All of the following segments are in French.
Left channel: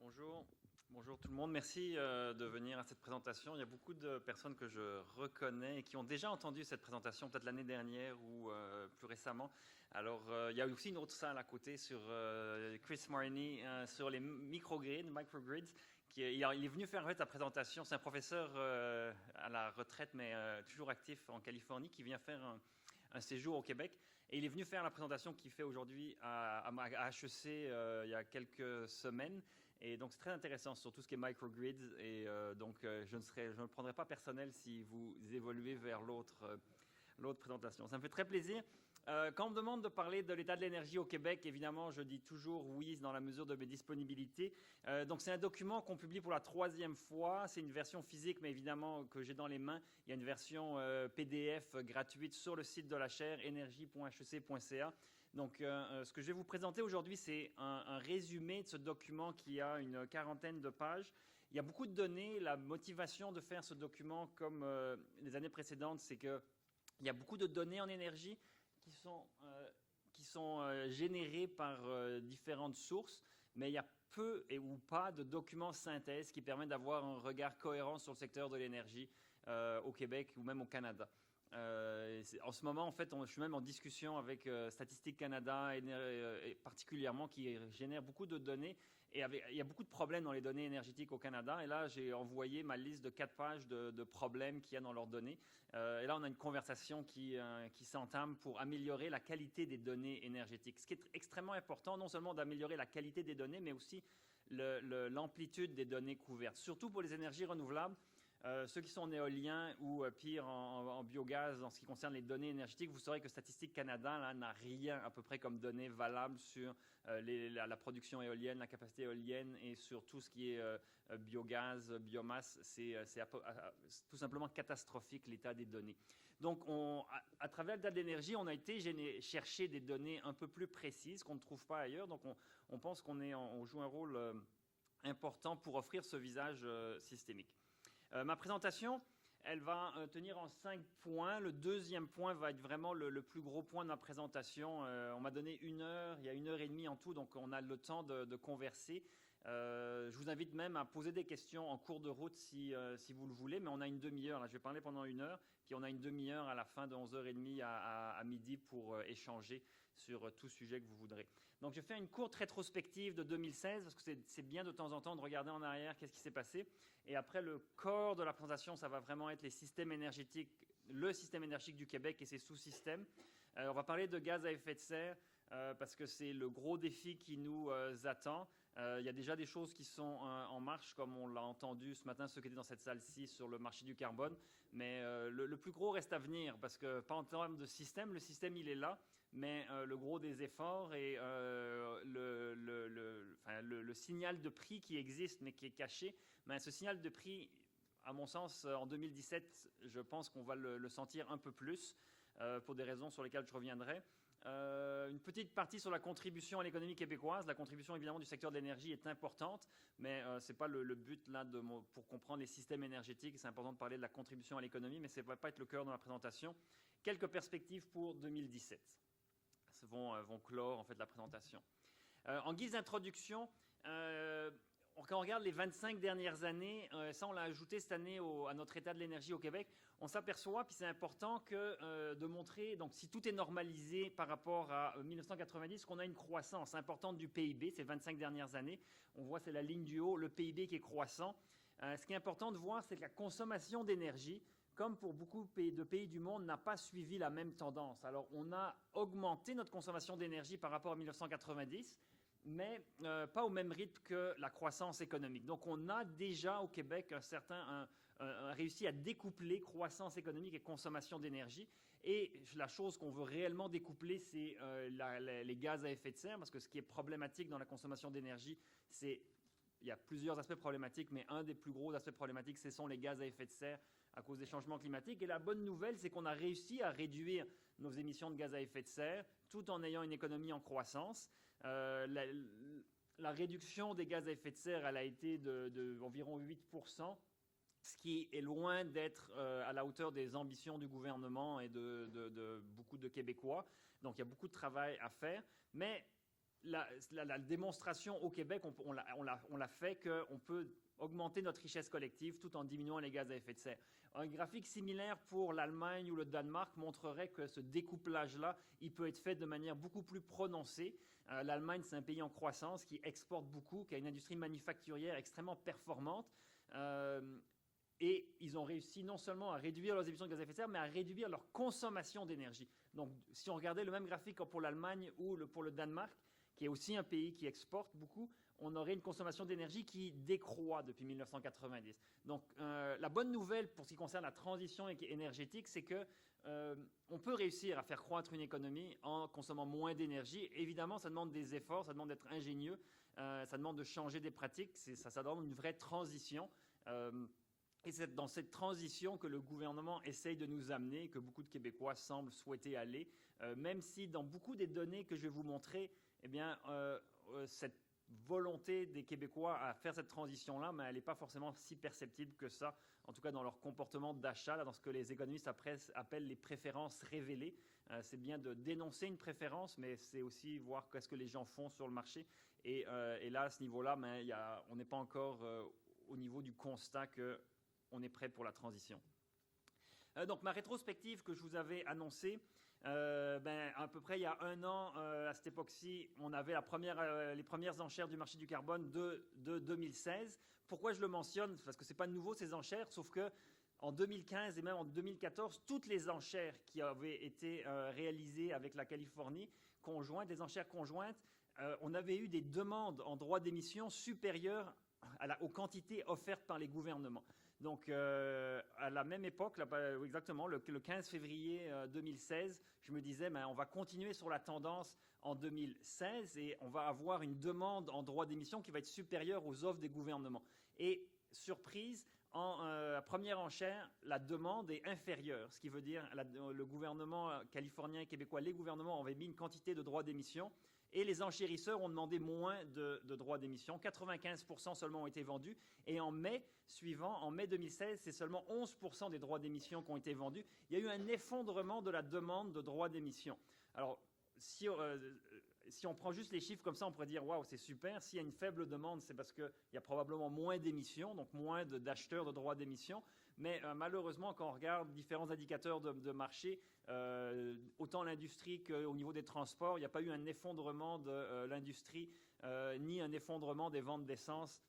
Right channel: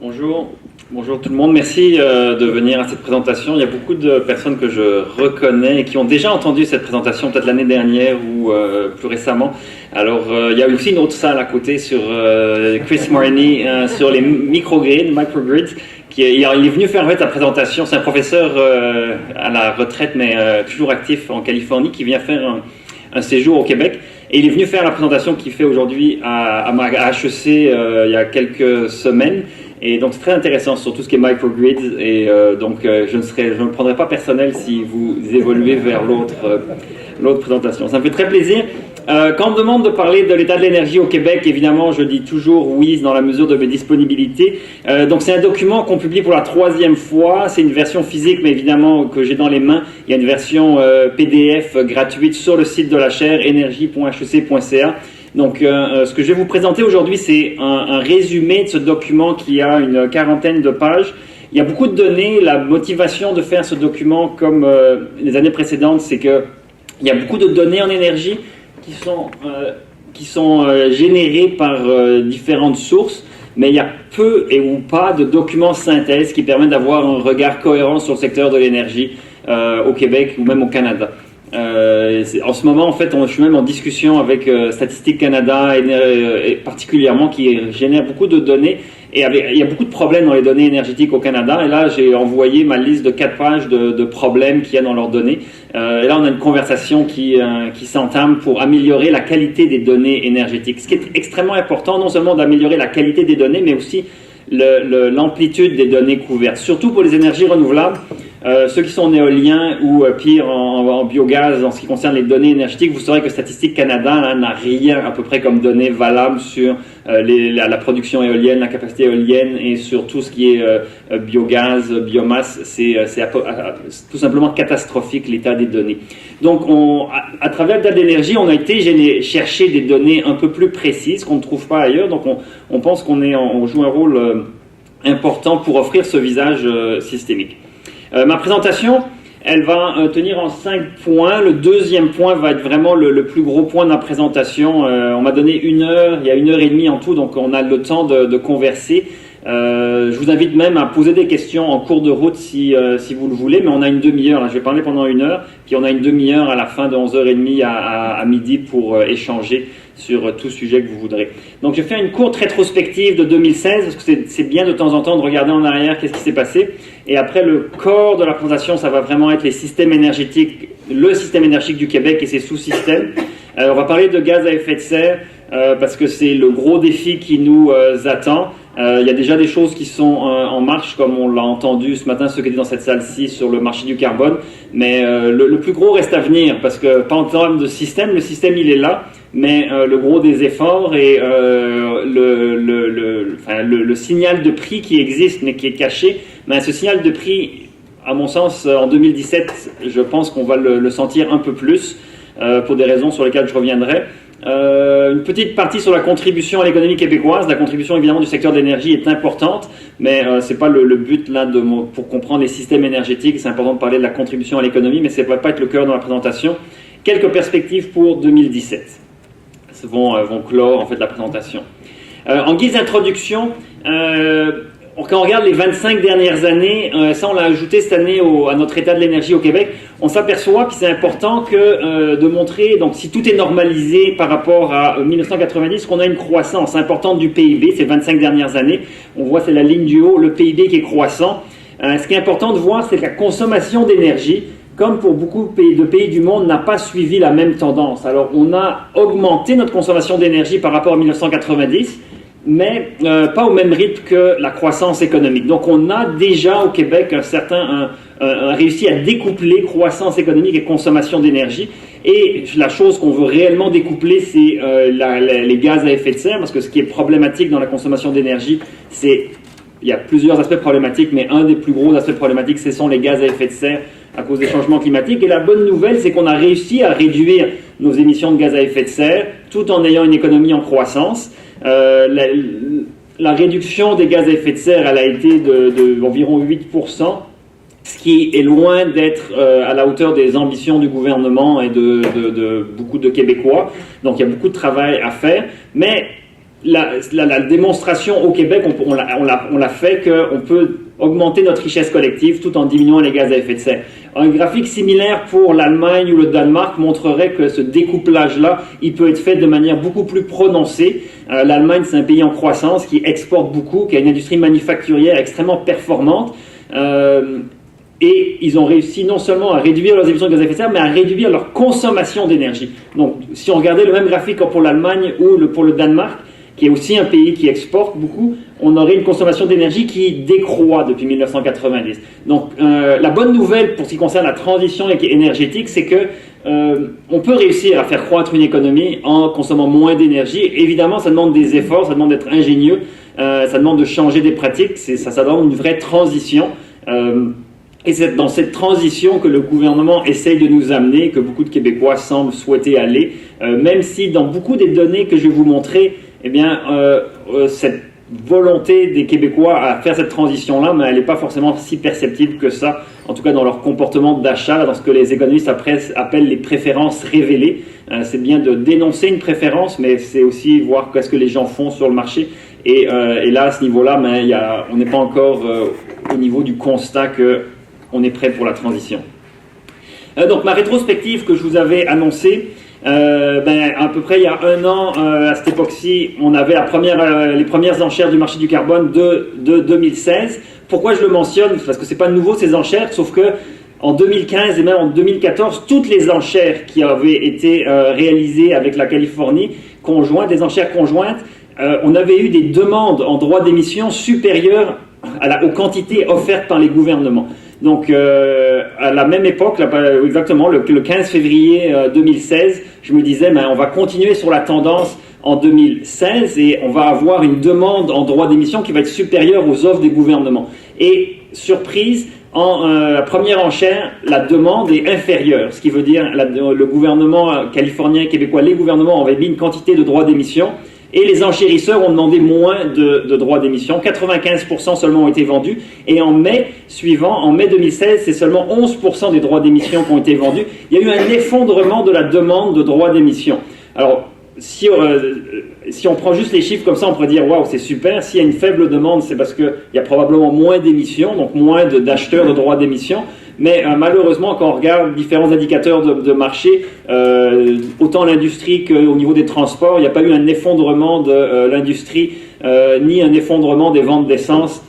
Bonjour, bonjour tout le monde. Merci de venir à cette présentation. Il y a beaucoup de personnes que je reconnais et qui ont déjà entendu cette présentation, peut-être l'année dernière ou plus récemment. Alors, il y a aussi une autre salle à côté sur Chris Marini sur les microgrids, il est venu faire en fait, sa présentation. C'est un professeur à la retraite, mais toujours actif en Californie, qui vient faire un séjour au Québec. Et il est venu faire la présentation qu'il fait aujourd'hui à HEC il y a quelques semaines. Et donc c'est très intéressant sur tout ce qui est microgrids. Et donc je ne prendrai pas personnel si vous évoluez vers l'autre présentation. Ça me fait très plaisir. Quand on me demande de parler de l'état de l'énergie au Québec, évidemment, je dis toujours oui dans la mesure de mes disponibilités. Donc c'est un document qu'on publie pour la 3e fois. C'est une version physique, mais évidemment que j'ai dans les mains. Il y a une version PDF gratuite sur le site de la chaire, energie.hec.ca. Donc ce que je vais vous présenter aujourd'hui, c'est un résumé de ce document qui a une 40aine de pages. Il y a beaucoup de données. La motivation de faire ce document, comme les années précédentes, c'est qu'il y a beaucoup de données en énergie qui sont générées par différentes sources, mais il y a peu et ou pas de documents synthèse qui permettent d'avoir un regard cohérent sur le secteur de l'énergie au Québec ou même au Canada. En ce moment, en fait, je suis même en discussion avec Statistique Canada, et particulièrement, qui génère beaucoup de données. Et il y a beaucoup de problèmes dans les données énergétiques au Canada. Et là, j'ai envoyé ma liste de 4 pages de problèmes qu'il y a dans leurs données. Et là, on a une conversation qui s'entame pour améliorer la qualité des données énergétiques. Ce qui est extrêmement important, non seulement d'améliorer la qualité des données, mais aussi l'amplitude des données couvertes. Surtout pour les énergies renouvelables. Ceux qui sont en éolien ou pire en biogaz en ce qui concerne les données énergétiques, vous saurez que Statistique Canada n'a rien à peu près comme données valables sur la production éolienne, la capacité éolienne et sur tout ce qui est biogaz, biomasse. C'est tout simplement catastrophique l'état des données. Donc à travers l'état de l'énergie, on a été chercher des données un peu plus précises qu'on ne trouve pas ailleurs. Donc on pense qu'on joue un rôle important pour offrir ce visage systémique. Ma présentation, elle va tenir en 5 points. Le deuxième point va être vraiment le plus gros point de ma présentation. On m'a donné 1 heure, il y a 1 heure et demie en tout, donc on a le temps de converser. Je vous invite même à poser des questions en cours de route si vous le voulez, mais on a une demi-heure. Je vais parler pendant 1 heure, puis on a une demi-heure à la fin de 11h30 à midi pour échanger sur tout sujet que vous voudrez. Donc je fais une courte rétrospective de 2016, parce que c'est bien de temps en temps de regarder en arrière qu'est-ce qui s'est passé. Et après, le corps de la présentation, ça va vraiment être les systèmes énergétiques, le système énergétique du Québec et ses sous-systèmes. On va parler de gaz à effet de serre, parce que c'est le gros défi qui nous attend. Il y a déjà des choses qui sont en marche, comme on l'a entendu ce matin, ceux qui étaient dans cette salle-ci, sur le marché du carbone. Mais le plus gros reste à venir, parce que pas en termes de système, le système il est là, mais le gros des efforts et le signal de prix qui existe, mais qui est caché, mais ce signal de prix, à mon sens, en 2017, je pense qu'on va le sentir un peu plus, pour des raisons sur lesquelles je reviendrai. Une petite partie sur la contribution à l'économie québécoise. La contribution évidemment du secteur de l'énergie est importante, mais c'est pas le but là pour comprendre les systèmes énergétiques. C'est important de parler de la contribution à l'économie, mais ça ne va pas être le cœur de la présentation. Quelques perspectives pour 2017 vont clore en fait la présentation. En guise d'introduction, quand on regarde les 25 dernières années, ça on l'a ajouté cette année à notre état de l'énergie au Québec, on s'aperçoit que c'est important de montrer, donc si tout est normalisé par rapport à 1990, qu'on a une croissance importante du PIB ces 25 dernières années. On voit, c'est la ligne du haut, le PIB qui est croissant. Ce qui est important de voir, c'est que la consommation d'énergie, comme pour beaucoup de pays du monde, n'a pas suivi la même tendance. Alors on a augmenté notre consommation d'énergie par rapport à 1990, mais pas au même rythme que la croissance économique. Donc on a déjà au Québec réussi à découpler croissance économique et consommation d'énergie. Et la chose qu'on veut réellement découpler, c'est les gaz à effet de serre, parce que ce qui est problématique dans la consommation d'énergie, il y a plusieurs aspects problématiques, mais un des plus gros aspects problématiques, ce sont les gaz à effet de serre à cause des changements climatiques. Et la bonne nouvelle, c'est qu'on a réussi à réduire nos émissions de gaz à effet de serre tout en ayant une économie en croissance. La réduction des gaz à effet de serre, elle a été d'environ 8%, ce qui est loin d'être à la hauteur des ambitions du gouvernement et de beaucoup de Québécois. Donc il y a beaucoup de travail à faire, mais la démonstration au Québec, on l'a fait qu'on peut augmenter notre richesse collective tout en diminuant les gaz à effet de serre. Un graphique similaire pour l'Allemagne ou le Danemark montrerait que ce découplage-là, il peut être fait de manière beaucoup plus prononcée. L'Allemagne, c'est un pays en croissance qui exporte beaucoup, qui a une industrie manufacturière extrêmement performante. Et ils ont réussi non seulement à réduire leurs émissions de gaz à effet de serre, mais à réduire leur consommation d'énergie. Donc, si on regardait le même graphique pour l'Allemagne ou pour le Danemark, qui est aussi un pays qui exporte beaucoup, on aurait une consommation d'énergie qui décroît depuis 1990. Donc, la bonne nouvelle pour ce qui concerne la transition énergétique, c'est que on peut réussir à faire croître une économie en consommant moins d'énergie. Évidemment, ça demande des efforts, ça demande d'être ingénieux, ça demande de changer des pratiques, ça demande une vraie transition. Et c'est dans cette transition que le gouvernement essaye de nous amener, que beaucoup de Québécois semblent souhaiter aller, même si dans beaucoup des données que je vais vous montrer, eh bien, cette volonté des Québécois à faire cette transition-là, mais elle n'est pas forcément si perceptible que ça, en tout cas dans leur comportement d'achat, dans ce que les économistes appellent les préférences révélées. C'est bien de dénoncer une préférence, mais c'est aussi voir qu'est-ce que les gens font sur le marché. Et là, à ce niveau-là, on n'est pas encore au niveau du constat qu'on est prêt pour la transition. Donc ma rétrospective que je vous avais annoncée, à peu près il y a un an, à cette époque-ci, on avait les premières enchères du marché du carbone de 2016. Pourquoi je le mentionne? Parce que c'est pas nouveau ces enchères, sauf que en 2015 et même en 2014, toutes les enchères qui avaient été réalisées avec la Californie, des enchères conjointes, on avait eu des demandes en droits d'émission supérieures aux quantités offertes par les gouvernements. Donc, à la même époque, exactement, le 15 février 2016, je me disais, on va continuer sur la tendance en 2016 et on va avoir une demande en droit d'émission qui va être supérieure aux offres des gouvernements. Et, surprise, la première enchère, la demande est inférieure, ce qui veut dire le gouvernement californien et québécois, les gouvernements avaient mis une quantité de droits d'émission et les enchérisseurs ont demandé moins de droits d'émission. 95% seulement ont été vendus. Et en mai suivant, en mai 2016, c'est seulement 11% des droits d'émission qui ont été vendus. Il y a eu un effondrement de la demande de droits d'émission. Alors, si on prend juste les chiffres comme ça, on pourrait dire « Waouh, c'est super ». S'il y a une faible demande, c'est parce qu'il y a probablement moins d'émissions, donc moins d'acheteurs de droits d'émission. Mais malheureusement, quand on regarde différents indicateurs de marché, autant l'industrie qu'au niveau des transports, il n'y a pas eu un effondrement de l'industrie, ni un effondrement des ventes d'essence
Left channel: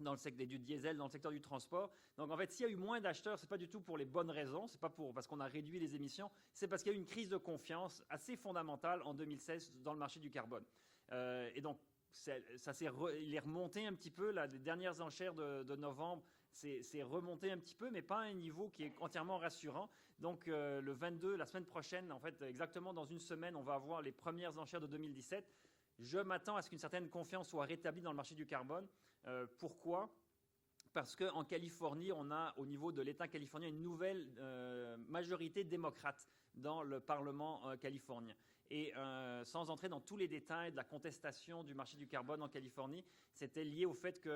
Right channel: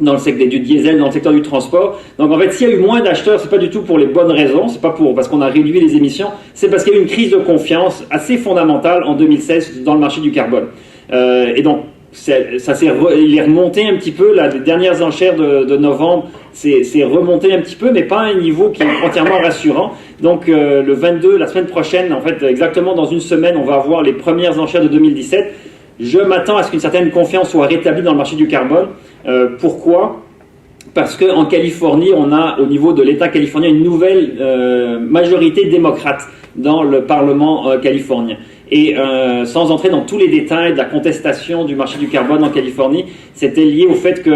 dans le secteur du diesel, dans le secteur du transport. Donc en fait, s'il y a eu moins d'acheteurs, c'est pas du tout pour les bonnes raisons, c'est pas parce qu'on a réduit les émissions, c'est parce qu'il y a eu une crise de confiance assez fondamentale en 2016 dans le marché du carbone. Et donc, il est remonté un petit peu, les dernières enchères de novembre, c'est remonté un petit peu, mais pas à un niveau qui est entièrement rassurant. Donc le 22, la semaine prochaine, en fait, exactement dans une semaine, on va avoir les premières enchères de 2017. Je m'attends à ce qu'une certaine confiance soit rétablie dans le marché du carbone. Pourquoi ? Parce qu'en Californie, on a, au niveau de l'État californien, une nouvelle majorité démocrate dans le Parlement californien. Et sans entrer dans tous les détails de la contestation du marché du carbone en Californie, c'était lié au fait qu'il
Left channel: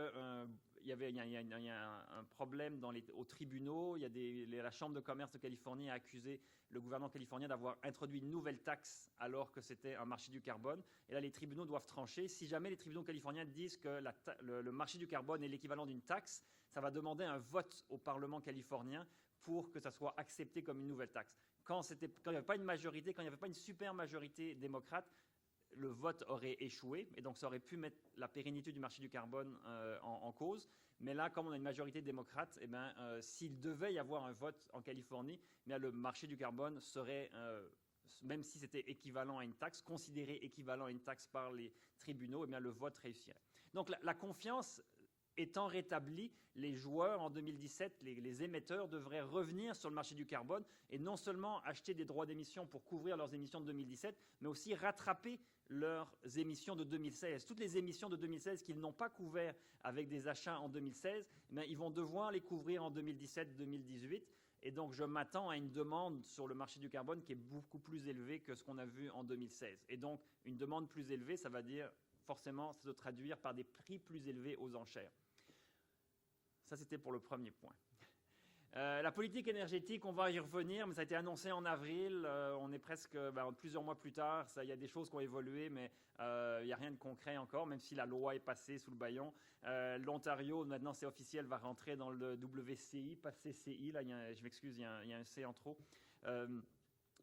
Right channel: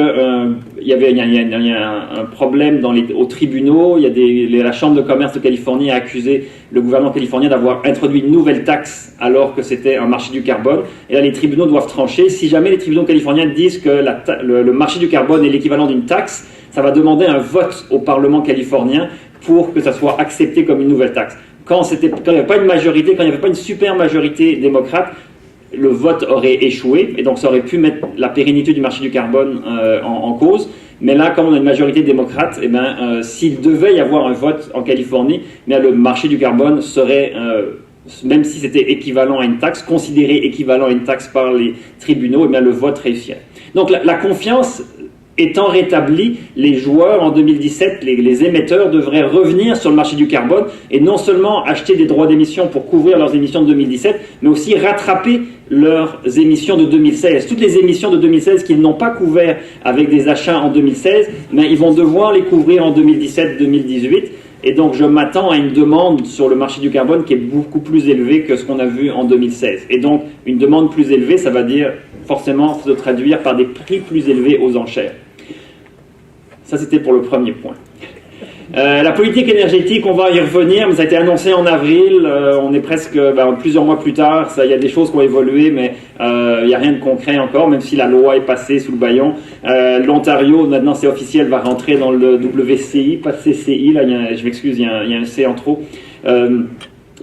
y a un problème aux tribunaux. La Chambre de commerce de Californie a accusé le gouvernement californien d'avoir introduit une nouvelle taxe alors que c'était un marché du carbone. Et là, les tribunaux doivent trancher. Si jamais les tribunaux californiens disent que le marché du carbone est l'équivalent d'une taxe, ça va demander un vote au Parlement californien pour que ça soit accepté comme une nouvelle taxe. Quand il n'y avait pas une majorité, quand il n'y avait pas une super majorité démocrate, le vote aurait échoué, et donc ça aurait pu mettre la pérennité du marché du carbone en cause. Mais là, comme on a une majorité démocrate, s'il devait y avoir un vote en Californie, le marché du carbone serait, même si c'était équivalent à une taxe, considéré équivalent à une taxe par les tribunaux, le vote réussirait. Donc la confiance étant rétablie, les joueurs en 2017, les émetteurs devraient revenir sur le marché du carbone et non seulement acheter des droits d'émission pour couvrir leurs émissions de 2017, mais aussi rattraper leurs émissions de 2016. Toutes les émissions de 2016 qu'ils n'ont pas couvert avec des achats en 2016, ils vont devoir les couvrir en 2017-2018. Et donc je m'attends à une demande sur le marché du carbone qui est beaucoup plus élevée que ce qu'on a vu en 2016. Et donc une demande plus élevée, ça va dire forcément se traduire par des prix plus élevés aux enchères. Ça, c'était pour le premier point. La politique énergétique, on va y revenir, mais ça a été annoncé en avril, on est presque plusieurs mois plus tard, il y a des choses qui ont évolué, mais il n'y a rien de concret encore, même si la loi est passée sous le bâillon. L'Ontario, maintenant c'est officiel, va rentrer dans le WCI, pas CCI, là, je m'excuse, il y a un C en trop.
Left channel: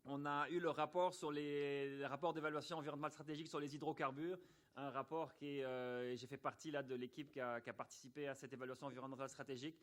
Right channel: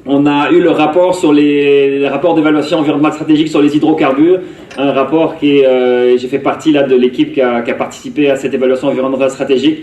On a eu le rapport sur les rapports d'évaluation environnementale stratégique sur les hydrocarbures, un rapport qui est, j'ai fait partie là de l'équipe qui a participé à cette évaluation environnementale stratégique.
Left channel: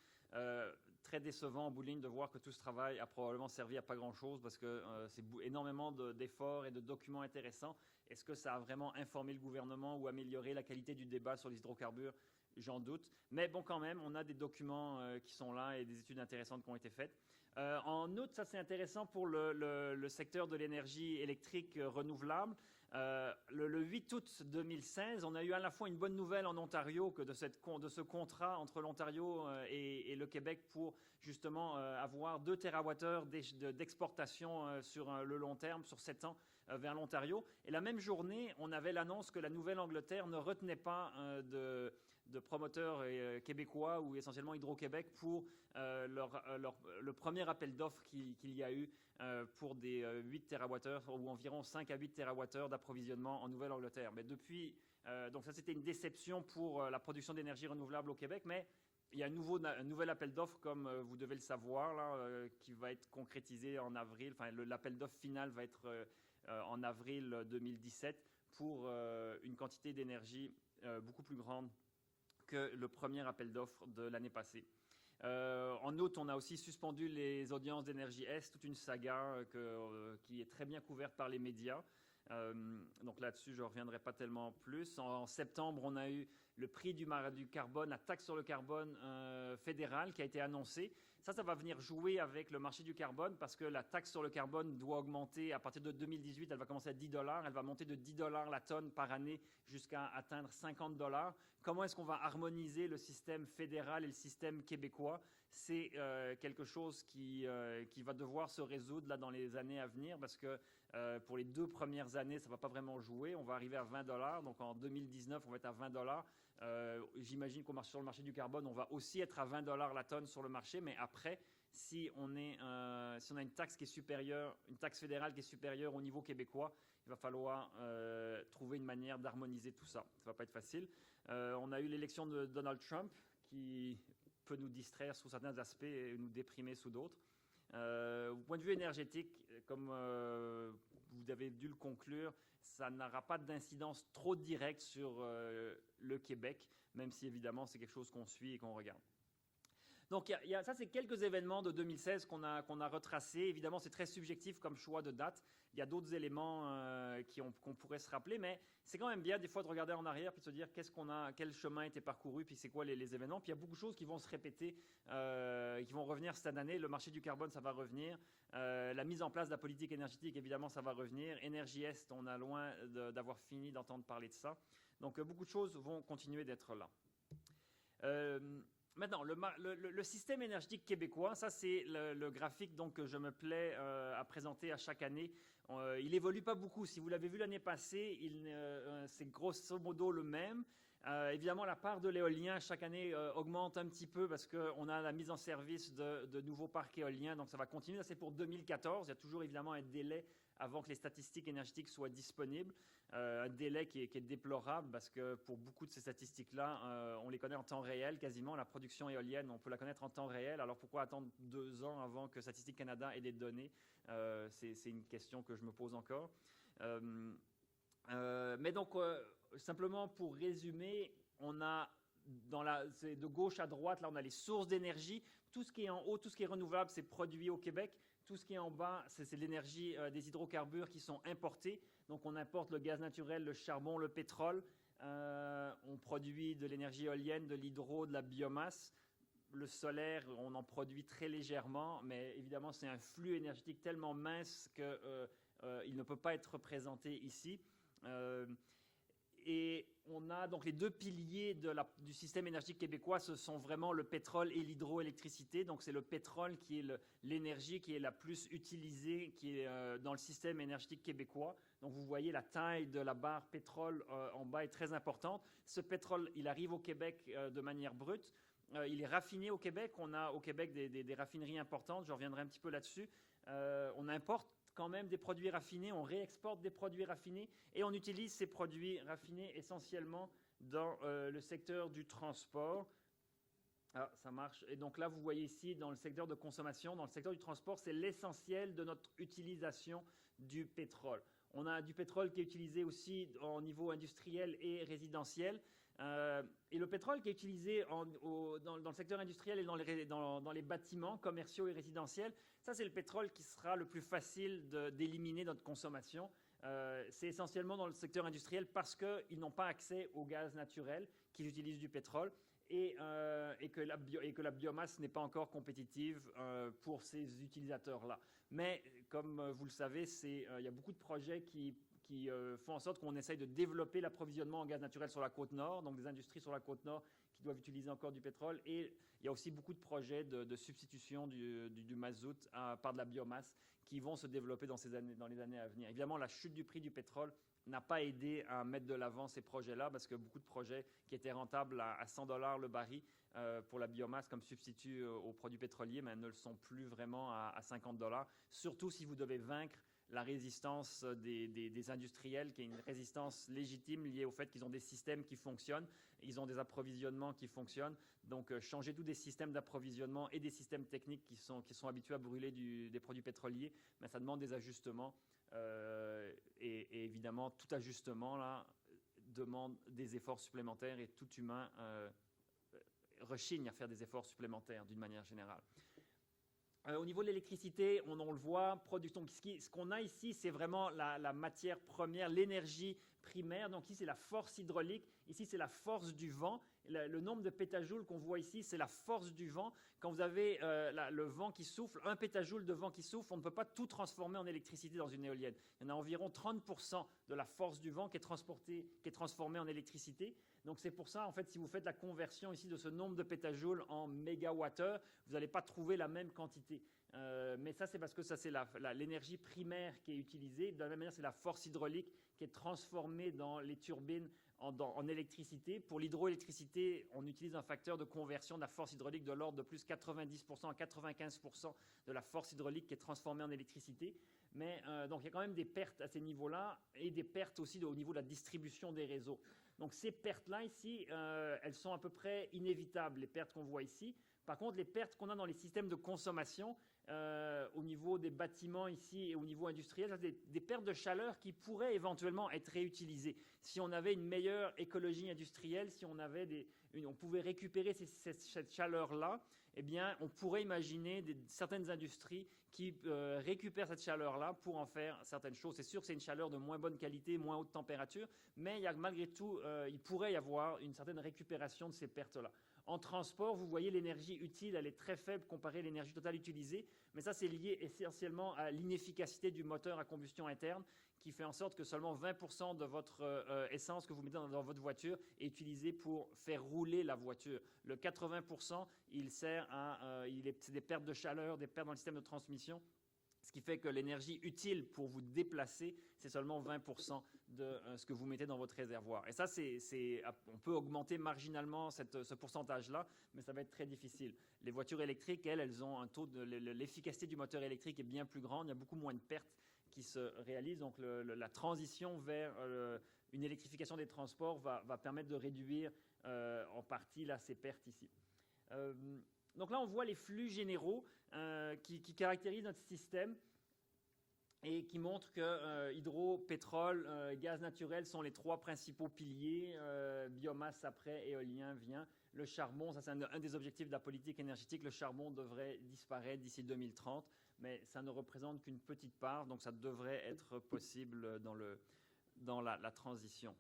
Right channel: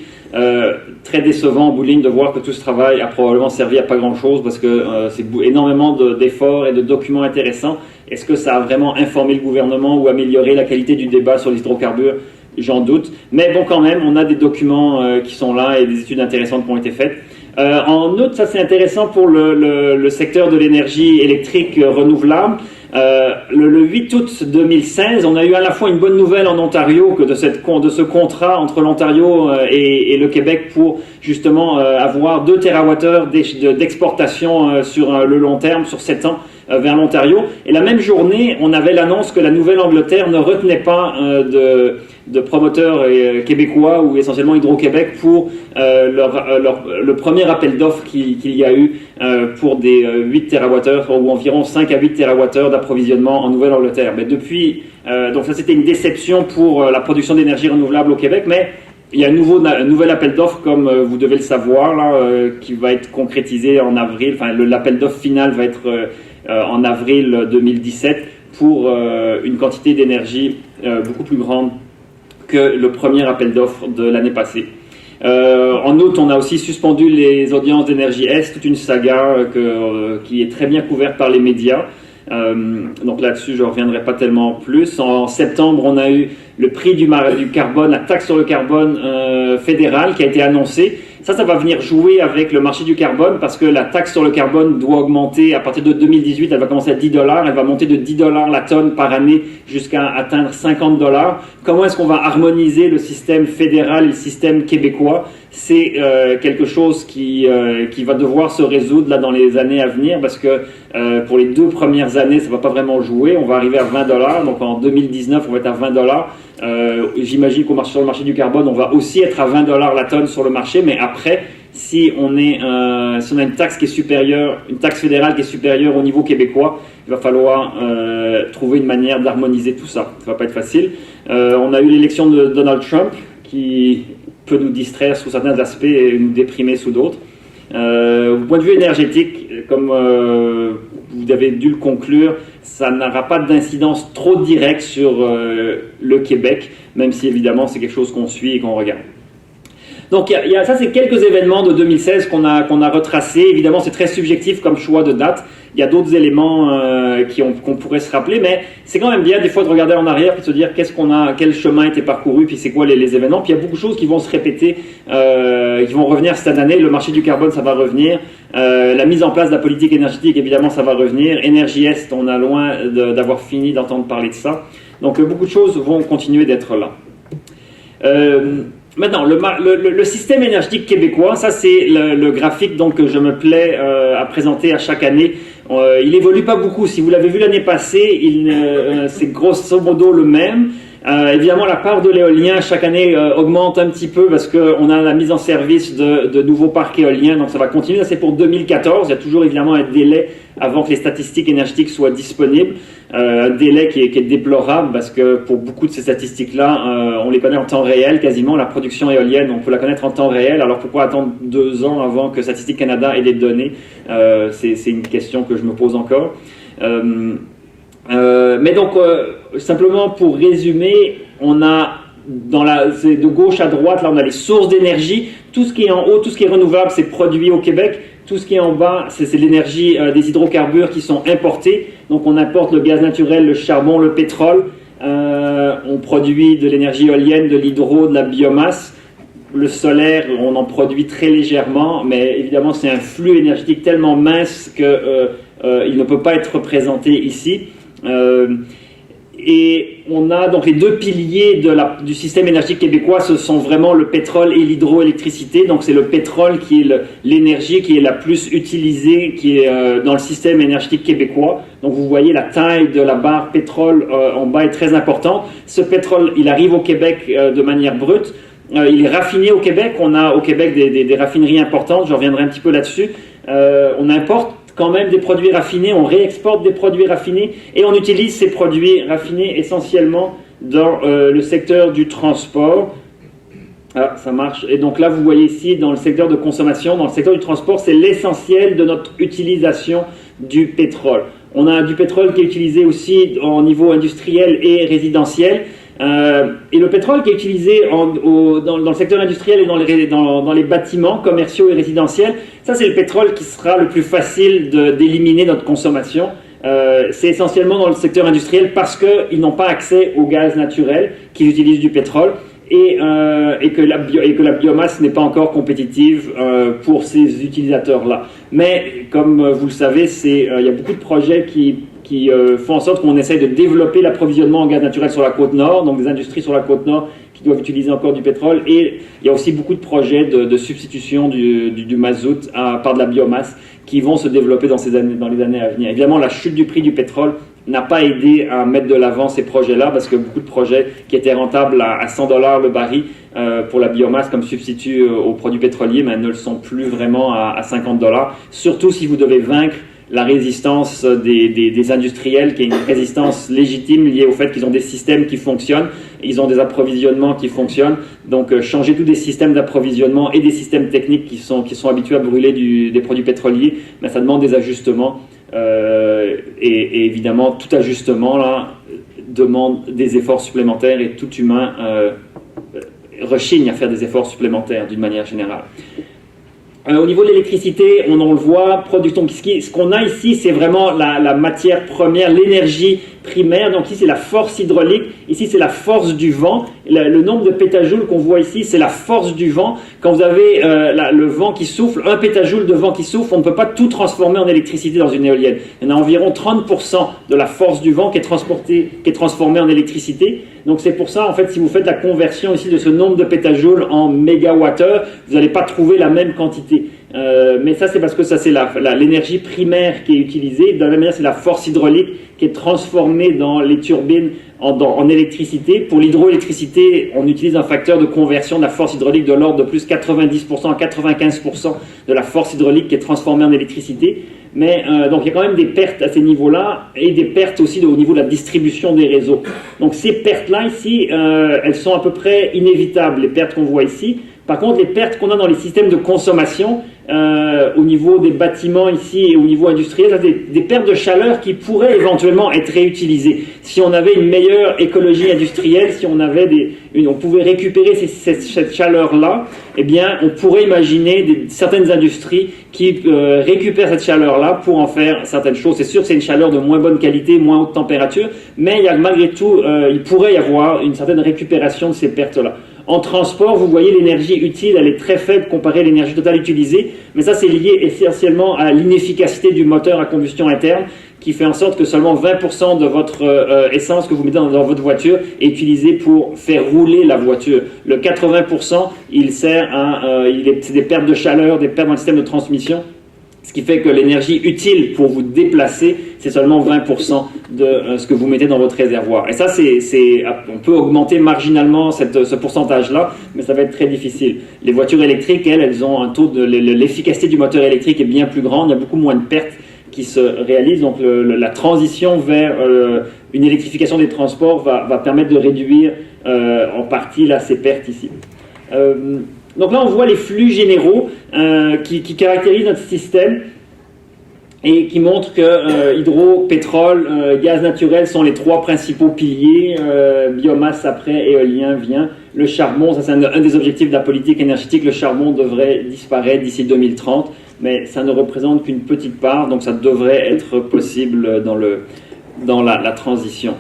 Très décevant en bout de ligne de voir que tout ce travail a probablement servi à pas grand chose parce que c'est énormément d'efforts et de documents intéressants. Est-ce que ça a vraiment informé le gouvernement ou amélioré la qualité du débat sur les hydrocarbures? J'en doute. Mais bon, quand même, on a des documents qui sont là et des études intéressantes qui ont été faites. En outre, ça c'est intéressant pour le secteur de l'énergie électrique renouvelable. Le 8 août 2016, on a eu à la fois une bonne nouvelle en Ontario que de ce contrat entre l'Ontario et le Québec pour justement avoir 2 TWh d'exportation sur le long terme, sur 7 ans, vers l'Ontario. Et la même journée, on avait l'annonce que la Nouvelle-Angleterre ne retenait pas de promoteurs québécois ou essentiellement Hydro-Québec pour le premier appel d'offres qu'il y a eu pour des 8 TWh ou environ 5 à 8 TWh d'approvisionnement en Nouvelle-Angleterre. Mais depuis, donc ça c'était une déception pour la production d'énergie renouvelable au Québec, mais il y a un nouvel appel d'offres, comme vous devez le savoir, là, qui va être concrétisé en avril. Enfin, l'appel d'offres final va être en avril 2017 pour une quantité d'énergie beaucoup plus grande que le premier appel d'offres de l'année passée. En août, on a aussi suspendu les audiences d'Énergie Est, toute une saga qui est très bien couverte par les médias. Donc là-dessus, je ne reviendrai pas tellement plus. En septembre, on a eu le prix du carbone, la taxe sur le carbone fédérale qui a été annoncée. Ça va venir jouer avec le marché du carbone parce que la taxe sur le carbone doit augmenter à partir de 2018. Elle va commencer à $10. Elle va monter de $10 la tonne par année jusqu'à atteindre $50. Comment est-ce qu'on va harmoniser le système fédéral et le système québécois? C'est quelque chose qui va devoir se résoudre là dans les années à venir parce que pour les 2 premières années, ça ne va pas vraiment jouer. On va arriver à $20. Donc en 2019, on va être à $20. J'imagine sur le marché du carbone, on va aussi être à $20 la tonne sur le marché, mais après, si on a une taxe qui est supérieure, une taxe fédérale qui est supérieure au niveau québécois, il va falloir trouver une manière d'harmoniser tout ça. Ça ne va pas être facile. On a eu l'élection de Donald Trump qui peut nous distraire sous certains aspects et nous déprimer sous d'autres. Au point de vue énergétique, comme vous avez dû le conclure, ça n'aura pas d'incidence trop directe sur le Québec, même si évidemment c'est quelque chose qu'on suit et qu'on regarde. Donc ça c'est quelques événements de 2016 qu'on a retracés. Évidemment c'est très subjectif comme choix de date. Il y a d'autres éléments qu'on pourrait se rappeler, mais c'est quand même bien des fois de regarder en arrière et de se dire quel chemin a été parcouru, puis c'est quoi les événements. Puis il y a beaucoup de choses qui vont se répéter, qui vont revenir cette année. Le marché du carbone, ça va revenir. La mise en place de la politique énergétique, évidemment, ça va revenir. Énergie Est, on a loin d'avoir fini d'entendre parler de ça. Donc beaucoup de choses vont continuer d'être là. Maintenant, le système énergétique québécois, ça c'est le graphique donc, que je me plais à présenter à chaque année. Il évolue pas beaucoup. Si vous l'avez vu l'année passée, c'est grosso modo le même. Évidemment, la part de l'éolien chaque année augmente un petit peu parce qu'on a la mise en service de nouveaux parcs éoliens, donc ça va continuer. Ça c'est pour 2014. Il y a toujours évidemment un délai avant que les statistiques énergétiques soient disponibles. Un délai qui est déplorable parce que pour beaucoup de ces statistiques-là, on les connaît en temps réel quasiment. La production éolienne, on peut la connaître en temps réel. Alors pourquoi attendre 2 ans avant que Statistique Canada ait des données? C'est une question que je me pose encore. Mais donc, simplement pour résumer, on a c'est de gauche à droite, là on a les sources d'énergie. Tout ce qui est en haut, tout ce qui est renouvelable, c'est produit au Québec. Tout ce qui est en bas, c'est l'énergie des hydrocarbures qui sont importés. Donc on importe le gaz naturel, le charbon, le pétrole. On produit de l'énergie éolienne, de l'hydro, de la biomasse. Le solaire, on en produit très légèrement, mais évidemment c'est un flux énergétique tellement mince qu'il ne peut pas être représenté ici. Et on a donc les 2 piliers du système énergétique québécois, ce sont vraiment le pétrole et l'hydroélectricité. Donc c'est le pétrole qui est l'énergie qui est la plus utilisée, qui est dans le système énergétique québécois. Donc vous voyez la taille de la barre pétrole en bas est très importante. Ce pétrole, il arrive au Québec de manière brute. il est raffiné au Québec. On a au Québec des raffineries importantes, je reviendrai un petit peu là-dessus. On importe quand même des produits raffinés, on réexporte des produits raffinés et on utilise ces produits raffinés essentiellement dans le secteur du transport. Ah, ça marche. Et donc là, vous voyez ici, dans le secteur de consommation, dans le secteur du transport, c'est l'essentiel de notre utilisation du pétrole. On a du pétrole qui est utilisé aussi au niveau industriel et résidentiel. Et le pétrole qui est utilisé dans le secteur industriel et dans les bâtiments commerciaux et résidentiels, ça c'est le pétrole qui sera le plus facile d'éliminer notre consommation. C'est essentiellement dans le secteur industriel parce qu'ils n'ont pas accès au gaz naturel, qu'ils utilisent du pétrole et que la biomasse n'est pas encore compétitive pour ces utilisateurs-là. Mais comme vous le savez, il y a beaucoup de projets qui font en sorte qu'on essaye de développer l'approvisionnement en gaz naturel sur la côte nord, donc des industries sur la côte nord qui doivent utiliser encore du pétrole. Et il y a aussi beaucoup de projets de substitution du mazout par de la biomasse qui vont se développer dans les années à venir. Évidemment, la chute du prix du pétrole n'a pas aidé à mettre de l'avant ces projets-là parce que beaucoup de projets qui étaient rentables à $100 le baril pour la biomasse comme substitut aux produits pétroliers ne le sont plus vraiment à $50. Surtout si vous devez vaincre la résistance des industriels, qui est une résistance légitime liée au fait qu'ils ont des systèmes qui fonctionnent, ils ont des approvisionnements qui fonctionnent. Donc changer tous des systèmes d'approvisionnement et des systèmes techniques qui sont habitués à brûler des produits pétroliers, mais ça demande des ajustements. Et évidemment, tout ajustement là demande des efforts supplémentaires et tout humain rechigne à faire des efforts supplémentaires d'une manière générale. Au niveau de l'électricité, on le voit, ce qu'on a ici, c'est vraiment la matière première, l'énergie primaire. Donc ici, c'est la force hydraulique. Ici, c'est la force du vent. Le nombre de pétajoules qu'on voit ici, c'est la force du vent. Quand vous avez le vent qui souffle, un pétajoule de vent qui souffle, on ne peut pas tout transformer en électricité dans une éolienne. Il y en a environ 30% de la force du vent qui est transformée en électricité. Donc c'est pour ça, en fait, si vous faites la conversion ici de ce nombre de pétajoules en mégawattheure, vous n'allez pas trouver la même quantité. Mais ça, c'est parce que ça, c'est l'énergie primaire qui est utilisée. De la même manière, c'est la force hydraulique qui est transformée dans les turbines en électricité. Pour l'hydroélectricité, on utilise un facteur de conversion de la force hydraulique de l'ordre de plus 90% à 95% de la force hydraulique qui est transformée en électricité. Mais donc il y a quand même des pertes à ces niveaux-là et des pertes aussi au niveau de la distribution des réseaux. Donc ces pertes-là ici, elles sont à peu près inévitables, les pertes qu'on voit ici. Par contre, les pertes qu'on a dans les systèmes de consommation, au niveau des bâtiments ici et au niveau industriel, des pertes de chaleur qui pourraient éventuellement être réutilisées. Si on avait une meilleure écologie industrielle, si on avait on pouvait récupérer cette chaleur-là, eh bien, on pourrait imaginer certaines industries qui récupèrent cette chaleur-là pour en faire certaines choses. C'est sûr que c'est une chaleur de moins bonne qualité, moins haute température, mais malgré tout, il pourrait y avoir une certaine récupération de ces pertes-là. En transport, vous voyez l'énergie utile, elle est très faible comparée à l'énergie totale utilisée, mais ça c'est lié essentiellement à l'inefficacité du moteur à combustion interne qui fait en sorte que seulement 20% de votre essence que vous mettez dans votre voiture est utilisée pour faire rouler la voiture. Le 80%, c'est des pertes de chaleur, des pertes dans le système de transmission, ce qui fait que l'énergie utile pour vous déplacer, c'est seulement 20% de ce que vous mettez dans votre réservoir. Et ça, on peut augmenter marginalement ce pourcentage-là, mais ça va être très difficile. Les voitures électriques, elles ont un taux l'efficacité du moteur électrique est bien plus grande, il y a beaucoup moins de pertes qui se réalisent. Donc la transition vers une électrification des transports va permettre de réduire en partie là, ces pertes ici. Donc là, on voit les flux généraux qui caractérisent notre système et qui montrent que hydro, pétrole, gaz naturel sont les trois principaux piliers. Biomasse après, éolien vient. Le charbon, ça c'est un des objectifs de la politique énergétique. Le charbon devrait disparaître d'ici 2030, mais ça ne représente qu'une petite part, donc ça devrait être possible dans la transition.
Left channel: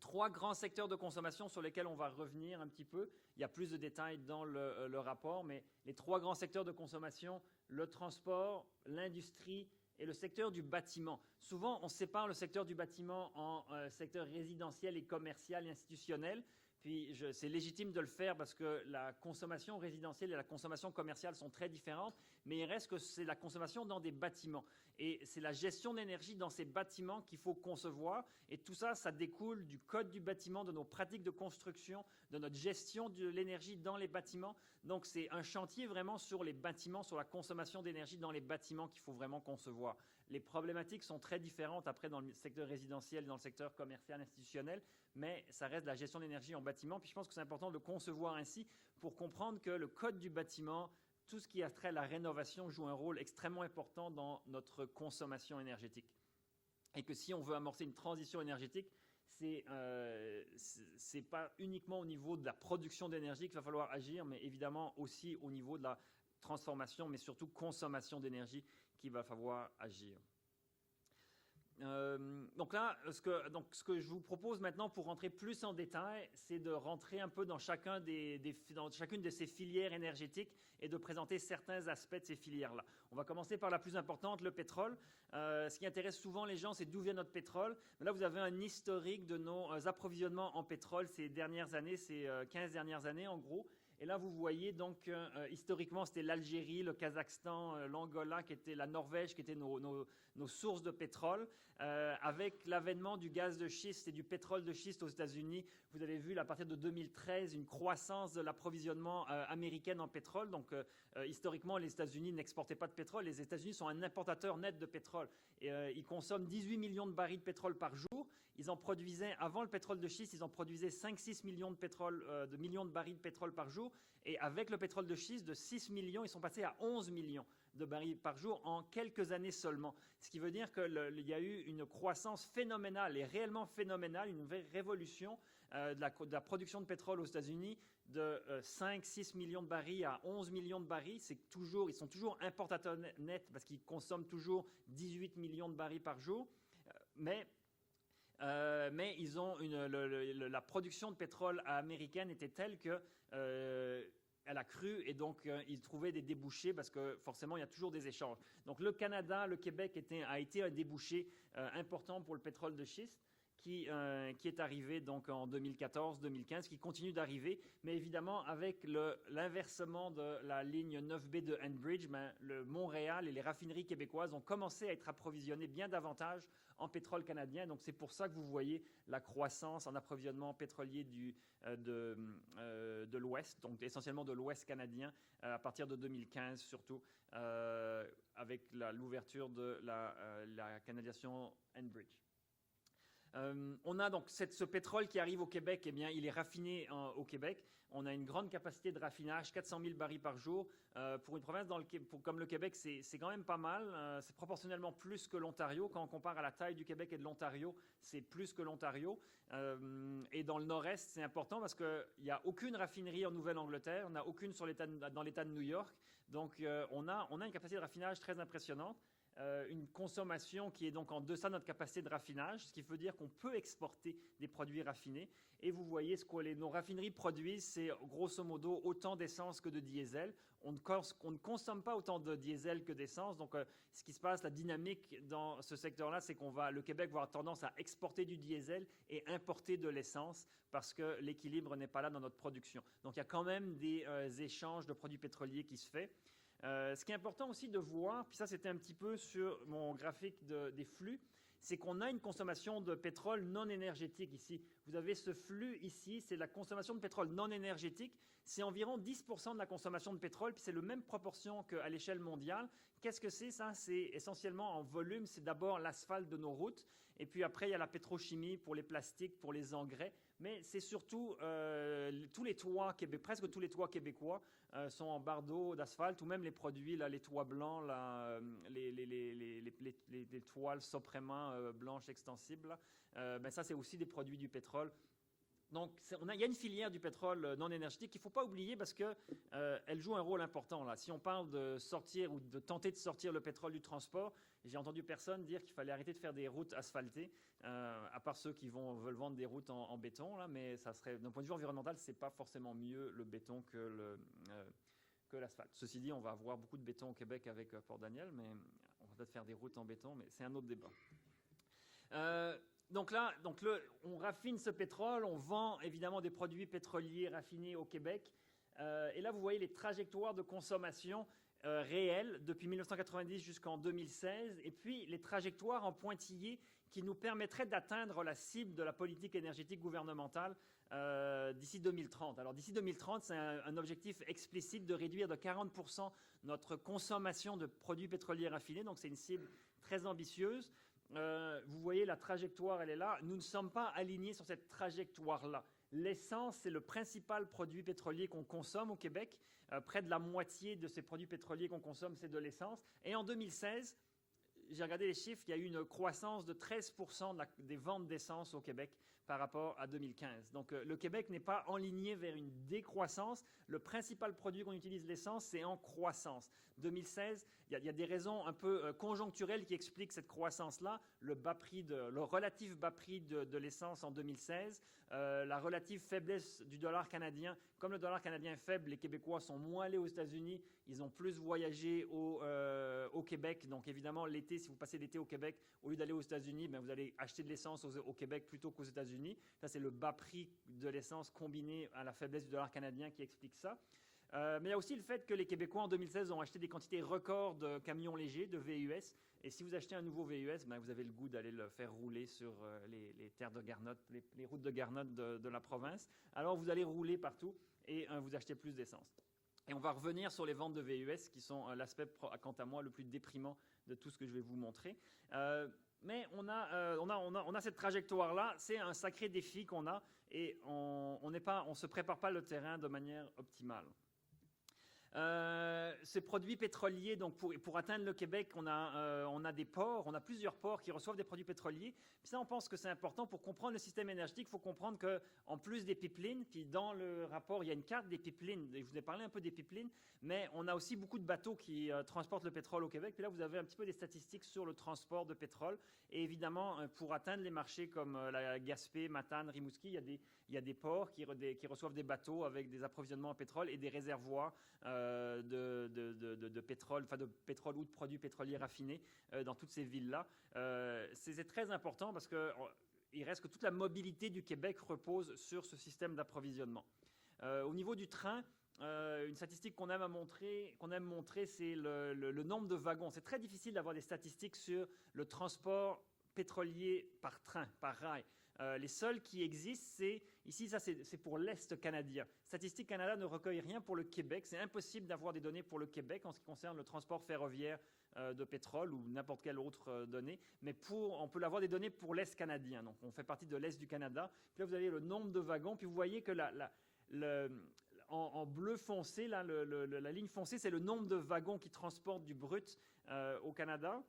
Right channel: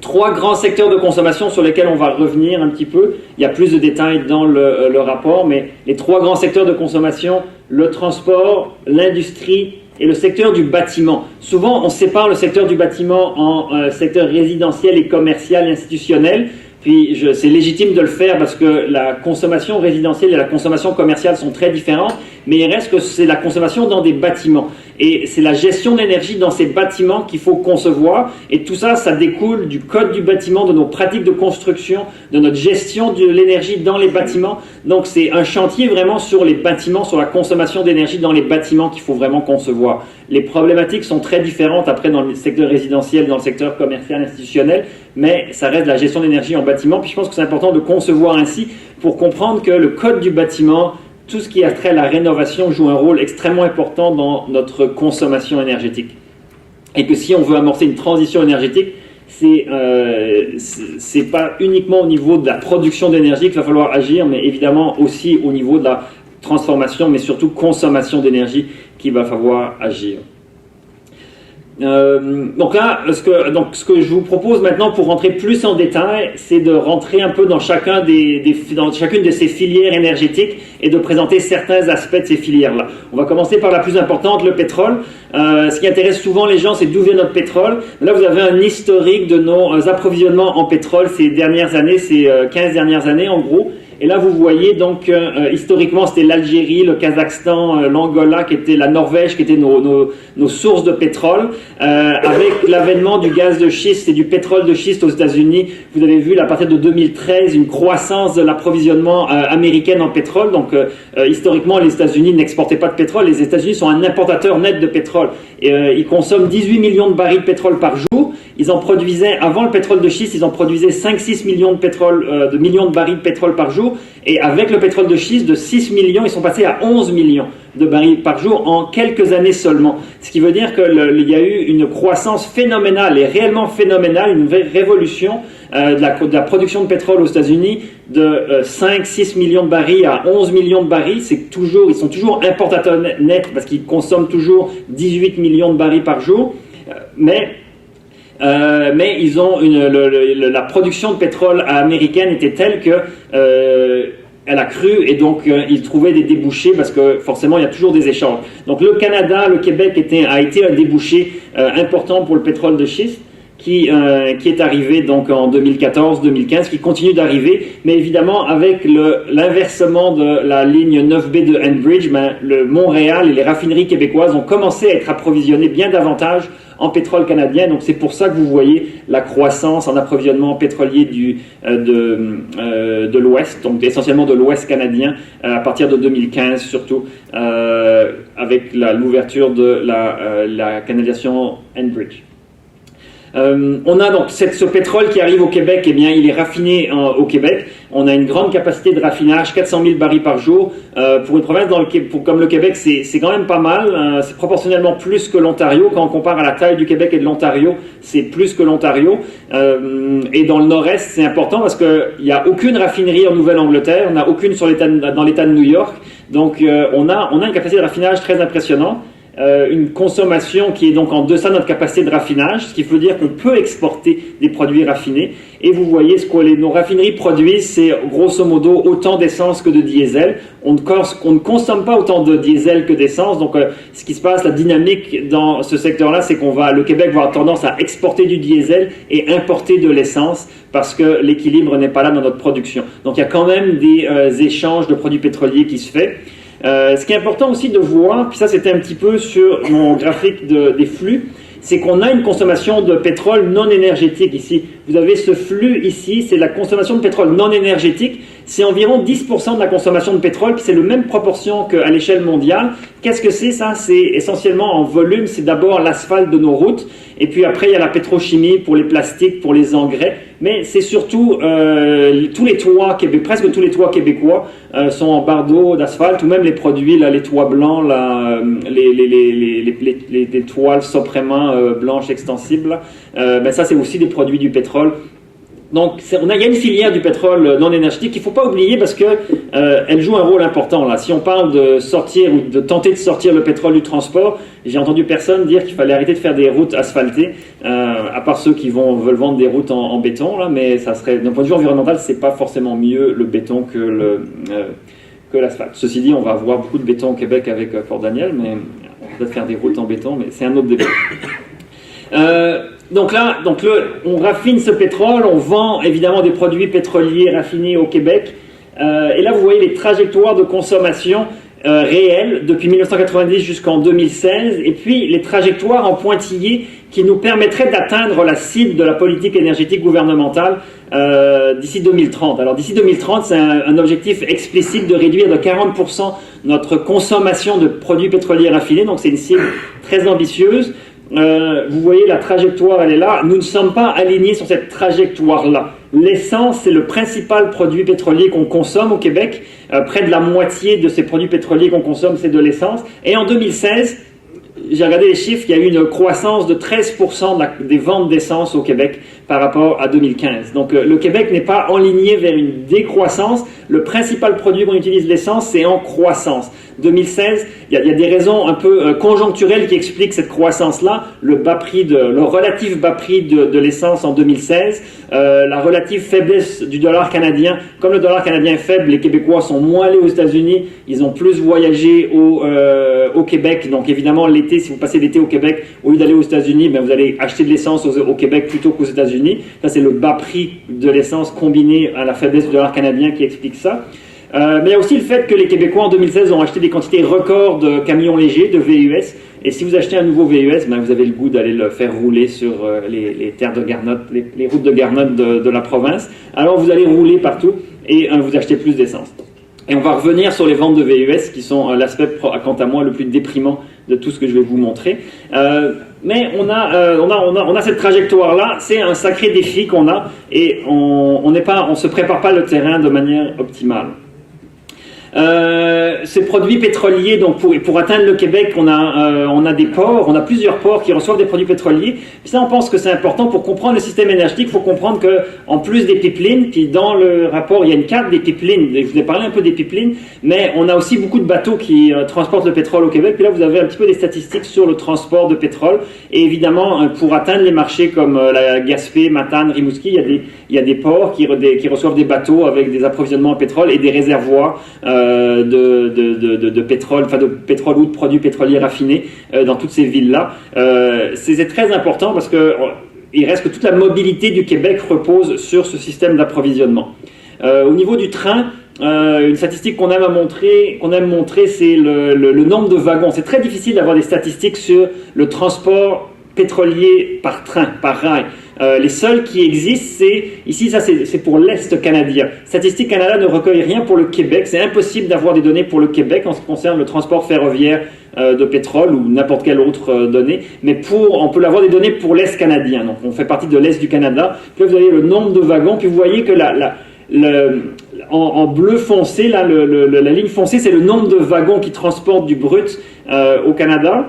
Trois grands secteurs de consommation sur lesquels on va revenir un petit peu. Il y a plus de détails dans le rapport, mais les trois grands secteurs de consommation, le transport, l'industrie et le secteur du bâtiment. Souvent, on sépare le secteur du bâtiment en secteur résidentiel et commercial et institutionnel. Puis c'est légitime de le faire parce que la consommation résidentielle et la consommation commerciale sont très différentes, mais il reste que c'est la consommation dans des bâtiments. Et c'est la gestion d'énergie dans ces bâtiments qu'il faut concevoir. Et tout ça, ça découle du code du bâtiment, de nos pratiques de construction, de notre gestion de l'énergie dans les bâtiments. Donc c'est un chantier vraiment sur les bâtiments, sur la consommation d'énergie dans les bâtiments qu'il faut vraiment concevoir. Les problématiques sont très différentes après dans le secteur résidentiel, dans le secteur commercial, institutionnel, mais ça reste la gestion d'énergie en bâtiment. Puis je pense que c'est important de concevoir ainsi pour comprendre que le code du bâtiment, tout ce qui a trait à la rénovation joue un rôle extrêmement important dans notre consommation énergétique. Et que si on veut amorcer une transition énergétique, c'est pas uniquement au niveau de la production d'énergie qu'il va falloir agir, mais évidemment aussi au niveau de la transformation, mais surtout consommation d'énergie qu'il va falloir agir. Donc là, ce que je vous propose maintenant pour rentrer plus en détail, c'est de rentrer un peu dans dans chacune de ces filières énergétiques et de présenter certains aspects de ces filières-là. On va commencer par la plus importante, le pétrole. Ce qui intéresse souvent les gens, c'est d'où vient notre pétrole. Là, vous avez un historique de nos approvisionnements en pétrole ces dernières années, ces 15 dernières années en gros. Et là, vous voyez donc, historiquement, c'était l'Algérie, le Kazakhstan, l'Angola, qui était la Norvège, qui étaient nos sources de pétrole. Avec l'avènement du gaz de schiste et du pétrole de schiste aux États-Unis, vous avez vu, à partir de 2013, une croissance de l'approvisionnement américain en pétrole. Donc, historiquement, les États-Unis n'exportaient pas de pétrole. Les États-Unis sont un importateur net de pétrole. Et, ils consomment 18 millions de barils de pétrole par jour. Ils en produisaient, avant le pétrole de schiste, ils en produisaient 5-6 millions de barils de pétrole par jour. Et avec le pétrole de schiste, de 6 millions, ils sont passés à 11 millions de barils par jour en quelques années seulement. Ce qui veut dire qu'il y a eu une croissance phénoménale, et réellement phénoménale, une vraie révolution de la production de pétrole aux États-Unis de 5-6 millions de barils à 11 millions de barils. Ils sont toujours importateurs nets parce qu'ils consomment toujours 18 millions de barils par jour. Mais ils ont la production de pétrole américaine était telle que elle a cru et donc ils trouvaient des débouchés parce que forcément il y a toujours des échanges. Donc le Canada, le Québec a été un débouché important pour le pétrole de schiste qui est arrivé donc en 2014-2015, qui continue d'arriver, mais évidemment avec l'inversement de la ligne 9B de Enbridge, le Montréal et les raffineries québécoises ont commencé à être approvisionnées bien davantage en pétrole canadien. Donc c'est pour ça que vous voyez la croissance en approvisionnement pétrolier de l'Ouest, donc essentiellement de l'Ouest canadien, à partir de 2015 surtout, avec l'ouverture de la canalisation Enbridge. On a donc ce pétrole qui arrive au Québec, eh bien, il est raffiné au Québec. On a une grande capacité de raffinage, 400 000 barils par jour. Pour une province comme le Québec, c'est quand même pas mal. C'est proportionnellement plus que l'Ontario. Quand on compare à la taille du Québec et de l'Ontario, c'est plus que l'Ontario. Et dans le nord-est, c'est important parce qu'il n'y a aucune raffinerie en Nouvelle-Angleterre. On n'a aucune dans l'État de New York. Donc, on a une capacité de raffinage très impressionnante. Une consommation qui est donc en deçà de notre capacité de raffinage, ce qui veut dire qu'on peut exporter des produits raffinés. Et vous voyez ce que nos raffineries produisent, c'est grosso modo autant d'essence que de diesel. On ne consomme pas autant de diesel que d'essence. Donc, ce qui se passe, la dynamique dans ce secteur-là, c'est le Québec va avoir tendance à exporter du diesel et importer de l'essence parce que l'équilibre n'est pas là dans notre production. Donc, il y a quand même des échanges de produits pétroliers qui se fait. Ce qui est important aussi de voir, puis ça c'était un petit peu sur mon graphique des flux, c'est qu'on a une consommation de pétrole non énergétique ici. Vous avez ce flux ici, c'est la consommation de pétrole non énergétique. C'est environ 10% de la consommation de pétrole, puis c'est la même proportion qu'à l'échelle mondiale. Qu'est-ce que c'est ça? C'est essentiellement en volume, c'est d'abord l'asphalte de nos routes, et puis après il y a la pétrochimie pour les plastiques, pour les engrais, mais c'est surtout tous les toits presque tous les toits québécois sont en barre d'eau, d'asphalte, ou même les produits, là, les toits blancs, là, les toiles Soprema blanches extensibles, ben ça c'est aussi des produits du pétrole. Donc, il y a une filière du pétrole non énergétique qu'il ne faut pas oublier parce que elle joue un rôle important. Là. Si on parle de sortir ou de tenter de sortir le pétrole du transport, j'ai entendu personne dire qu'il fallait arrêter de faire des routes asphaltées, à part ceux qui veulent vendre des routes en béton. Là, mais ça serait, d'un point de vue environnemental, c'est pas forcément mieux le béton que l'asphalte. Ceci dit, on va avoir beaucoup de béton au Québec avec Fort Daniel, mais on va peut-être faire des routes en béton, mais c'est un autre débat. Donc là, on raffine ce pétrole, on vend évidemment des produits pétroliers raffinés au Québec. Et là, vous voyez les trajectoires de consommation réelles depuis 1990 jusqu'en 2016, et puis les trajectoires en pointillés qui nous permettraient d'atteindre la cible de la politique énergétique gouvernementale d'ici 2030. Alors d'ici 2030, c'est un objectif explicite de réduire de 40% notre consommation de produits pétroliers raffinés, donc c'est une cible très ambitieuse. Vous voyez la trajectoire, elle est là. Nous ne sommes pas alignés sur cette trajectoire-là. L'essence, c'est le principal produit pétrolier qu'on consomme au Québec. Près de la moitié de ces produits pétroliers qu'on consomme, c'est de l'essence. Et en 2016, j'ai regardé les chiffres, il y a eu une croissance de 13% des ventes d'essence au Québec par rapport à 2015. Donc le Québec n'est pas enligné vers une décroissance. Le principal produit qu'on utilise, l'essence, c'est en croissance. 2016, il y a des raisons un peu conjoncturelles qui expliquent cette croissance-là. Le relatif bas prix de l'essence en 2016, la relative faiblesse du dollar canadien. Comme le dollar canadien est faible, les Québécois sont moins allés aux États-Unis, ils ont plus voyagé au Québec. Donc évidemment, l'été, si vous passez l'été au Québec, au lieu d'aller aux États-Unis, ben, vous allez acheter de l'essence au Québec plutôt qu'aux États-Unis. Ça, c'est le bas prix de l'essence combiné à la faiblesse du dollar canadien qui explique ça. Mais il y a aussi le fait que les Québécois en 2016 ont acheté des quantités records de camions légers, de VUS. Et si vous achetez un nouveau VUS, ben vous avez le goût d'aller le faire rouler sur les terres de garnotte, les routes de garnotte de la province. Alors vous allez rouler partout et vous achetez plus d'essence. Et on va revenir sur les ventes de VUS qui sont l'aspect, quant à moi, le plus déprimant de tout ce que je vais vous montrer. Mais on a cette trajectoire-là, c'est un sacré défi qu'on a et on se prépare pas le terrain de manière optimale. Ces produits pétroliers, donc pour atteindre le Québec, on a des ports, on a plusieurs ports qui reçoivent des produits pétroliers. Puis ça, on pense que c'est important pour comprendre le système énergétique. Il faut comprendre que, en plus des pipelines, puis dans le rapport, il y a une carte des pipelines. Je vous ai parlé un peu des pipelines, mais on a aussi beaucoup de bateaux qui transportent le pétrole au Québec. Puis là, vous avez un petit peu des statistiques sur le transport de pétrole. Et évidemment, pour atteindre les marchés comme la Gaspé, Matane, Rimouski, il y a des ports qui reçoivent des bateaux avec des approvisionnements en pétrole et des réservoirs de pétrole, enfin de pétrole ou de produits pétroliers raffinés dans toutes ces villes-là. C'est très important parce que il reste que toute la mobilité du Québec repose sur ce système d'approvisionnement. Au niveau du train, une statistique qu'on aime montrer, c'est le nombre de wagons. C'est très difficile d'avoir des statistiques sur le transport pétrolier par train, par rail. Les seuls qui existent, ici, ça c'est pour l'Est canadien. Statistique Canada ne recueille rien pour le Québec. C'est impossible d'avoir des données pour le Québec en ce qui concerne le transport ferroviaire de pétrole ou n'importe quelle autre donnée. Mais on peut avoir des données pour l'Est canadien. Donc on fait partie de l'Est du Canada. Puis là, vous avez le nombre de wagons. Puis vous voyez que en bleu foncé, là, la ligne foncée, c'est le nombre de wagons qui transportent du brut au Canada.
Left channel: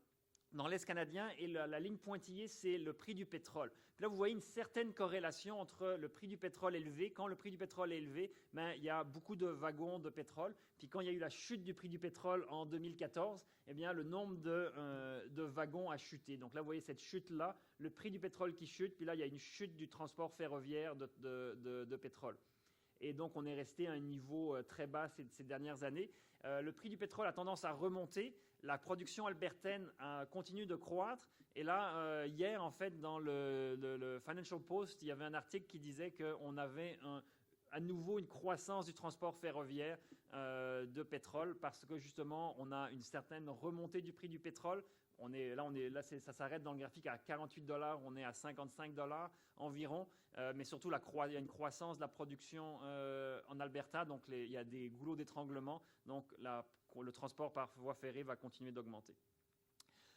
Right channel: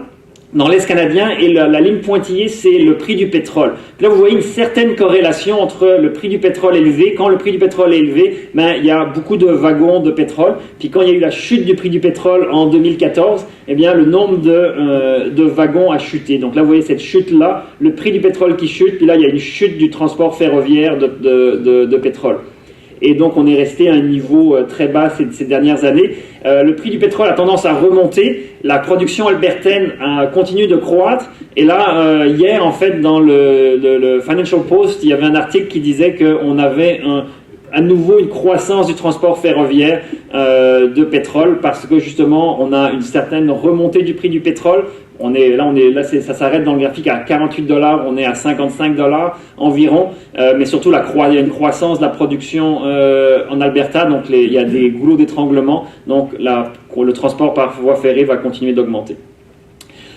Dans l'Est canadien, et la ligne pointillée, c'est le prix du pétrole. Puis là, vous voyez une certaine corrélation entre le prix du pétrole élevé. Quand le prix du pétrole est élevé, ben, il y a beaucoup de wagons de pétrole. Puis quand il y a eu la chute du prix du pétrole en 2014, eh bien, le nombre de wagons a chuté. Donc là, vous voyez cette chute-là, le prix du pétrole qui chute, puis là, il y a une chute du transport ferroviaire de pétrole. Et donc on est resté à un niveau très bas ces dernières années. Le prix du pétrole a tendance à remonter, la production albertaine continue de croître, et là, hier en fait dans le Financial Post, il y avait un article qui disait qu'on avait à nouveau une croissance du transport ferroviaire de pétrole, parce que justement on a une certaine remontée du prix du pétrole. Ça s'arrête dans le graphique à 48 $, on est à 55 $ environ, mais surtout il y a une croissance de la production en Alberta, donc il y a des goulots d'étranglement, donc le transport par voie ferrée va continuer d'augmenter.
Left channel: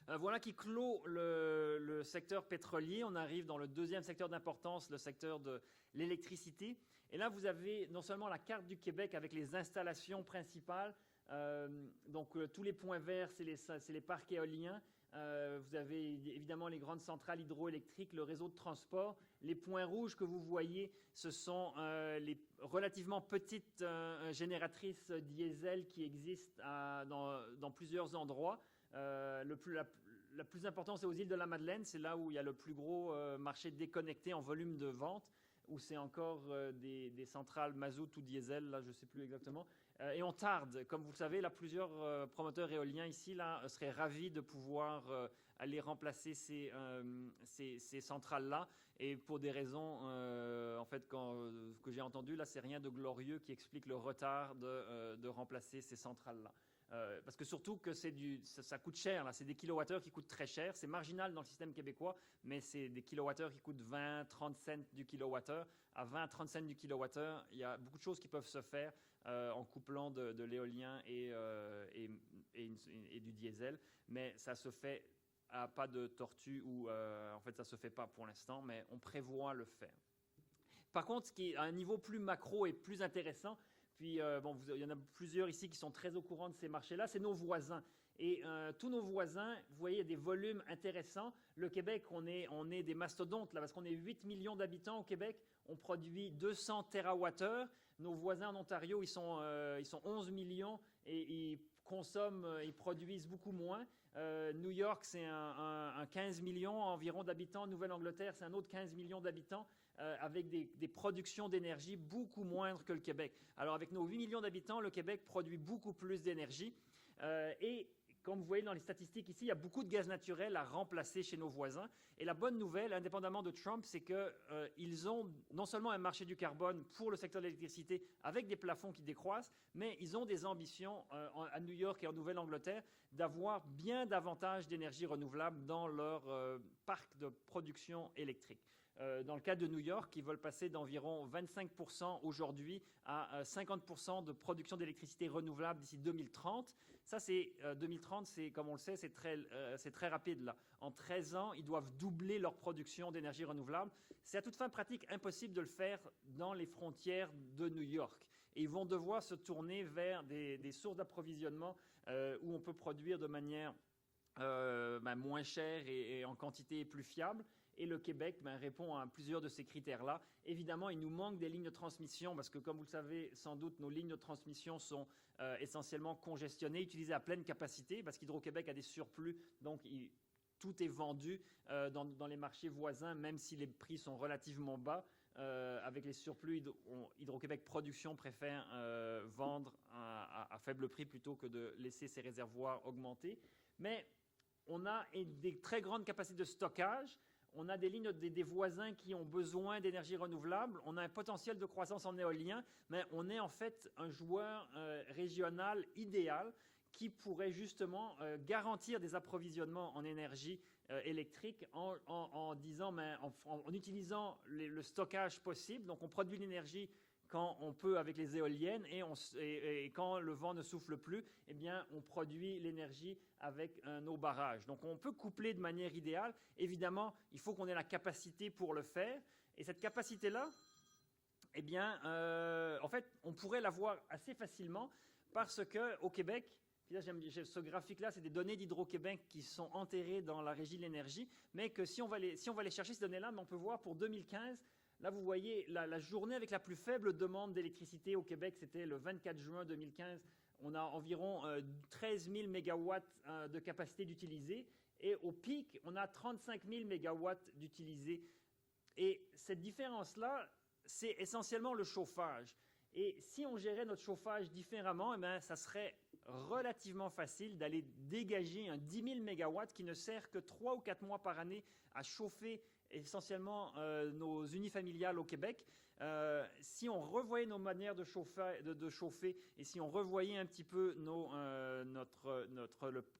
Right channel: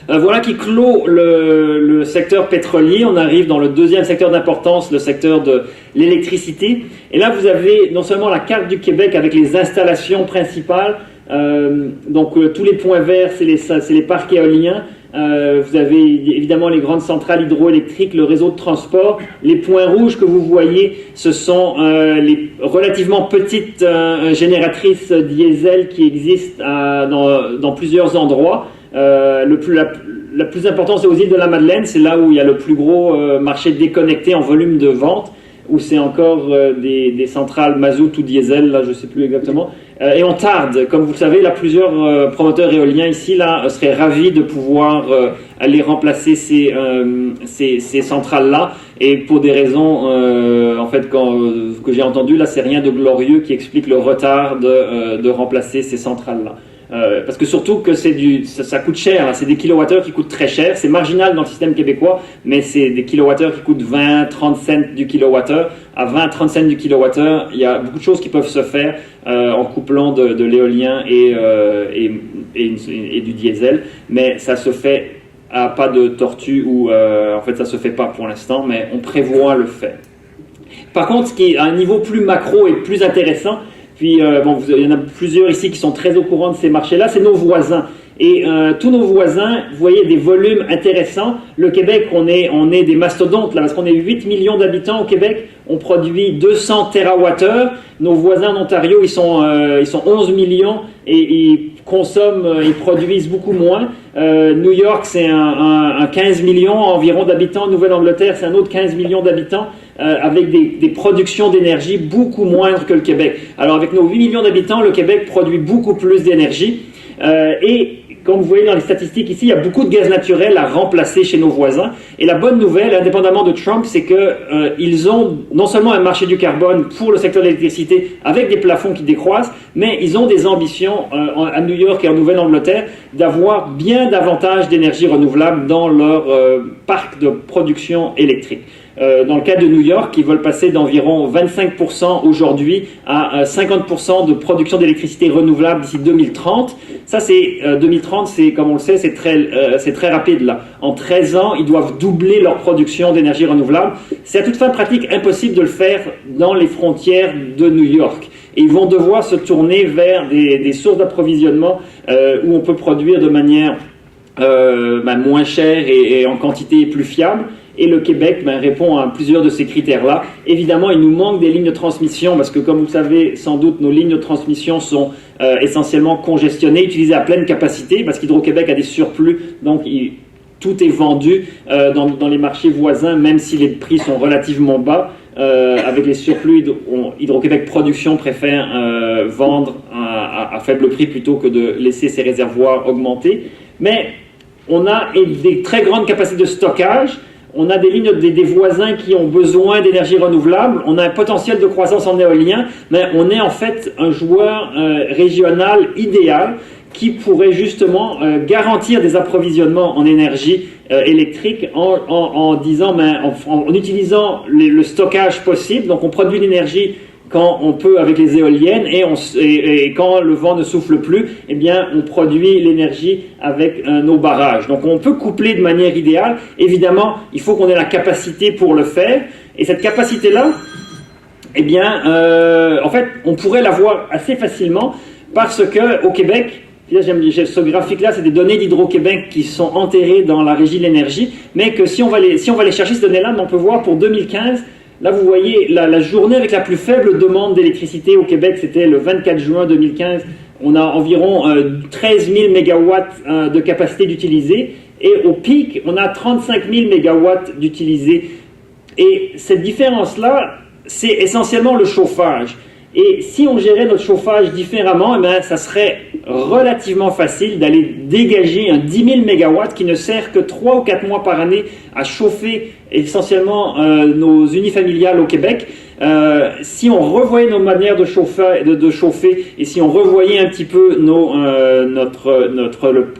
Voilà qui clôt le secteur pétrolier. On arrive dans le deuxième secteur d'importance, le secteur de l'électricité. Et là, vous avez non seulement la carte du Québec avec les installations principales, tous les points verts, c'est les parcs éoliens. Vous avez évidemment les grandes centrales hydroélectriques, le réseau de transport. Les points rouges que vous voyez, ce sont les relativement petites génératrices diesel qui existent dans plusieurs endroits. La plus importante, c'est aux îles de la Madeleine. C'est là où il y a le plus gros marché déconnecté en volume de vente, où c'est encore des centrales mazout ou diesel, là je ne sais plus exactement. Et on tarde. Comme vous le savez, là, plusieurs promoteurs éoliens ici là, seraient ravis de pouvoir aller remplacer ces centrales-là. Et pour des raisons, en fait, que j'ai entendu, là, c'est rien de glorieux qui explique le retard de remplacer ces centrales-là. Parce que surtout que ça coûte cher, hein. C'est des kilowattheures qui coûtent très cher, c'est marginal dans le système québécois, mais c'est des kilowattheures qui coûtent 20-30 cents du kilowattheure. À 20-30 cents du kilowattheure, il y a beaucoup de choses qui peuvent se faire en couplant de l'éolien et du diesel, mais ça se fait à pas de tortue ou en fait ça se fait pas pour l'instant, mais on prévoit le faire. Par contre, ce qui est à un niveau plus macro et plus intéressant, puis, il y en a plusieurs ici qui sont très au courant de ces marchés-là, c'est nos voisins. Et tous nos voisins, vous voyez, des volumes intéressants. Le Québec, on est des mastodontes, là, parce qu'on est 8 millions d'habitants au Québec. On produit 200 TWh. Nos voisins en Ontario, ils sont 11 millions et ils produisent beaucoup moins. New York, c'est un 15 millions environ d'habitants. Nouvelle-Angleterre, c'est un autre 15 millions d'habitants. Avec des productions d'énergie beaucoup moindres que le Québec. Alors avec nos 8 millions d'habitants, le Québec produit beaucoup plus d'énergie. Et comme vous voyez dans les statistiques ici, il y a beaucoup de gaz naturel à remplacer chez nos voisins. Et la bonne nouvelle, indépendamment de Trump, c'est qu'ils ont non seulement un marché du carbone pour le secteur de l'électricité avec des plafonds qui décroissent, mais ils ont des ambitions à New York et en Nouvelle-Angleterre d'avoir bien davantage d'énergie renouvelable dans leur parc de production électrique. Dans le cas de New York, ils veulent passer d'environ 25% aujourd'hui à 50% de production d'électricité renouvelable d'ici 2030. Ça, 2030, comme on le sait, c'est très rapide là. En 13 ans, ils doivent doubler leur production d'énergie renouvelable. C'est à toute fin pratique impossible de le faire dans les frontières de New York. Et ils vont devoir se tourner vers des sources d'approvisionnement où on peut produire de manière moins chère et en quantité plus fiable. Et le Québec répond à plusieurs de ces critères-là. Évidemment, il nous manque des lignes de transmission parce que, comme vous le savez sans doute, nos lignes de transmission sont essentiellement congestionnées, utilisées à pleine capacité parce qu'Hydro-Québec a des surplus, donc tout est vendu dans les marchés voisins, même si les prix sont relativement bas. Avec les surplus, Hydro-Québec Production préfère vendre à faible prix plutôt que de laisser ses réservoirs augmenter. Mais on a des très grandes capacités de stockage. On a des lignes des voisins qui ont besoin d'énergie renouvelable. On a un potentiel de croissance en éolien, mais on est en fait un joueur régional idéal qui pourrait justement garantir des approvisionnements en énergie électrique en utilisant le stockage possible. Donc on produit l'énergie quand on peut avec les éoliennes et quand le vent ne souffle plus, eh bien, on produit l'énergie avec nos barrages. Donc on peut coupler de manière idéale. Évidemment, il faut qu'on ait la capacité pour le faire. Et cette capacité-là, eh bien, en fait, on pourrait l'avoir assez facilement parce qu'au Québec, ce graphique-là, c'est des données d'Hydro-Québec qui sont enterrées dans la Régie de l'énergie, mais que si on va aller chercher ces données-là, on peut voir pour 2015, là, vous voyez, la journée avec la plus faible demande d'électricité au Québec, c'était le 24 juin 2015. On a environ 13 000 mégawatts de capacité d'utiliser. Et au pic, on a 35 000 mégawatts d'utilisés. Et cette différence-là, c'est essentiellement le chauffage. Et si on gérait notre chauffage différemment, eh bien, ça serait relativement facile d'aller dégager un 10 000 MW qui ne sert que 3 ou 4 mois par année à chauffer essentiellement nos unifamiliales au Québec. Si on revoyait nos manières de chauffer et si on revoyait un petit peu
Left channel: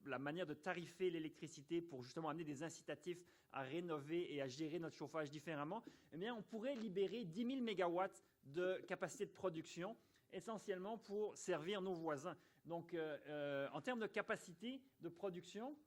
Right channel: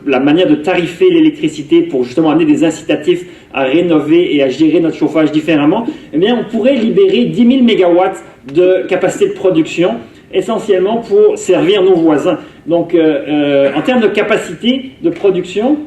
la manière de tarifer l'électricité pour justement amener des incitatifs à rénover et à gérer notre chauffage différemment, eh bien, on pourrait libérer 10 000 MW de capacité de production, essentiellement pour servir nos voisins. Donc, en termes de capacité de production,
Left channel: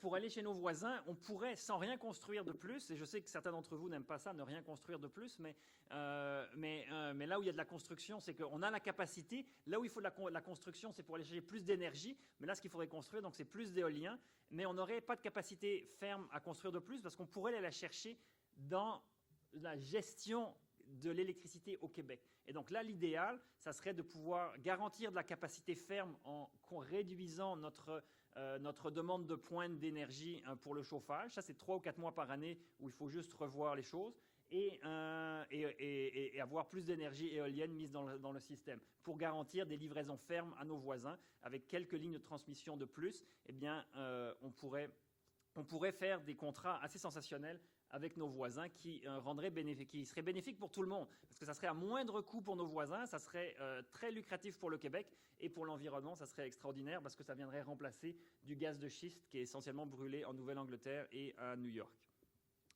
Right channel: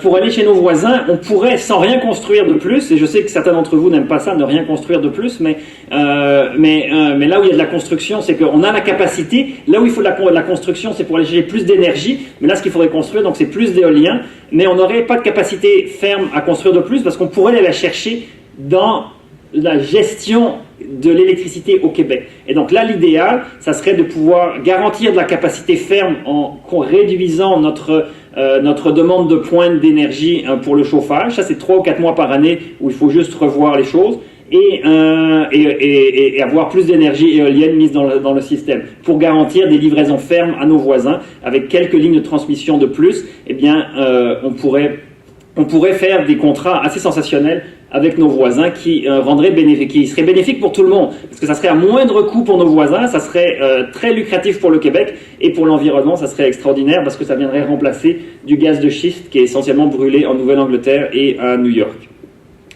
pour aller chez nos voisins, on pourrait, sans rien construire de plus, et je sais que certains d'entre vous n'aiment pas ça, ne rien construire de plus, mais là où il y a de la construction, c'est qu'on a la capacité. Là où il faut de la construction, c'est pour aller chercher plus d'énergie, mais là, ce qu'il faudrait construire, donc c'est plus d'éolien, mais on n'aurait pas de capacité ferme à construire de plus, parce qu'on pourrait aller la chercher dans la gestion de l'électricité au Québec. Et donc là, l'idéal, ça serait de pouvoir garantir de la capacité ferme en réduisant notre demande de pointe d'énergie pour le chauffage. Ça, c'est 3 ou 4 mois par année où il faut juste revoir les choses. et avoir plus d'énergie éolienne mise dans le système. Pour garantir des livraisons fermes à nos voisins, avec quelques lignes de transmission de plus, eh bien, on pourrait faire des contrats assez sensationnels avec nos voisins qui seraient bénéfiques pour tout le monde, parce que ça serait à moindre coût pour nos voisins, ça serait très lucratif pour le Québec, et pour l'environnement, ça serait extraordinaire, parce que ça viendrait remplacer du gaz de schiste qui est essentiellement brûlé en Nouvelle-Angleterre et à New York.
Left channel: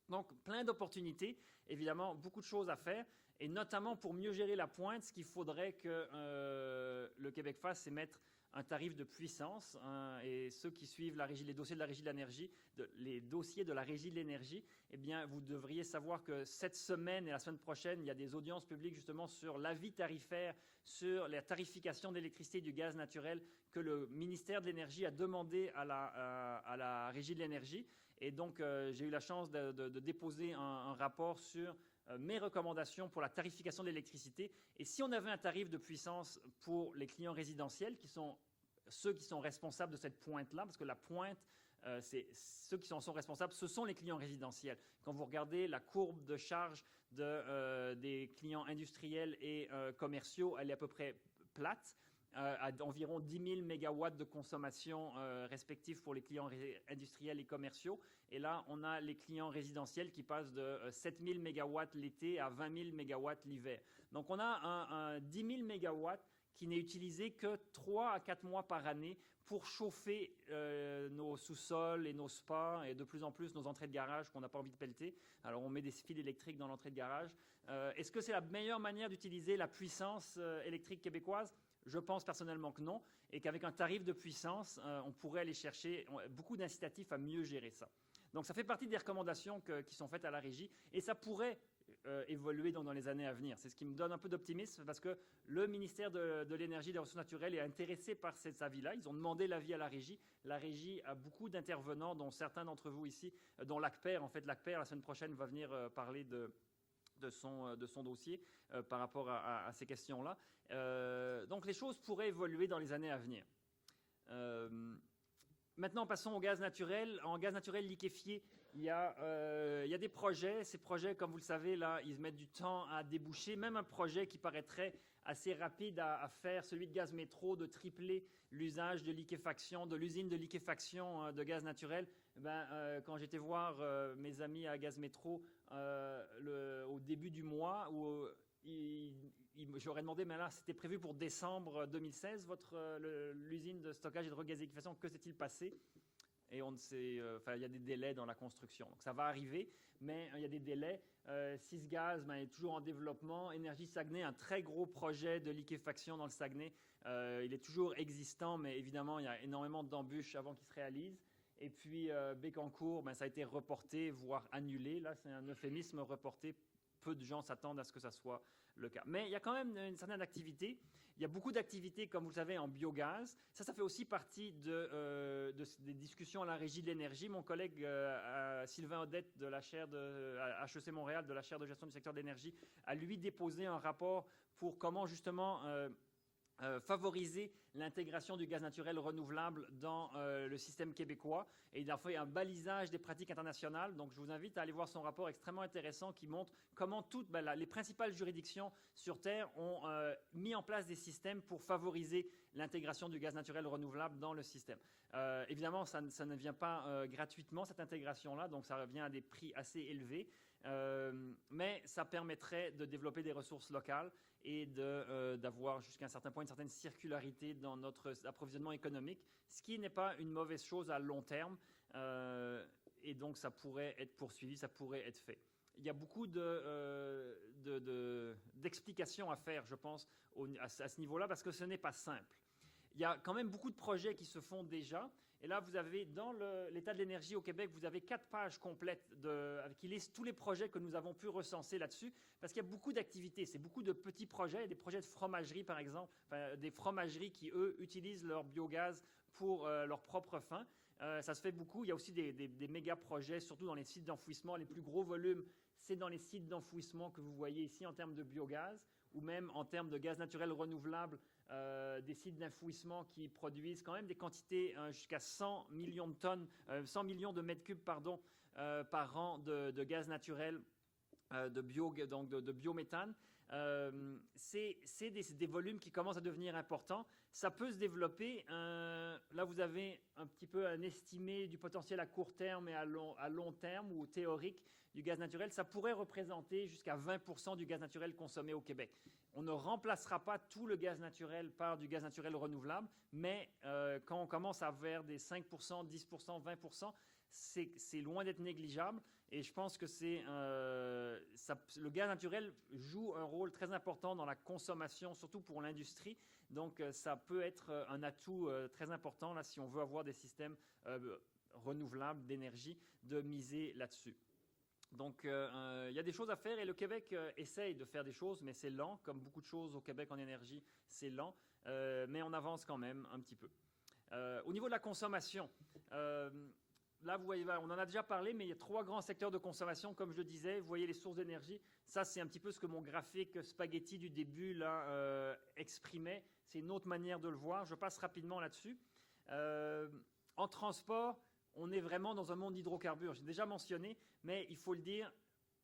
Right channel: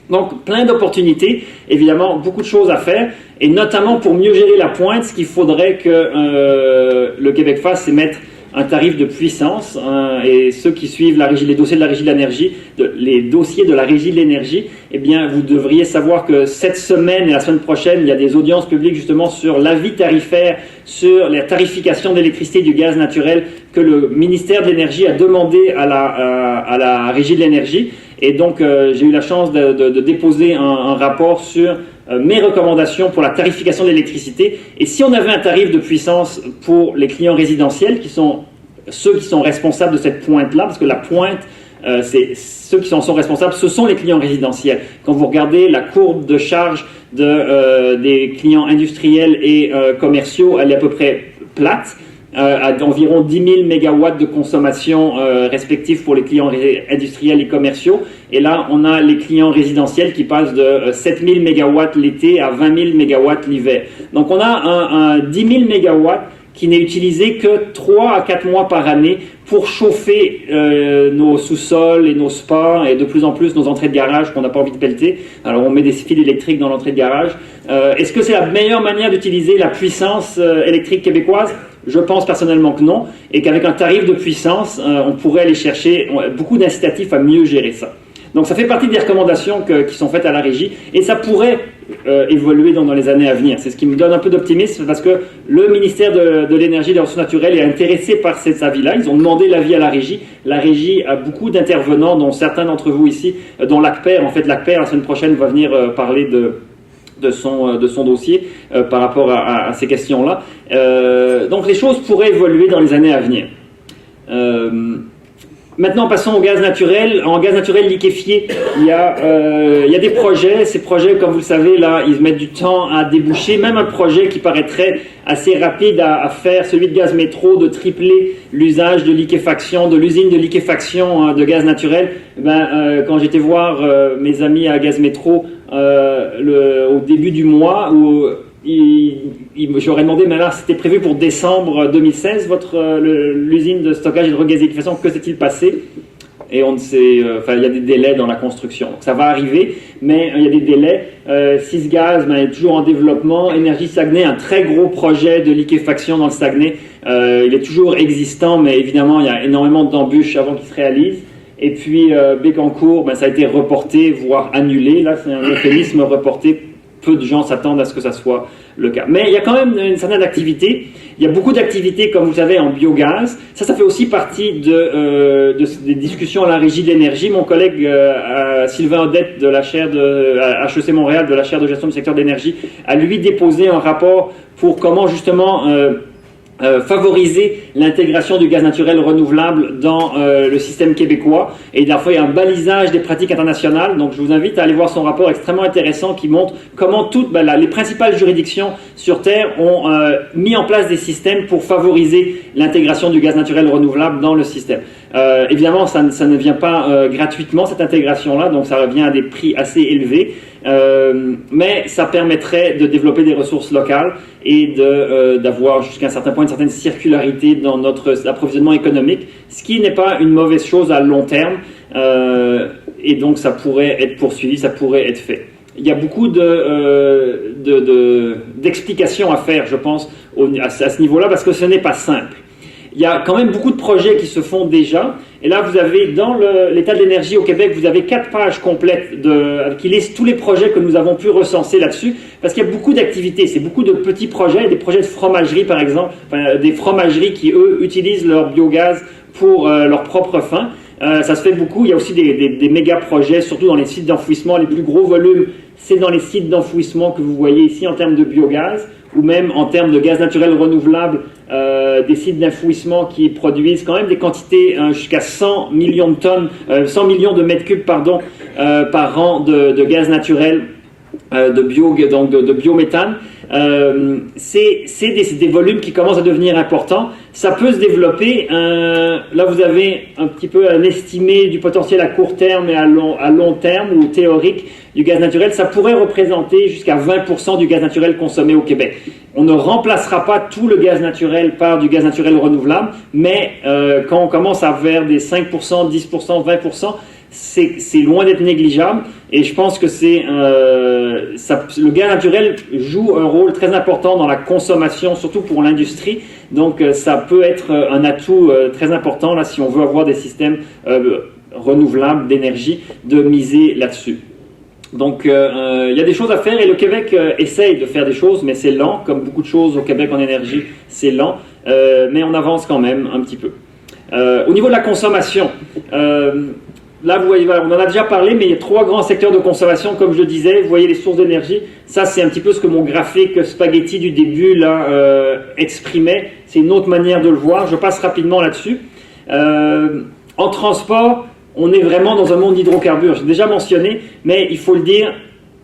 Donc, plein d'opportunités, évidemment, beaucoup de choses à faire, et notamment pour mieux gérer la pointe, ce qu'il faudrait que le Québec fasse, c'est mettre un tarif de puissance, et ceux qui suivent les dossiers de la Régie de l'énergie, les dossiers de la Régie de l'énergie, eh bien, vous devriez savoir que cette semaine et la semaine prochaine, il y a des audiences publiques justement sur l'avis tarifaire, sur la tarification d'électricité et du gaz naturel que le ministère de l'Énergie a demandé à la Régie de l'énergie. Et donc, j'ai eu la chance de déposer un rapport sur mes recommandations pour la tarification de l'électricité. Et si on avait un tarif de puissance pour les clients résidentiels, qui sont ceux qui sont responsables de cette pointe-là, parce que la pointe, c'est ceux qui en sont responsables, ce sont les clients résidentiels. Quand vous regardez la courbe de charge des clients industriels et commerciaux, elle est à peu près plate. À environ 10 000 mégawatts de consommation respectifs pour les clients industriels et commerciaux. Et là, on a les clients résidentiels qui passent de 7 000 mégawatts l'été à 20 000 mégawatts l'hiver. Donc, on a un 10 000 mégawatts qui n'est utilisé que 3 à 4 mois par année pour chauffer nos sous-sols et nos spas et de plus en plus nos entrées de garage qu'on n'a pas envie de pelleter. Alors, on met des fils électriques dans l'entrée de garage. Est-ce que c'est la meilleure manière d'utiliser la puissance électrique québécoise ? Je pense personnellement que non, et qu'avec un tarif de puissance, on pourrait aller chercher beaucoup d'incitatifs à mieux gérer ça. Donc ça fait partie des recommandations qui sont faites à la Régie, et ça pourrait évoluer dans les années à venir. C'est ce qui me donne un peu d'optimisme, parce que le ministère de l'Énergie et des Ressources naturelles est intéressé par cet avis-là. Ils ont demandé l'avis à la Régie. La Régie a beaucoup d'intervenants, dont certains d'entre vous ici, dont l'ACPER. En fait, l'ACPER, la semaine prochaine, va venir parler de son dossier par rapport à ces questions-là. Donc les choses pourraient évoluer dans les années à venir. Maintenant, passons au gaz naturel. En gaz naturel liquéfié, il y a des projets. Ces projets, comme vous le savez, là, ils mettent du temps à déboucher. Même un projet qui paraîtrait assez rapide à faire, celui de Gaz Métro, de tripler l'usage de liquéfaction, de l'usine de liquéfaction de gaz naturel. Quand j'étais voir mes amis à Gaz Métro au début du mois, où j'aurais demandé, mais là, c'était prévu pour décembre 2016, l'usine de stockage et de regazéification, que s'est-il passé? Et on ne sait, il y a des délais dans la construction. Donc, ça va arriver, mais il y a des délais. Sysgaz est toujours en développement. Énergie Saguenay, un très gros projet de liquéfaction dans le Saguenay. Il est toujours existant, mais évidemment, il y a énormément d'embûches avant qu'il se réalise. Et puis, Bécancour, ça a été reporté, voire annulé. Là, c'est un euphémisme reporté. Peu de gens s'attendent à ce que ça soit le cas. Mais il y a quand même une certaine activité. Il y a beaucoup d'activités, comme vous savez, en biogaz. Ça fait aussi partie des discussions à la Régie de l'énergie. Mon collègue Sylvain Odette de la chaire à HEC Montréal, de la chaire de gestion du secteur d'énergie, a lui déposé un rapport pour comment justement favoriser l'intégration du gaz naturel renouvelable dans le système québécois. Et il y a un balisage des pratiques internationales. Donc je vous invite à aller voir son rapport extrêmement intéressant qui montre comment les principales juridictions sur Terre ont mis en place des systèmes pour favoriser l'intégration du gaz naturel renouvelable dans le système. Évidemment, ça ne vient pas gratuitement, cette intégration-là, donc ça revient à des prix assez élevés. Mais ça permettrait de développer des ressources locales et d'avoir jusqu'à un certain point une certaine circularité dans notre approvisionnement économique, ce qui n'est pas une mauvaise chose à long terme, et donc ça pourrait être poursuivi, ça pourrait être fait. Il y a beaucoup d'explications à faire, je pense, à ce niveau-là, parce que ce n'est pas simple. Il y a quand même beaucoup de projets qui se font déjà. Et là, vous avez, dans l'état de l'énergie au Québec, vous avez 4 pages complètes qui listent tous les projets que nous avons pu recenser là-dessus, parce qu'il y a beaucoup d'activités. C'est beaucoup de petits projets, des projets de fromagerie, par exemple, des fromageries qui, eux, utilisent leur biogaz pour leur propre fin. Ça se fait beaucoup. Il y a aussi des méga projets, surtout dans les sites d'enfouissement. Les plus gros volumes, c'est dans les sites d'enfouissement que vous voyez ici en termes de biogaz, ou même en termes de gaz naturel renouvelable, des sites d'enfouissement qui produisent quand même des quantités jusqu'à 100 millions de tonnes, 100 millions de mètres cubes par an de gaz naturel de biométhane. C'est des volumes qui commencent à devenir importants. Ça peut se développer. Là, vous avez un petit peu un estimé du potentiel à court terme et à long terme, ou théorique, du gaz naturel. Ça pourrait représenter jusqu'à 20% du gaz naturel consommé au Québec. On ne remplacera pas tout le gaz naturel par du gaz naturel renouvelable, mais quand on commence à vers des 5%, 10%, 20%, c'est loin d'être négligeable, et je pense que le gaz naturel joue un rôle très important dans la consommation, surtout pour l'industrie. Donc ça peut être un atout très important là, si on veut avoir des systèmes renouvelables d'énergie, de miser là-dessus. Donc il y a des choses à faire, et le Québec essaye de faire des choses, mais c'est lent, comme beaucoup de choses au Québec en énergie, c'est lent, mais on avance quand même un petit peu. Au niveau de la consommation, là, vous voyez, on en a déjà parlé, mais il y a 3 grands secteurs de consommation, comme je le disais. Vous voyez les sources d'énergie. Ça, c'est un petit peu ce que mon graphique spaghetti du début là, exprimait. C'est une autre manière de le voir. Je passe rapidement là-dessus. En transport, on est vraiment dans un monde d'hydrocarbures. J'ai déjà mentionné, mais il faut le dire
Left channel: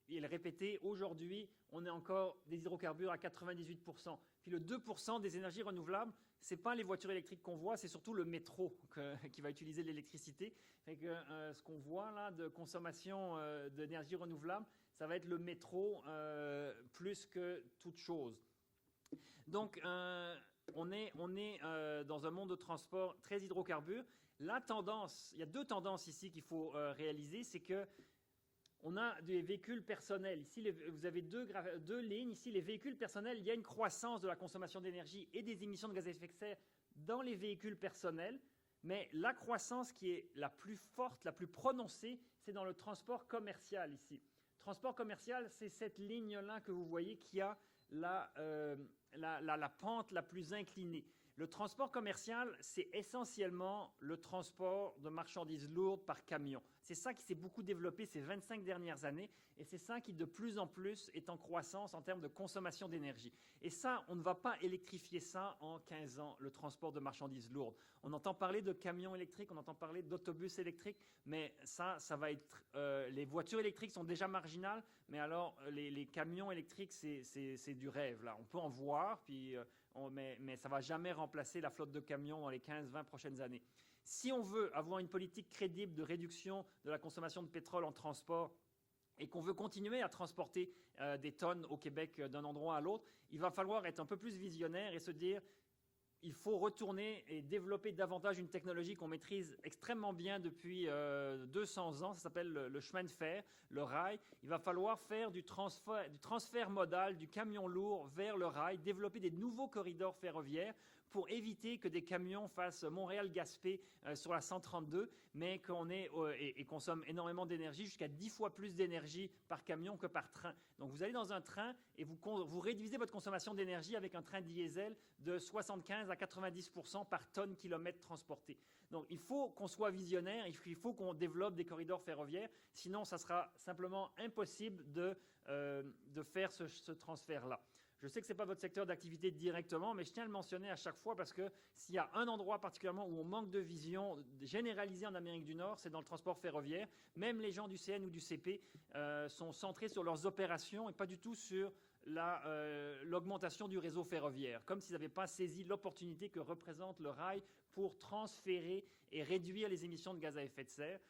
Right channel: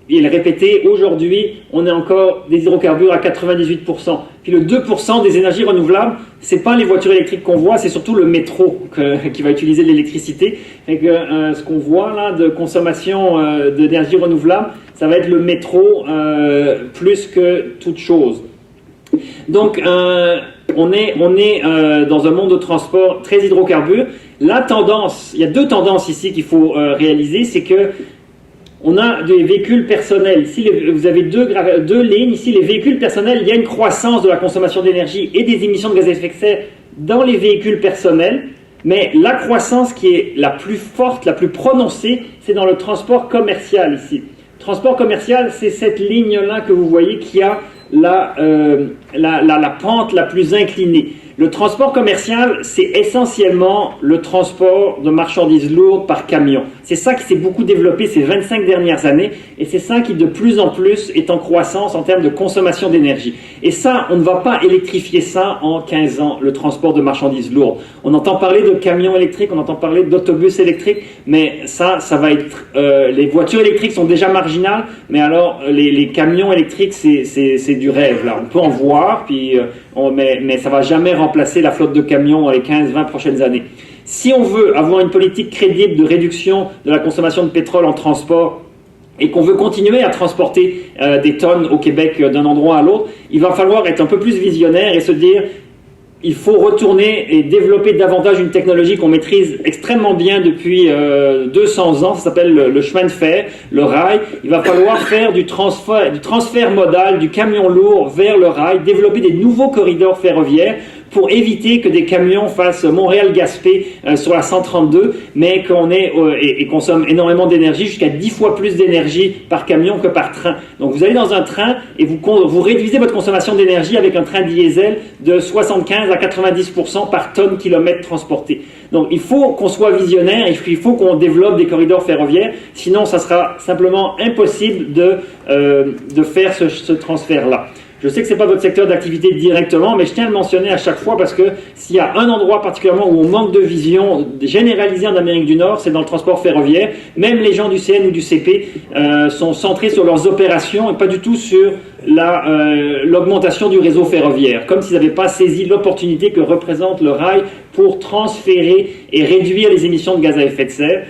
et le répéter. Aujourd'hui, on est encore des hydrocarbures à 98%. Puis le 2% des énergies renouvelables, c'est pas les voitures électriques qu'on voit, c'est surtout le métro qui va utiliser de l'électricité. Et que ce qu'on voit là de consommation d'énergie renouvelable, ça va être le métro plus que toute chose. Donc on est dans un monde de transport très hydrocarbures. La tendance, il y a 2 tendances ici qu'il faut réaliser, c'est que on a des véhicules personnels. Ici, vous avez deux lignes. Ici, les véhicules personnels, il y a une croissance de la consommation d'énergie et des émissions de gaz à effet de serre dans les véhicules personnels. Mais la croissance qui est la plus forte, la plus prononcée, c'est dans le transport commercial ici. Transport commercial, c'est cette ligne-là que vous voyez qui a la pente la plus inclinée. Le transport commercial, c'est essentiellement le transport de marchandises lourdes par camion. C'est ça qui s'est beaucoup développé ces 25 dernières années, et c'est ça qui de plus en plus est en croissance en termes de consommation d'énergie. Et ça, on ne va pas électrifier ça en 15 ans, le transport de marchandises lourdes. On entend parler de camions électriques, on entend parler d'autobus électriques, mais ça va être... les voitures électriques sont déjà marginales, mais alors les camions électriques, c'est du rêve, là. On peut en voir, puis... mais ça ne va jamais remplacer la flotte de camions dans les 15-20 prochaines années. Si on veut avoir une politique crédible de réduction de la consommation de pétrole en transport et qu'on veut continuer à transporter des tonnes au Québec d'un endroit à l'autre, il va falloir être un peu plus visionnaire et se dire il faut retourner et développer davantage une technologie qu'on maîtrise extrêmement bien depuis 200 ans, ça s'appelle le chemin de fer, le rail. Il va falloir faire du transfert modal du camion lourd vers le rail, développer des nouveaux corridors ferroviaires pour éviter que des camions fassent Montréal-Gaspé sur la 132, mais qu'on et consomme énormément d'énergie, jusqu'à 10 fois plus d'énergie par camion que par train. Donc vous allez dans un train et vous réduisez votre consommation d'énergie avec un train diesel de 75 à 90% par tonne kilomètre transporté. Donc il faut qu'on soit visionnaire, il faut qu'on développe des corridors ferroviaires, sinon ça sera simplement impossible de faire ce transfert-là. Je sais que ce n'est pas votre secteur d'activité directement, mais je tiens à le mentionner à chaque fois parce que s'il y a un endroit particulièrement où on manque de vision généralisée en Amérique du Nord, c'est dans le transport ferroviaire. Même les gens du CN ou du CP sont centrés sur leurs opérations et pas du tout sur l'augmentation du réseau ferroviaire, comme s'ils n'avaient pas saisi l'opportunité que représente le rail pour transférer et réduire les émissions de gaz à effet de serre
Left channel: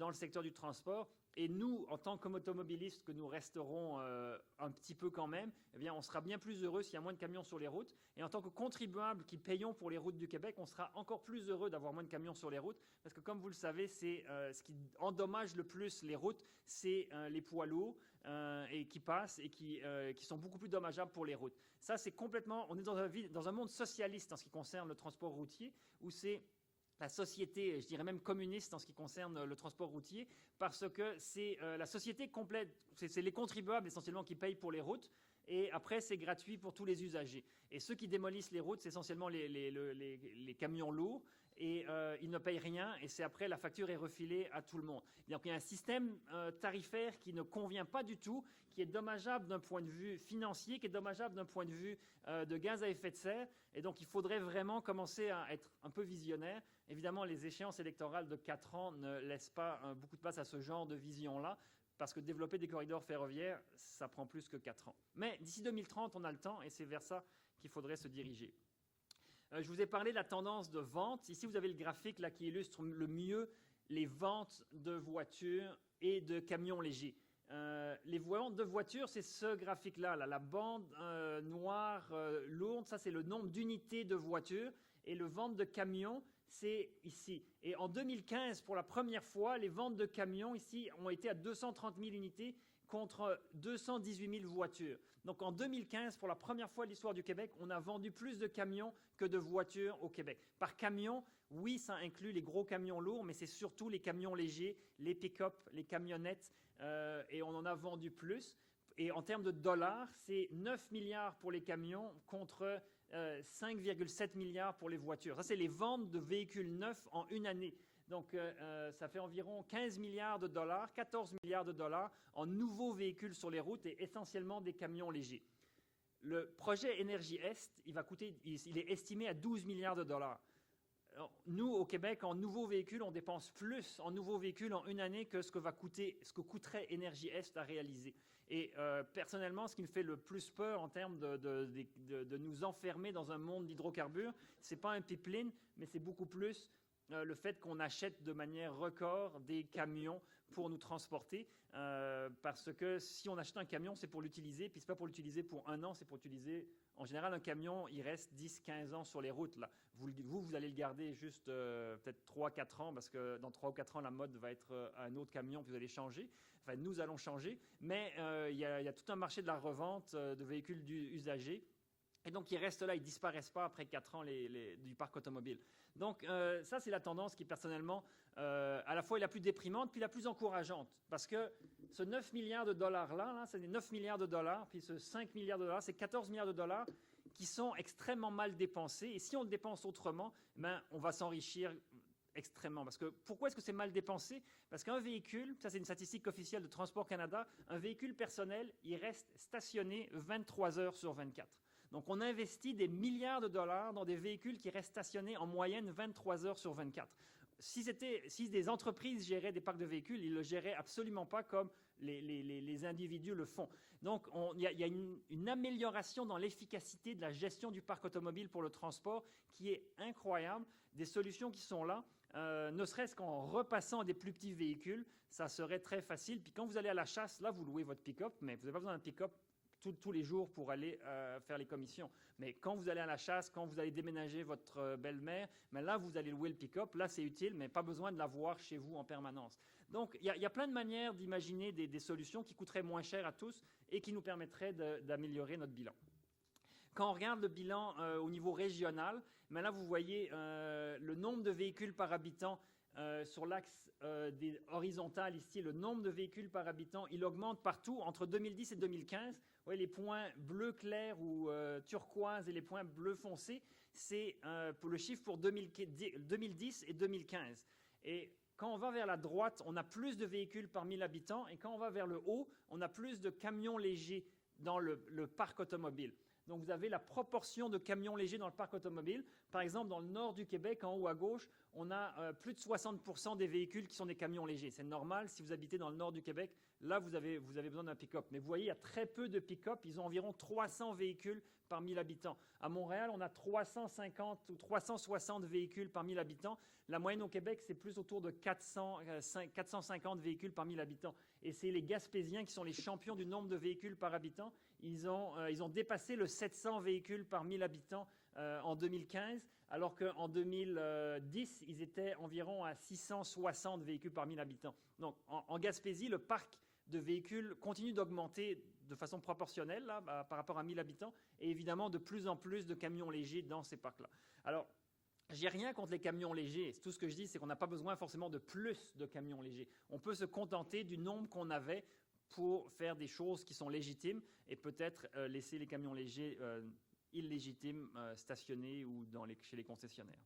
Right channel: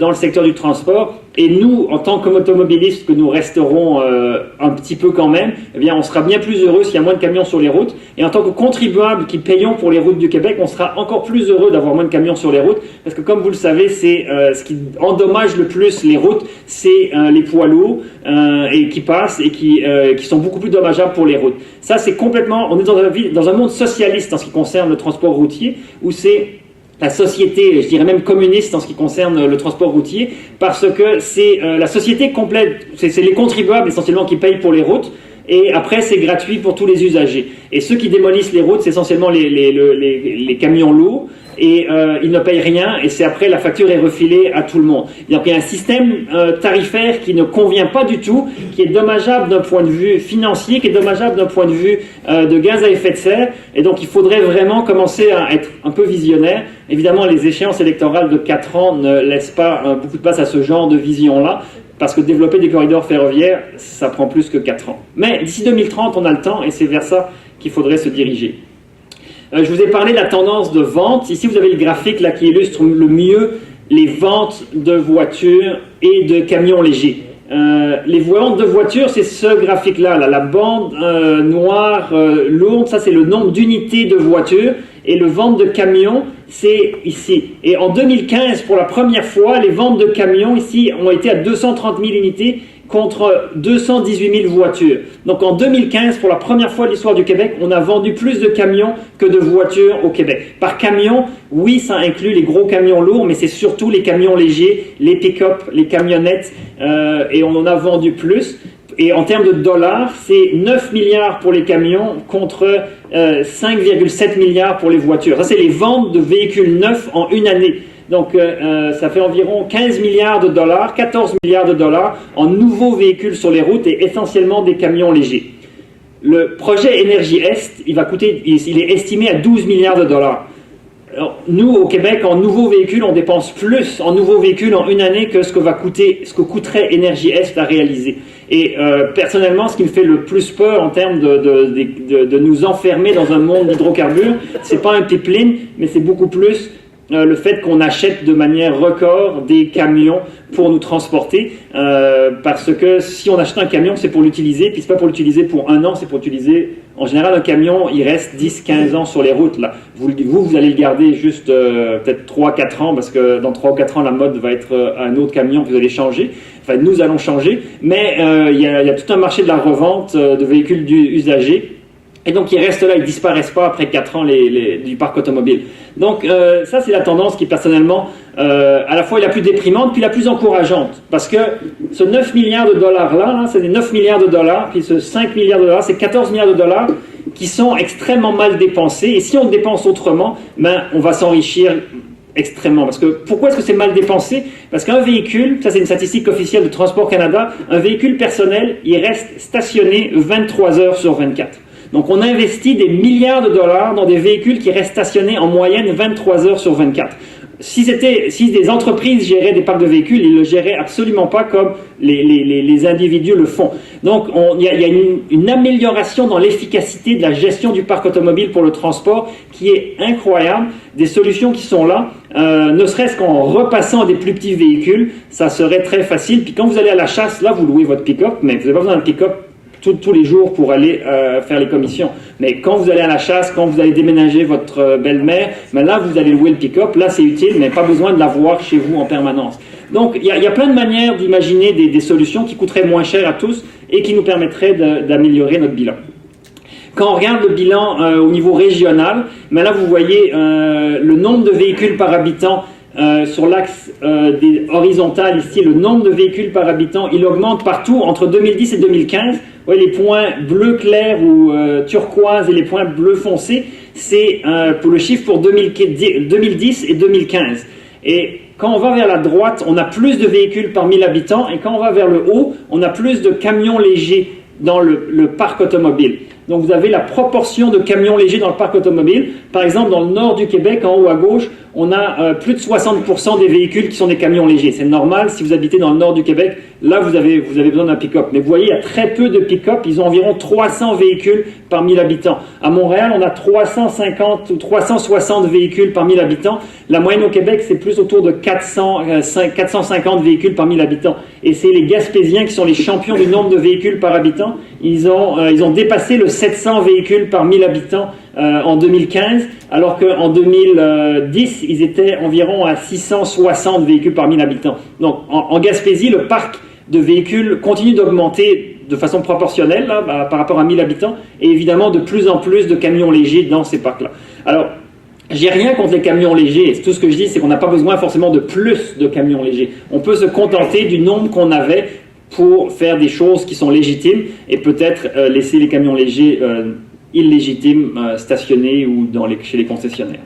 dans le secteur du transport. Et nous, en tant qu'automobilistes, que nous resterons un petit peu quand même, eh bien, on sera bien plus heureux s'il y a moins de camions sur les routes. Et en tant que contribuables qui payons pour les routes du Québec, on sera encore plus heureux d'avoir moins de camions sur les routes, parce que comme vous le savez, c'est ce qui endommage le plus les routes, c'est les poids lourds et qui passent et qui sont beaucoup plus dommageables pour les routes. Ça, c'est complètement... On est dans un monde socialiste en ce qui concerne le transport routier, où c'est la société, je dirais même communiste en ce qui concerne le transport routier, parce que c'est la société complète, c'est les contribuables essentiellement qui payent pour les routes, et après c'est gratuit pour tous les usagers. Et ceux qui démolissent les routes, c'est essentiellement les camions lourds, et ils ne payent rien, et c'est après la facture est refilée à tout le monde. Donc il y a un système tarifaire qui ne convient pas du tout, qui est dommageable d'un point de vue financier, qui est dommageable d'un point de vue de gaz à effet de serre, et donc il faudrait vraiment commencer à être un peu visionnaire Évidemment, les échéances électorales de 4 ans ne laissent pas beaucoup de place à ce genre de vision-là, parce que développer des corridors ferroviaires, ça prend plus que 4 ans. Mais d'ici 2030, on a le temps, et c'est vers ça qu'il faudrait se diriger. Je vous ai parlé de la tendance de vente. Ici, vous avez le graphique là, qui illustre le mieux les ventes de voitures et de camions légers. Les ventes de voitures, c'est ce graphique-là. La bande noire lourde, ça c'est le nombre d'unités de voitures. Et le vente de camions, c'est ici. Et en 2015, pour la première fois, les ventes de camions ici ont été à 230 000 unités contre 218 000 voitures. Donc en 2015, pour la première fois de l'histoire du Québec, on a vendu plus de camions que de voitures au Québec. Par camion, oui, ça inclut les gros camions lourds, mais c'est surtout les camions légers, les pick-up, les camionnettes, et on en a vendu plus. Et en termes de dollars, c'est 9 milliards pour les camions contre 5,7 milliards pour les voitures. Ça, c'est les ventes de véhicules neufs en une année. Donc, ça fait environ 15 milliards de dollars, 14 milliards de dollars en nouveaux véhicules sur les routes et essentiellement des camions légers. Le projet Énergie Est, il est estimé à 12 milliards de dollars. Alors, nous, au Québec, en nouveaux véhicules, on dépense plus en nouveaux véhicules en une année que ce que coûterait Énergie Est à réaliser. Et personnellement, ce qui me fait le plus peur en termes de nous enfermer dans un monde d'hydrocarbures, c'est pas un pipeline, mais c'est beaucoup plus le fait qu'on achète de manière record des camions pour nous transporter, parce que si on achète un camion, c'est pour l'utiliser, puis c'est pas pour l'utiliser pour un an, c'est pour l'utiliser. En général, un camion, il reste 10-15 ans sur les routes. Là. Vous allez le garder juste peut-être 3-4 ans, parce que dans 3 ou 4 ans, la mode va être un autre camion que vous allez changer. Enfin, nous allons changer, mais il y a tout un marché de la revente de véhicules usagés. Et donc, ils restent là, ils ne disparaissent pas après 4 ans du parc automobile. Donc, ça, c'est la tendance qui, personnellement, à la fois est la plus déprimante, puis la plus encourageante. Parce que ce 9 milliards de dollars-là, c'est des 9 milliards de dollars, puis ce 5 milliards de dollars, c'est 14 milliards de dollars qui sont extrêmement mal dépensés. Et si on dépense autrement, ben, on va s'enrichir extrêmement. Parce que, pourquoi est-ce que c'est mal dépensé? Parce qu'un véhicule, ça c'est une statistique officielle de Transport Canada, un véhicule personnel, il reste stationné 23 heures sur 24. Donc on investit des milliards de dollars dans des véhicules qui restent stationnés en moyenne 23 heures sur 24. Si des entreprises géraient des parcs de véhicules, ils ne le géraient absolument pas comme les individus le font. Donc il y a une amélioration dans l'efficacité de la gestion du parc automobile pour le transport qui est incroyable. Des solutions qui sont là, ne serait-ce qu'en repassant des plus petits véhicules, ça serait très facile. Puis quand vous allez à la chasse, là vous louez votre pick-up, mais vous n'avez pas besoin d'un pick-up tous les jours pour aller faire les commissions. Mais quand vous allez à la chasse, quand vous allez déménager votre belle-mère, ben là, vous allez louer le pick-up. Là, c'est utile, mais pas besoin de l'avoir chez vous en permanence. Donc, il y a plein de manières d'imaginer des solutions qui coûteraient moins cher à tous et qui nous permettraient d'améliorer notre bilan. Quand on regarde le bilan au niveau régional, ben là, vous voyez le nombre de véhicules par habitant. Sur l'axe horizontal ici, le nombre de véhicules par habitant, il augmente partout entre 2010 et 2015. Vous voyez, les points bleu clair ou turquoise et les points bleu foncé, c'est pour le chiffre pour 2010 et 2015. Et quand on va vers la droite, on a plus de véhicules par 1000 habitants, et quand on va vers le haut, on a plus de camions légers dans le parc automobile. Donc vous avez la proportion de camions légers dans le parc automobile. Par exemple, dans le nord du Québec, en haut à gauche, on a plus de 60% des véhicules qui sont des camions légers. C'est normal, si vous habitez dans le nord du Québec, là vous avez besoin d'un pick-up. Mais vous voyez, il y a très peu de pick-up, ils ont environ 300 véhicules par 1000 habitants. À Montréal, on a 350 ou 360 véhicules par 1000 habitants. La moyenne au Québec, c'est plus autour de 450 véhicules par 1000 habitants. Et c'est les Gaspésiens qui sont les champions du nombre de véhicules par habitant. Ils ont dépassé le 700 véhicules par 1000 habitants en 2015, alors qu'en 2010, ils étaient environ à 660 véhicules par 1000 habitants. Donc en Gaspésie, le parc de véhicules continue d'augmenter de façon proportionnelle là, par rapport à 1000 habitants, et évidemment de plus en plus de camions légers dans ces parcs-là. Alors, j'ai rien contre les camions légers. Tout ce que je dis, c'est qu'on n'a pas besoin forcément de plus de camions légers. On peut se contenter du nombre qu'on avait pour faire des choses qui sont légitimes et peut-être laisser les camions légers illégitimes stationnés ou chez les concessionnaires.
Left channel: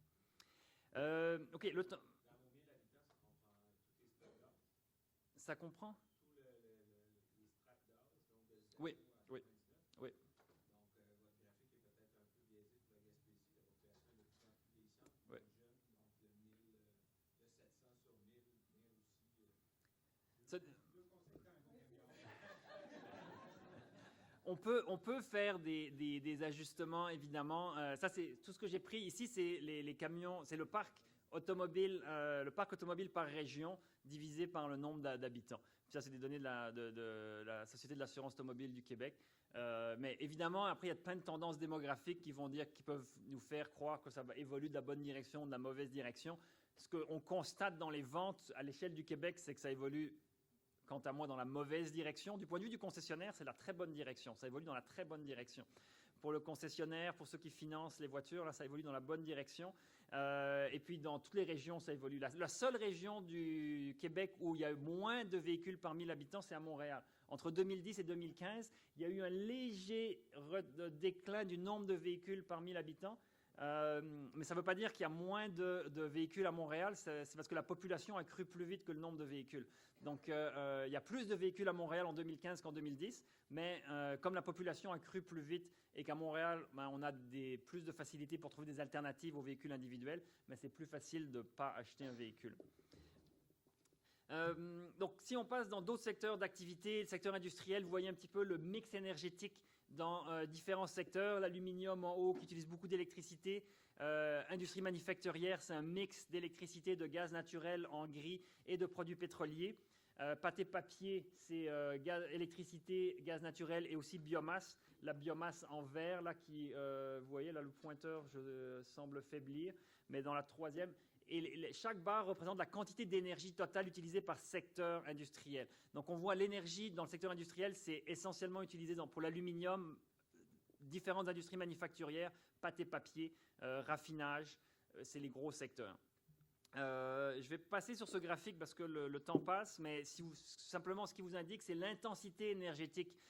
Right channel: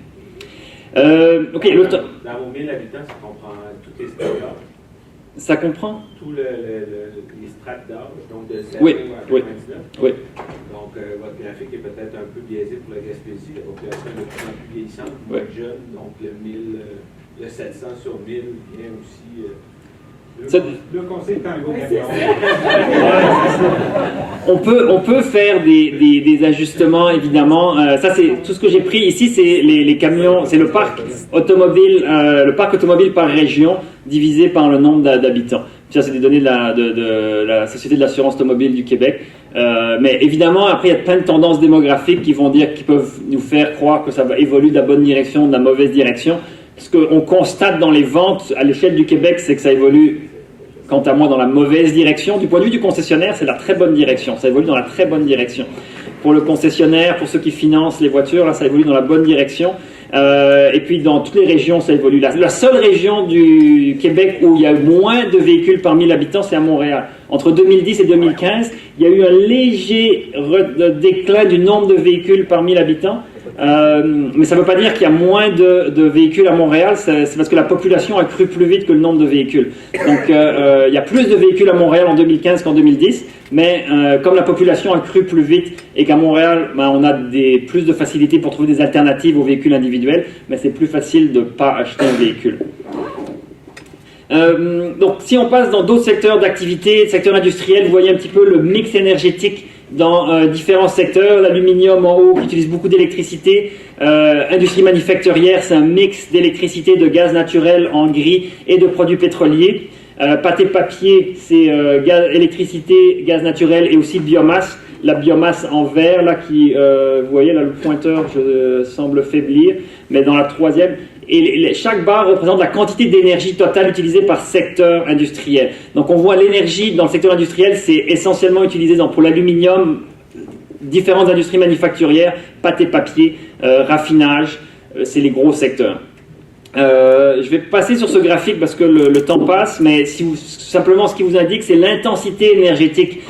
Ok, dans vos 1000 habitants, ça comprend tous les secteurs. Ça comprend tous les strates d'âge, donc de 0 oui, à 99. oui, oui. Donc, votre graphique est peut-être un peu biaisé pour la Gaspésie, la population est de plus en plus vieillissante, moins jeune, donc le 700 sur 1000 vient aussi... Le conseil est un gros on peut faire des ajustements, évidemment. Ça, c'est tout ce que j'ai pris ici, c'est les camions, c'est le parc automobile par région divisé par le nombre d'habitants. Ça, c'est des données de la Société de l'assurance automobile du Québec. Mais évidemment, après, il y a plein de tendances démographiques qui peuvent nous faire croire que ça va évoluer de la bonne direction, de la mauvaise direction. Ce qu'on constate dans les ventes à l'échelle du Québec, c'est que ça évolue, quant à moi, dans la mauvaise direction. Du point de vue du concessionnaire, c'est la très bonne direction. Ça évolue dans la très bonne direction. Pour le concessionnaire, pour ceux qui financent les voitures, là, ça évolue dans la bonne direction. Et puis, dans toutes les régions, ça évolue. La seule région du Québec où il y a eu moins de véhicules par 1000 habitants, c'est à Montréal. Entre 2010 et 2015, il y a eu un léger déclin du nombre de véhicules par 1000 habitants. Mais ça ne veut pas dire qu'il y a moins de véhicules à Montréal, c'est parce que la population a cru plus vite que le nombre de véhicules. Donc il y a plus de véhicules à Montréal en 2015 qu'en 2010, mais comme la population a cru plus vite et qu'à Montréal, on a plus de facilité pour trouver des alternatives aux véhicules individuels, mais c'est plus facile de ne pas acheter un véhicule. Donc si on passe dans d'autres secteurs d'activité, secteur industriel, vous voyez un petit peu le mix énergétique dans différents secteurs. L'aluminium en haut qui utilise beaucoup d'électricité, industrie manufacturière, c'est un mix d'électricité, de gaz naturel en gris et de produits pétroliers. Pâte et papier, c'est électricité, gaz naturel et aussi biomasse. La biomasse en vert, là, vous voyez, là, le pointeur semble faiblir, mais dans la troisième. Et chaque barre représente la quantité d'énergie totale utilisée par secteur industriel. Donc on voit l'énergie dans le secteur industriel, c'est essentiellement utilisé pour l'aluminium, différentes industries manufacturières, pâte et papier, raffinage, c'est les gros secteurs. Je vais passer sur ce graphique parce que le temps passe, mais simplement ce qui vous indique, c'est l'intensité énergétique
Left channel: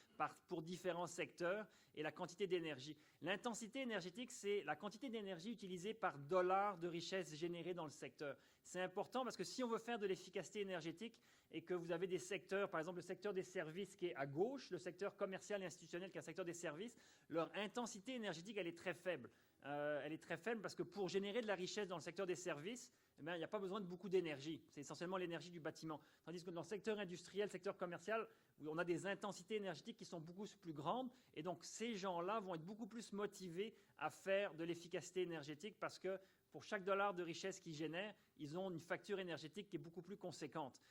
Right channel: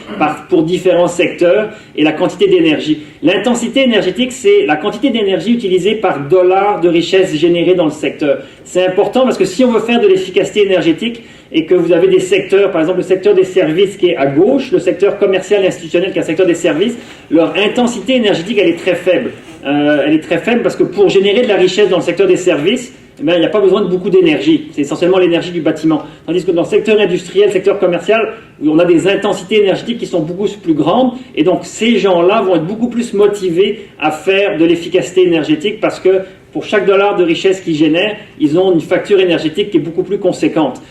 pour différents secteurs et la quantité d'énergie. L'intensité énergétique, c'est la quantité d'énergie utilisée par dollar de richesse générée dans le secteur. C'est important parce que si on veut faire de l'efficacité énergétique et que vous avez des secteurs, par exemple le secteur des services qui est à gauche, le secteur commercial et institutionnel qui est un secteur des services, leur intensité énergétique, elle est très faible. Elle est très faible parce que pour générer de la richesse dans le secteur des services, il n'y a pas besoin de beaucoup d'énergie. C'est essentiellement l'énergie du bâtiment. Tandis que dans le secteur industriel, le secteur commercial, on a des intensités énergétiques qui sont beaucoup plus grandes. Et donc, ces gens-là vont être beaucoup plus motivés à faire de l'efficacité énergétique parce que pour chaque dollar de richesse qu'ils génèrent, ils ont une facture énergétique qui est beaucoup plus conséquente.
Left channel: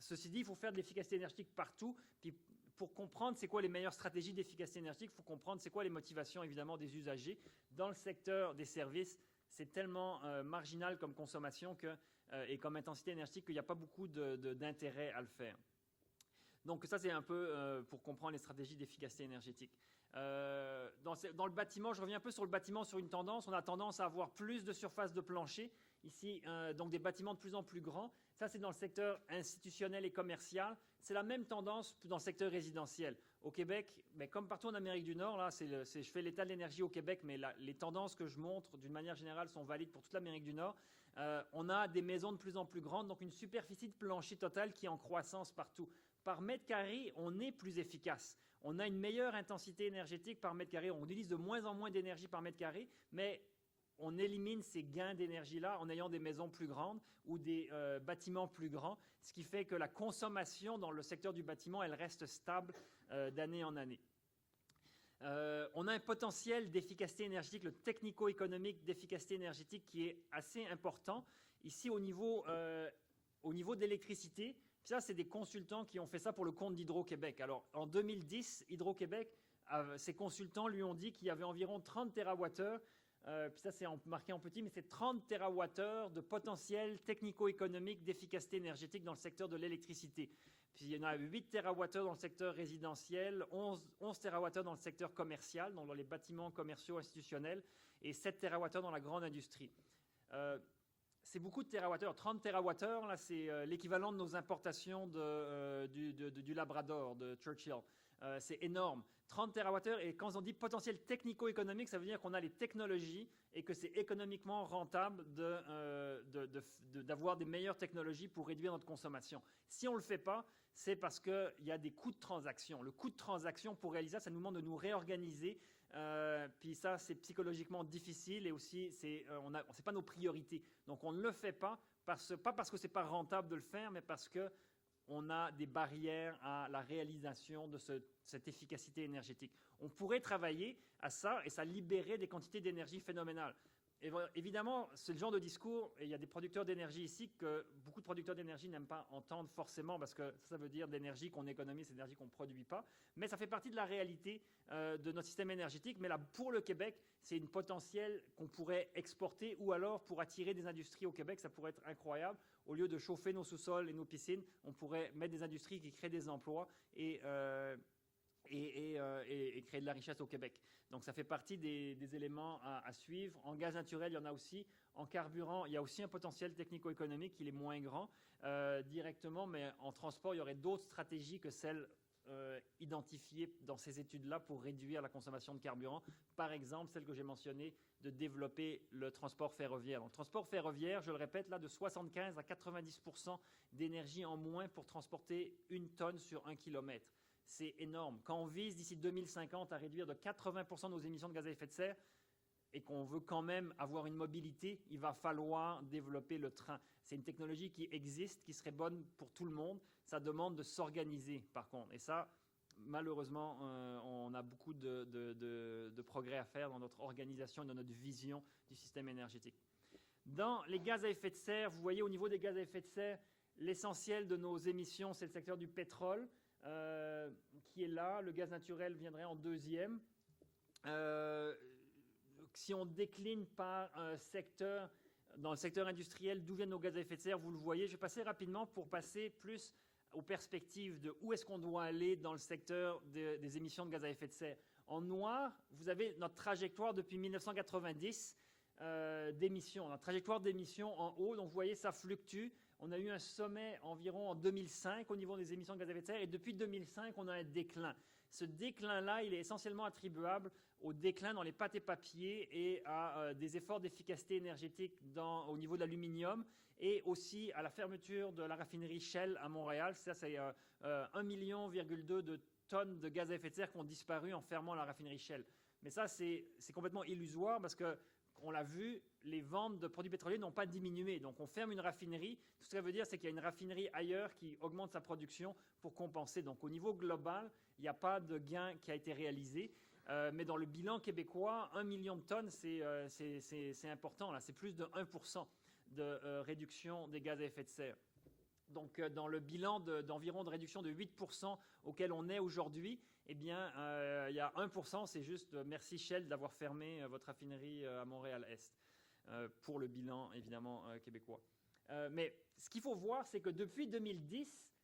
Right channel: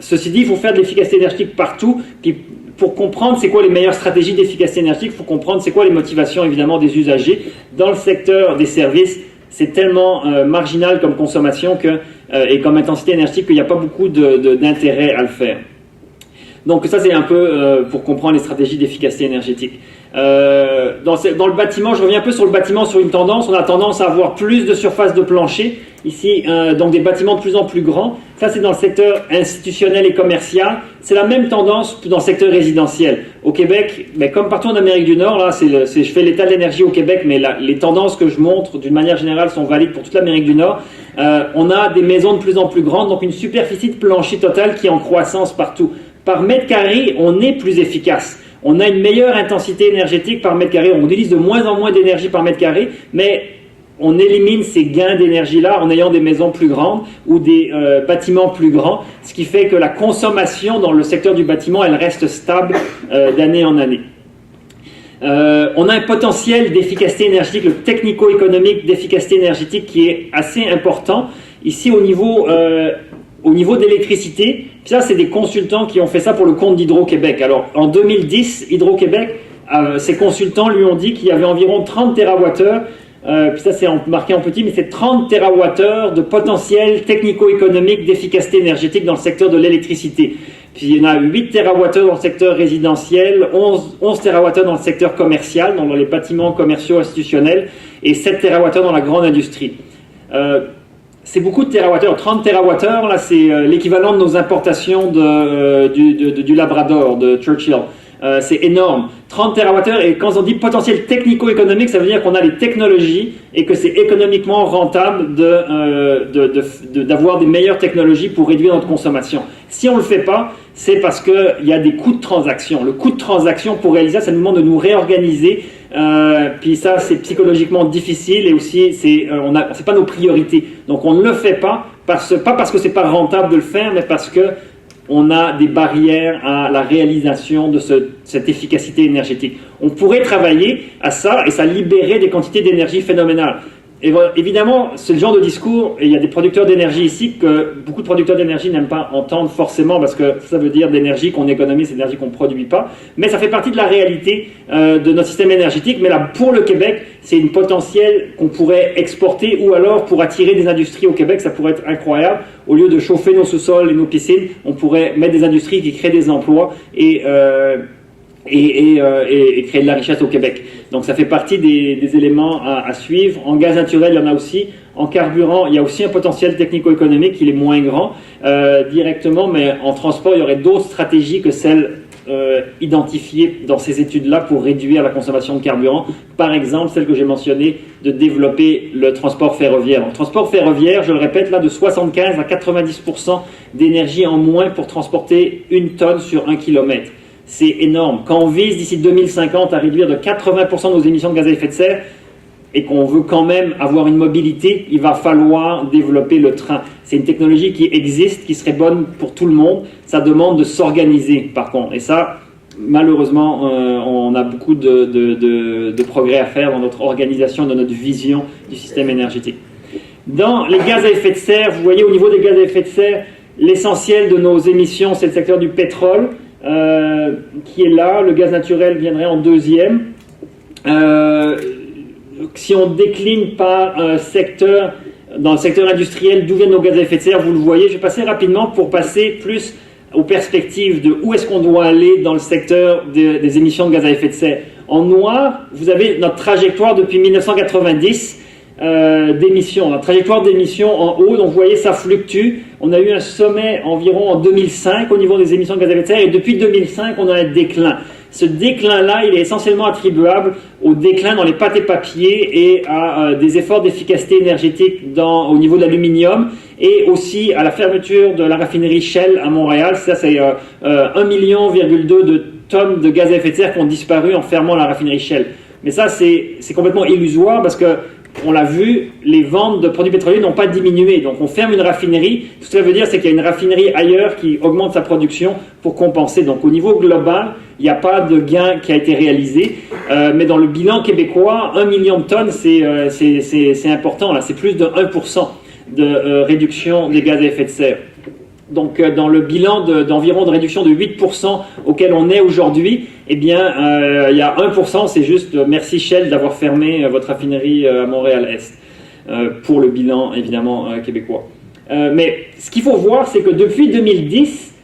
Ceci dit, il faut faire de l'efficacité énergétique partout. Puis, pour comprendre c'est quoi les meilleures stratégies d'efficacité énergétique, il faut comprendre c'est quoi les motivations évidemment des usagers. Dans le secteur des services, c'est tellement marginal comme consommation et comme intensité énergétique qu'il n'y a pas beaucoup d'intérêt à le faire. Donc ça c'est un peu pour comprendre les stratégies d'efficacité énergétique. Dans le bâtiment, je reviens un peu sur le bâtiment, sur une tendance. On a tendance à avoir plus de surface de plancher. Ici, donc des bâtiments de plus en plus grands. Ça, c'est dans le secteur institutionnel et commercial. C'est la même tendance dans le secteur résidentiel. Au Québec, mais comme partout en Amérique du Nord, là, je fais l'état de l'énergie au Québec, mais les tendances que je montre, d'une manière générale, sont valides pour toute l'Amérique du Nord. On a des maisons de plus en plus grandes, donc une superficie de plancher totale qui est en croissance partout. Par mètre carré, on est plus efficace. On a une meilleure intensité énergétique par mètre carré. On utilise de moins en moins d'énergie par mètre carré, mais on élimine ces gains d'énergie-là en ayant des maisons plus grandes ou des bâtiments plus grands, ce qui fait que la consommation dans le secteur du bâtiment, elle reste stable d'année en année. On a un potentiel d'efficacité énergétique, le technico-économique d'efficacité énergétique qui est assez important. Ici, au niveau de l'électricité, puis ça, c'est des consultants qui ont fait ça pour le compte d'Hydro-Québec. Alors, en 2010, Hydro-Québec, ses consultants lui ont dit qu'il y avait environ 30 TWh. Puis ça c'est marqué en petit, mais c'est 30 TWh de potentiel technico-économique d'efficacité énergétique dans le secteur de l'électricité. Puis il y en a 8 TWh dans le secteur résidentiel, 11 TWh dans le secteur commercial, dans les bâtiments commerciaux institutionnels, et 7 TWh dans la grande industrie. C'est beaucoup de TWh. 30 TWh, là c'est l'équivalent de nos importations du Labrador, de Churchill. c'est énorme. 30 TWh, et quand on dit potentiel technico-économique, ça veut dire qu'on a les technologies et que c'est économiquement rentable d'avoir des meilleures technologies pour réduire notre consommation. Si on ne le fait pas, c'est parce qu'il y a des coûts de transaction. Le coût de transaction pour réaliser ça, ça nous demande de nous réorganiser. Puis ça, c'est psychologiquement difficile et aussi, c'est pas nos priorités. Donc on ne le fait pas, pas parce que c'est pas rentable de le faire, mais parce que on a des barrières à la réalisation de cette efficacité énergétique. On pourrait travailler à ça et ça libérait des quantités d'énergie phénoménales. Et évidemment, c'est le genre de discours, et il y a des producteurs d'énergie ici que beaucoup de producteurs d'énergie n'aiment pas entendre forcément parce que ça veut dire d'énergie qu'on économise, c'est d'énergie qu'on ne produit pas. Mais ça fait partie de la réalité de notre système énergétique. Mais là, pour le Québec, c'est une potentielle qu'on pourrait exporter ou alors pour attirer des industries au Québec, ça pourrait être incroyable. Au lieu de chauffer nos sous-sols et nos piscines, on pourrait mettre des industries qui créent des emplois et créer de la richesse au Québec. Donc ça fait partie des éléments à suivre. En gaz naturel, il y en a aussi. En carburant, il y a aussi un potentiel technico-économique, il est moins grand directement, mais en transport, il y aurait d'autres stratégies que celles identifiées dans ces études-là pour réduire la consommation de carburant. Par exemple, celle que j'ai mentionnée, de développer le transport ferroviaire. Le transport ferroviaire, je le répète, là, de 75 à 90% d'énergie en moins pour transporter 1 tonne sur 1 kilomètre. C'est énorme. Quand on vise d'ici 2050 à réduire de 80% nos émissions de gaz à effet de serre et qu'on veut quand même avoir une mobilité, il va falloir développer le train. C'est une technologie qui existe, qui serait bonne pour tout le monde. Ça demande de s'organiser par contre. Et ça, malheureusement, on a beaucoup de progrès à faire dans notre organisation, dans notre vision du système énergétique. Dans les gaz à effet de serre, vous voyez au niveau des gaz à effet de serre, l'essentiel de nos émissions, c'est le secteur du pétrole. Qui est là, le gaz naturel viendrait en deuxième. Si on décline par secteur, dans le secteur industriel, d'où viennent nos gaz à effet de serre, vous le voyez, je vais passer rapidement pour passer plus aux perspectives de où est-ce qu'on doit aller dans le secteur des émissions de gaz à effet de serre. En noir, vous avez notre trajectoire depuis 1990 d'émissions, la trajectoire d'émissions en haut, donc vous voyez ça fluctue. On a eu un sommet environ en 2005 au niveau des émissions de gaz à effet de serre et depuis 2005 on a un déclin. Ce déclin-là, il est essentiellement attribuable au déclin dans les pâtes et papiers et à des efforts d'efficacité énergétique au niveau de l'aluminium et aussi à la fermeture de la raffinerie Shell à Montréal. Ça, c'est 1,2 million de tonnes de gaz à effet de serre qui ont disparu en fermant la raffinerie Shell. Mais ça, c'est complètement illusoire parce que on l'a vu, les ventes de produits pétroliers n'ont pas diminué. Donc on ferme une raffinerie. Tout ce que ça veut dire, c'est qu'il y a une raffinerie ailleurs qui augmente sa production pour compenser. Donc au niveau global, il n'y a pas de gain qui a été réalisé. Mais dans le bilan québécois, 1 million de tonnes, c'est important. Là, c'est plus de 1% de réduction des gaz à effet de serre. Donc dans le bilan d'environ de réduction de 8% auquel on est aujourd'hui, eh bien il y a 1%, c'est juste merci Shell d'avoir fermé votre raffinerie à Montréal-Est pour le bilan évidemment québécois. Mais ce qu'il faut voir, c'est que depuis 2010,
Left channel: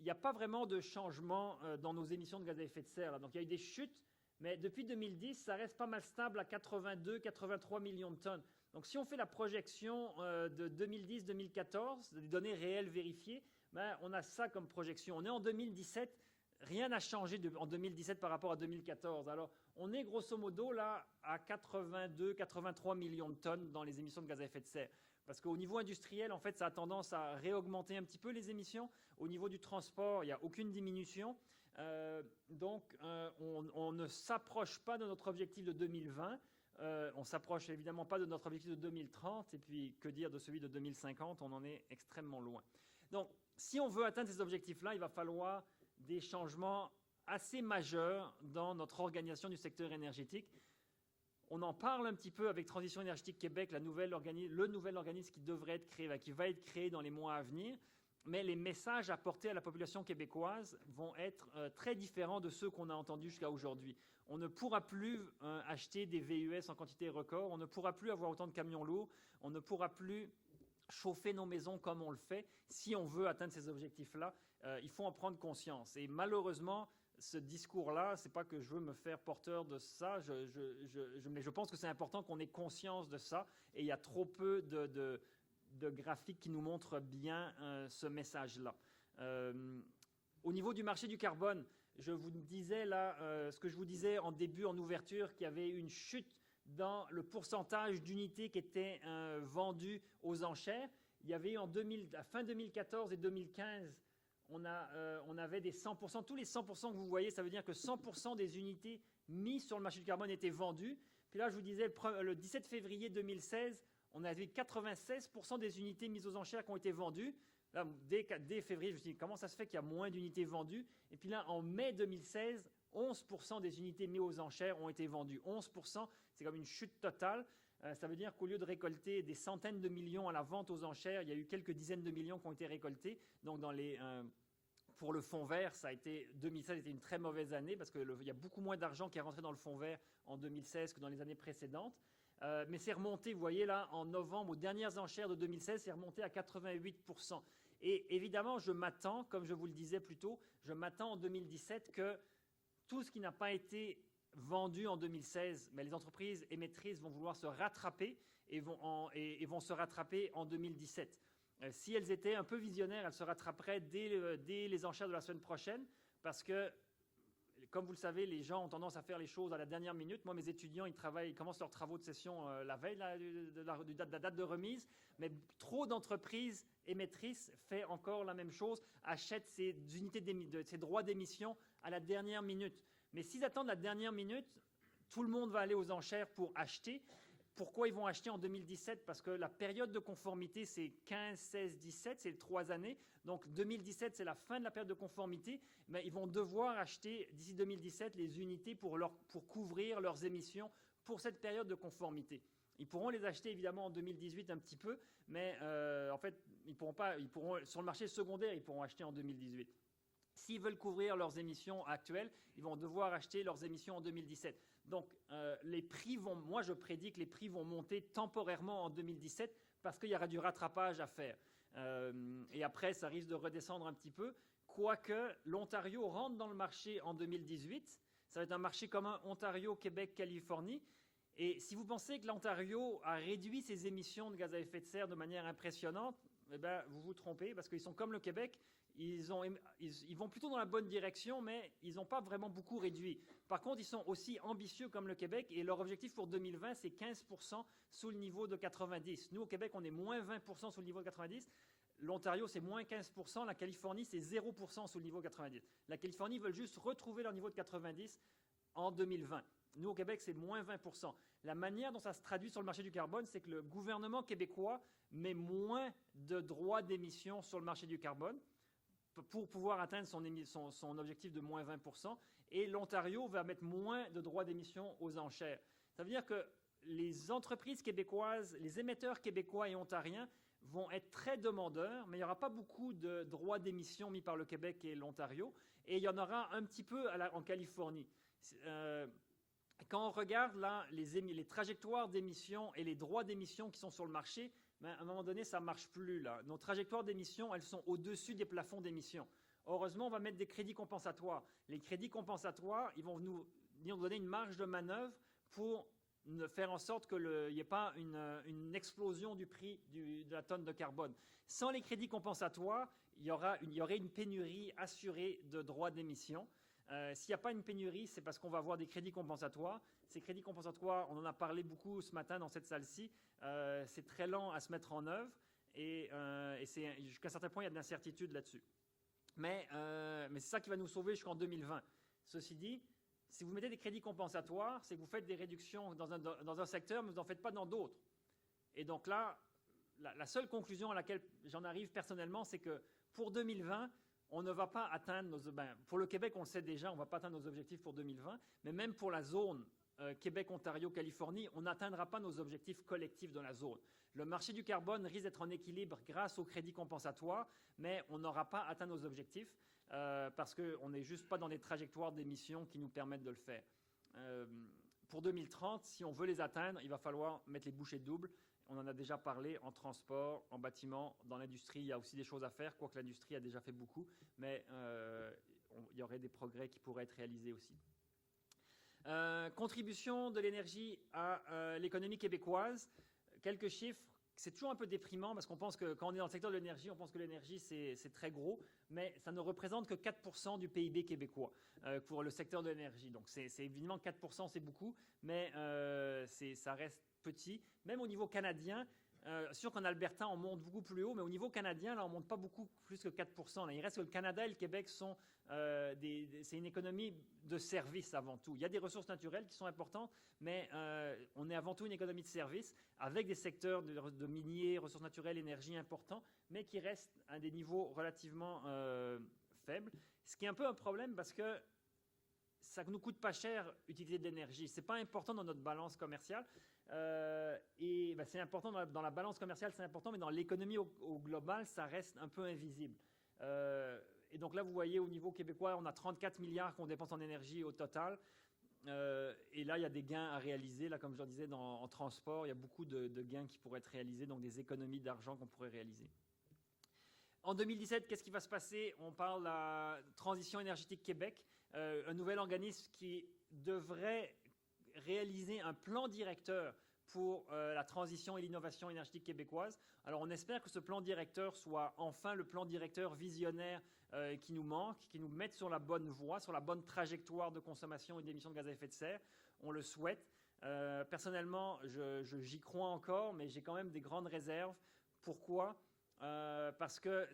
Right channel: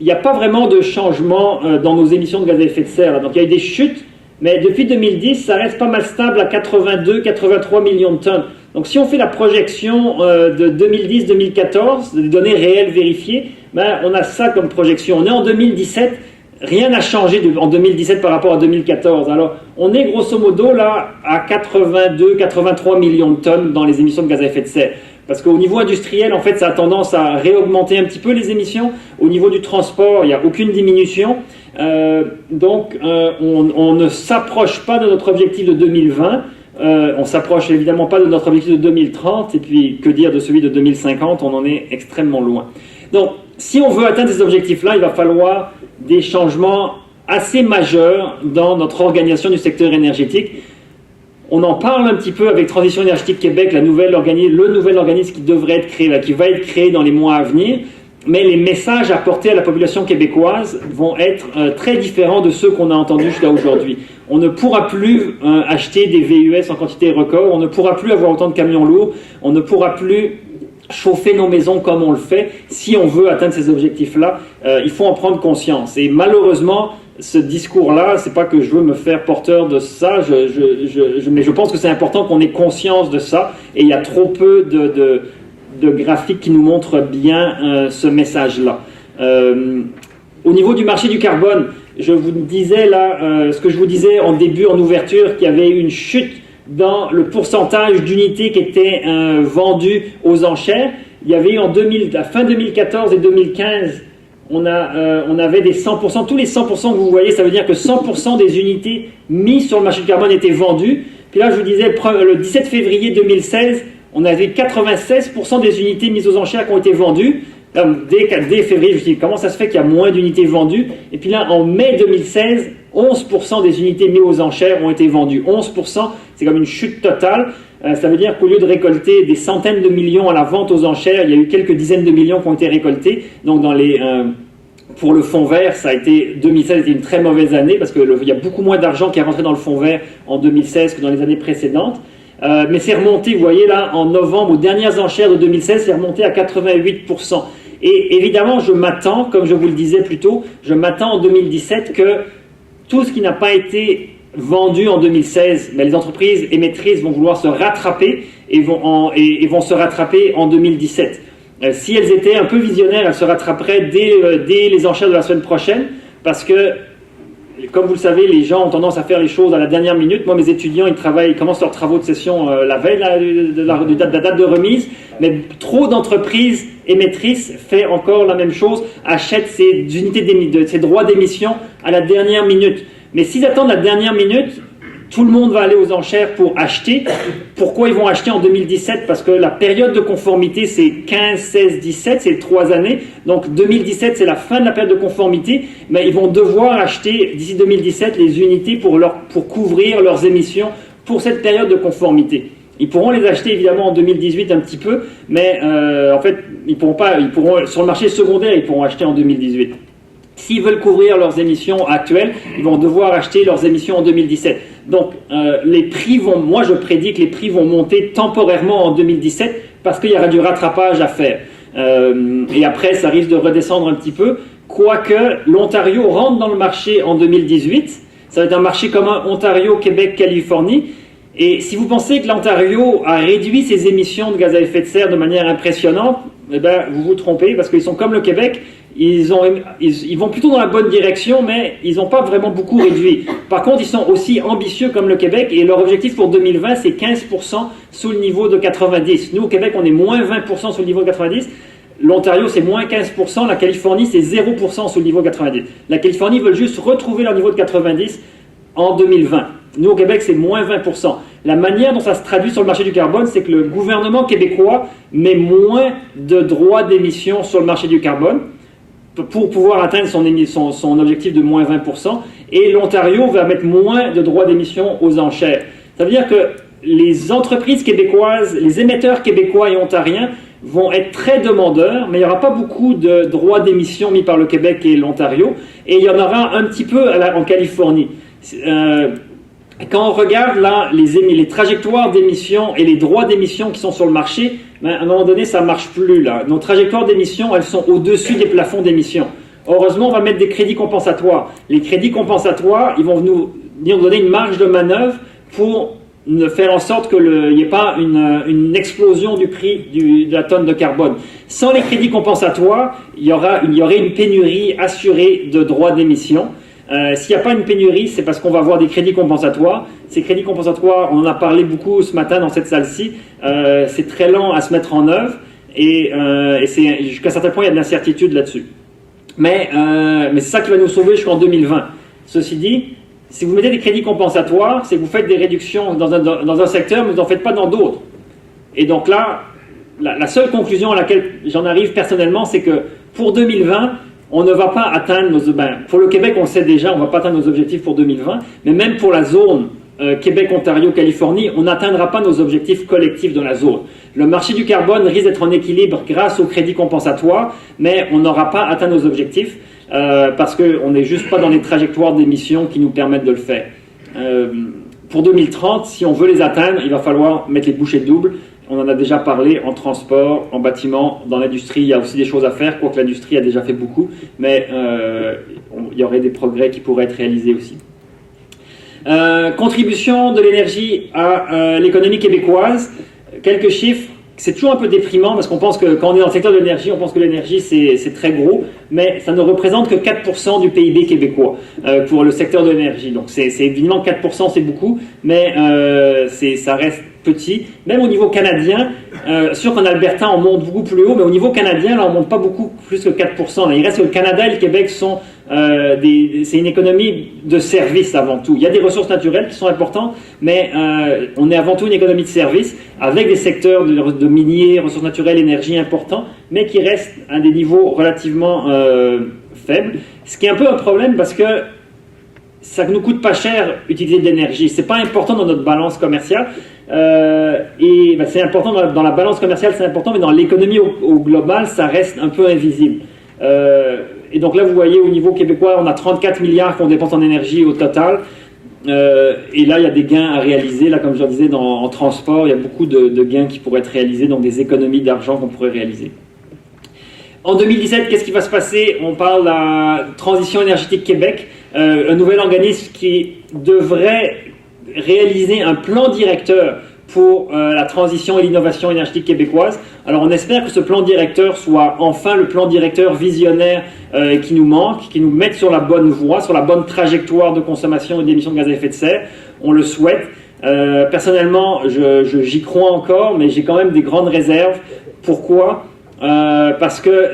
il n'y a pas vraiment de changement dans nos émissions de gaz à effet de serre. Donc il y a eu des chutes, mais depuis 2010, ça reste pas mal stable à 82-83 millions de tonnes. Donc si on fait la projection de 2010-2014, des données réelles vérifiées, ben, on a ça comme projection. On est en 2017, rien n'a changé en 2017 par rapport à 2014. Alors on est grosso modo là à 82-83 millions de tonnes dans les émissions de gaz à effet de serre. Parce qu'au niveau industriel, en fait, ça a tendance à réaugmenter un petit peu les émissions. Au niveau du transport, il n'y a aucune diminution. Donc on ne s'approche pas de notre objectif de 2020. On s'approche évidemment pas de notre objectif de 2030 et puis que dire de celui de 2050, on en est extrêmement loin. Donc si on veut atteindre ces objectifs-là, il va falloir des changements assez majeurs dans notre organisation du secteur énergétique. On en parle un petit peu avec Transition énergétique Québec, le nouvel organisme qui devrait être créé, qui va être créé dans les mois à venir, mais les messages apportés à la population québécoise vont être très différents de ceux qu'on a entendus jusqu'à aujourd'hui. On ne pourra plus acheter des VUS en quantité record, on ne pourra plus avoir autant de camions lourds, on ne pourra plus chauffer nos maisons comme on le fait. Si on veut atteindre ces objectifs-là, il faut en prendre conscience. Et malheureusement, ce discours-là, c'est pas que je veux me faire porteur de ça, mais je pense que c'est important qu'on ait conscience de ça, et il y a trop peu de graphiques qui nous montrent bien ce message-là. Au niveau du marché du carbone, je vous disais là, ce que je vous disais en début, en ouverture, qu'il y avait une chute dans le pourcentage d'unités qui étaient vendues aux enchères. Il y avait eu à fin 2014 et 2015, on avait des 100%, tous les 100% que vous voyez, ça veut dire que 100% des unités mises sur le marché du carbone étaient vendues. Puis là, je vous disais, le 17 février 2016, on avait 96% des unités mises aux enchères qui ont été vendues. Là, dès février, je me suis dit, comment ça se fait qu'il y a moins d'unités vendues? Et puis là, en mai 2016, 11% des unités mises aux enchères ont été vendues. 11%, c'est comme une chute totale. Ça veut dire qu'au lieu de récolter des centaines de millions à la vente aux enchères, il y a eu quelques dizaines de millions qui ont été récoltés. Donc pour le fonds vert, 2016 était une très mauvaise année parce qu'il y a beaucoup moins d'argent qui est rentré dans le fonds vert en 2016 que dans les années précédentes. Mais c'est remonté, vous voyez là, en novembre, aux dernières enchères de 2016, c'est remonté à 88%. Et évidemment, je m'attends, comme je vous le disais plus tôt, je m'attends en 2017 que tout ce qui n'a pas été vendu en 2016, mais les entreprises émettrices vont vouloir se rattraper et vont se rattraper en 2017. Si elles étaient un peu visionnaires, elles se rattraperaient dès les enchères de la semaine prochaine, parce que, comme vous le savez, les gens ont tendance à faire les choses à la dernière minute. Moi, mes étudiants, ils commencent leurs travaux de session la veille de la date de remise, mais trop d'entreprises émettrices font encore la même chose, achètent ces droits d'émission à la dernière minute. Mais s'ils attendent la dernière minute, tout le monde va aller aux enchères pour acheter. Pourquoi ils vont acheter en 2017? Parce que la période de conformité, c'est 15, 16, 17, c'est 3 années. Donc 2017, c'est la fin de la période de conformité. Mais ils vont devoir acheter d'ici 2017 les unités pour couvrir leurs émissions pour cette période de conformité. Ils pourront les acheter évidemment en 2018 un petit peu, mais en fait, sur le marché secondaire, ils pourront acheter en 2018. S'ils veulent couvrir leurs émissions actuelles, ils vont devoir acheter leurs émissions en 2017. Donc, moi je prédis que les prix vont monter temporairement en 2017 parce qu'il y aura du rattrapage à faire. Et après, ça risque de redescendre un petit peu. Quoique, l'Ontario rentre dans le marché en 2018. Ça va être un marché commun Ontario, Québec, Californie. Et si vous pensez que l'Ontario a réduit ses émissions de gaz à effet de serre de manière impressionnante, eh ben, vous vous trompez parce qu'ils sont comme le Québec. Ils vont plutôt dans la bonne direction, mais ils n'ont pas vraiment beaucoup réduit. Par contre, ils sont aussi ambitieux comme le Québec, et leur objectif pour 2020, c'est 15% sous le niveau de 90. Nous, au Québec, on est moins 20% sous le niveau de 90. L'Ontario, c'est moins 15%. La Californie, c'est 0% sous le niveau de 90. La Californie veut juste retrouver leur niveau de 90 en 2020. Nous, au Québec, c'est moins 20%. La manière dont ça se traduit sur le marché du carbone, c'est que le gouvernement québécois met moins de droits d'émission sur le marché du carbone pour pouvoir atteindre son objectif de moins 20%, et l'Ontario va mettre moins de droits d'émission aux enchères. Ça veut dire que les entreprises québécoises, les émetteurs québécois et ontariens vont être très demandeurs, mais il n'y aura pas beaucoup de droits d'émission mis par le Québec et l'Ontario, et il y en aura un petit peu en Californie. Quand on regarde là les trajectoires d'émission et les droits d'émission qui sont sur le marché, ben, à un moment donné, ça ne marche plus. Là. Nos trajectoires d'émission, elles sont au-dessus des plafonds d'émission. Heureusement, on va mettre des crédits compensatoires. Les crédits compensatoires, ils vont nous donner une marge de manœuvre pour faire en sorte qu'il n'y ait pas une explosion du prix de la tonne de carbone. Sans les crédits compensatoires, il y aurait une pénurie assurée de droits d'émission. S'il n'y a pas une pénurie, c'est parce qu'on va avoir des crédits compensatoires. Ces crédits compensatoires, on en a parlé beaucoup ce matin dans cette salle-ci, c'est très lent à se mettre en œuvre et jusqu'à un certain point, il y a de l'incertitude là-dessus. Mais c'est ça qui va nous sauver jusqu'en 2020. Ceci dit, si vous mettez des crédits compensatoires, c'est que vous faites des réductions dans un secteur, mais vous n'en faites pas dans d'autres. Et donc là, la seule conclusion à laquelle j'en arrive personnellement, c'est que pour 2020, on ne va pas atteindre pour le Québec, on le sait déjà, on ne va pas atteindre nos objectifs pour 2020, mais même pour la zone Québec, Ontario, Californie, on n'atteindra pas nos objectifs collectifs dans la zone. Le marché du carbone risque d'être en équilibre grâce aux crédits compensatoires, mais on n'aura pas atteint nos objectifs parce qu'on n'est juste pas dans les trajectoires d'émissions qui nous permettent de le faire. Pour 2030, si on veut les atteindre, il va falloir mettre les bouchées doubles. On en a déjà parlé en transport, en bâtiment, dans l'industrie, il y a aussi des choses à faire, quoique l'industrie a déjà fait beaucoup, mais il y aurait des progrès qui pourraient être réalisés aussi. Contribution de l'énergie à l'économie québécoise, quelques chiffres. c'est toujours un peu déprimant parce qu'on pense que quand on est dans le secteur de l'énergie, on pense que l'énergie c'est très gros, mais ça ne représente que 4% du PIB québécois pour le secteur de l'énergie. Donc c'est évidemment 4%, c'est beaucoup, mais ça reste petit. Même au niveau canadien, sûr qu'en Alberta on monte beaucoup plus haut, mais au niveau canadien là on monte pas beaucoup plus que 4%. Là, il reste que le Canada et le Québec sont c'est une économie de services avant tout. Il y a des ressources naturelles qui sont importantes, mais on est avant tout une économie de services avec des secteurs de miniers, ressources naturelles, énergie importants, mais qui restent à des niveaux relativement faibles. Ce qui est un peu un problème parce que ça ne nous coûte pas cher utiliser de l'énergie. C'est pas important dans notre balance commerciale. C'est important dans la balance commerciale, c'est important, mais dans l'économie au global, ça reste un peu invisible. Et donc là, vous voyez, au niveau québécois, on a 34 milliards qu'on dépense en énergie au total. Et là, il y a des gains à réaliser. Là, comme je le disais, en transport, il y a beaucoup de gains qui pourraient être réalisés, donc des économies d'argent qu'on pourrait réaliser. En 2017, qu'est-ce qui va se passer? On parle de la Transition énergétique Québec, un nouvel organisme qui devrait réaliser un plan directeur pour la transition et l'innovation énergétique québécoise. Alors on espère que ce plan directeur soit enfin le plan directeur visionnaire qui nous manque, qui nous mette sur la bonne voie, sur la bonne trajectoire de consommation et d'émissions de gaz à effet de serre. On le souhaite. Personnellement, j'y crois encore, mais j'ai quand même des grandes réserves. Pourquoi? Parce que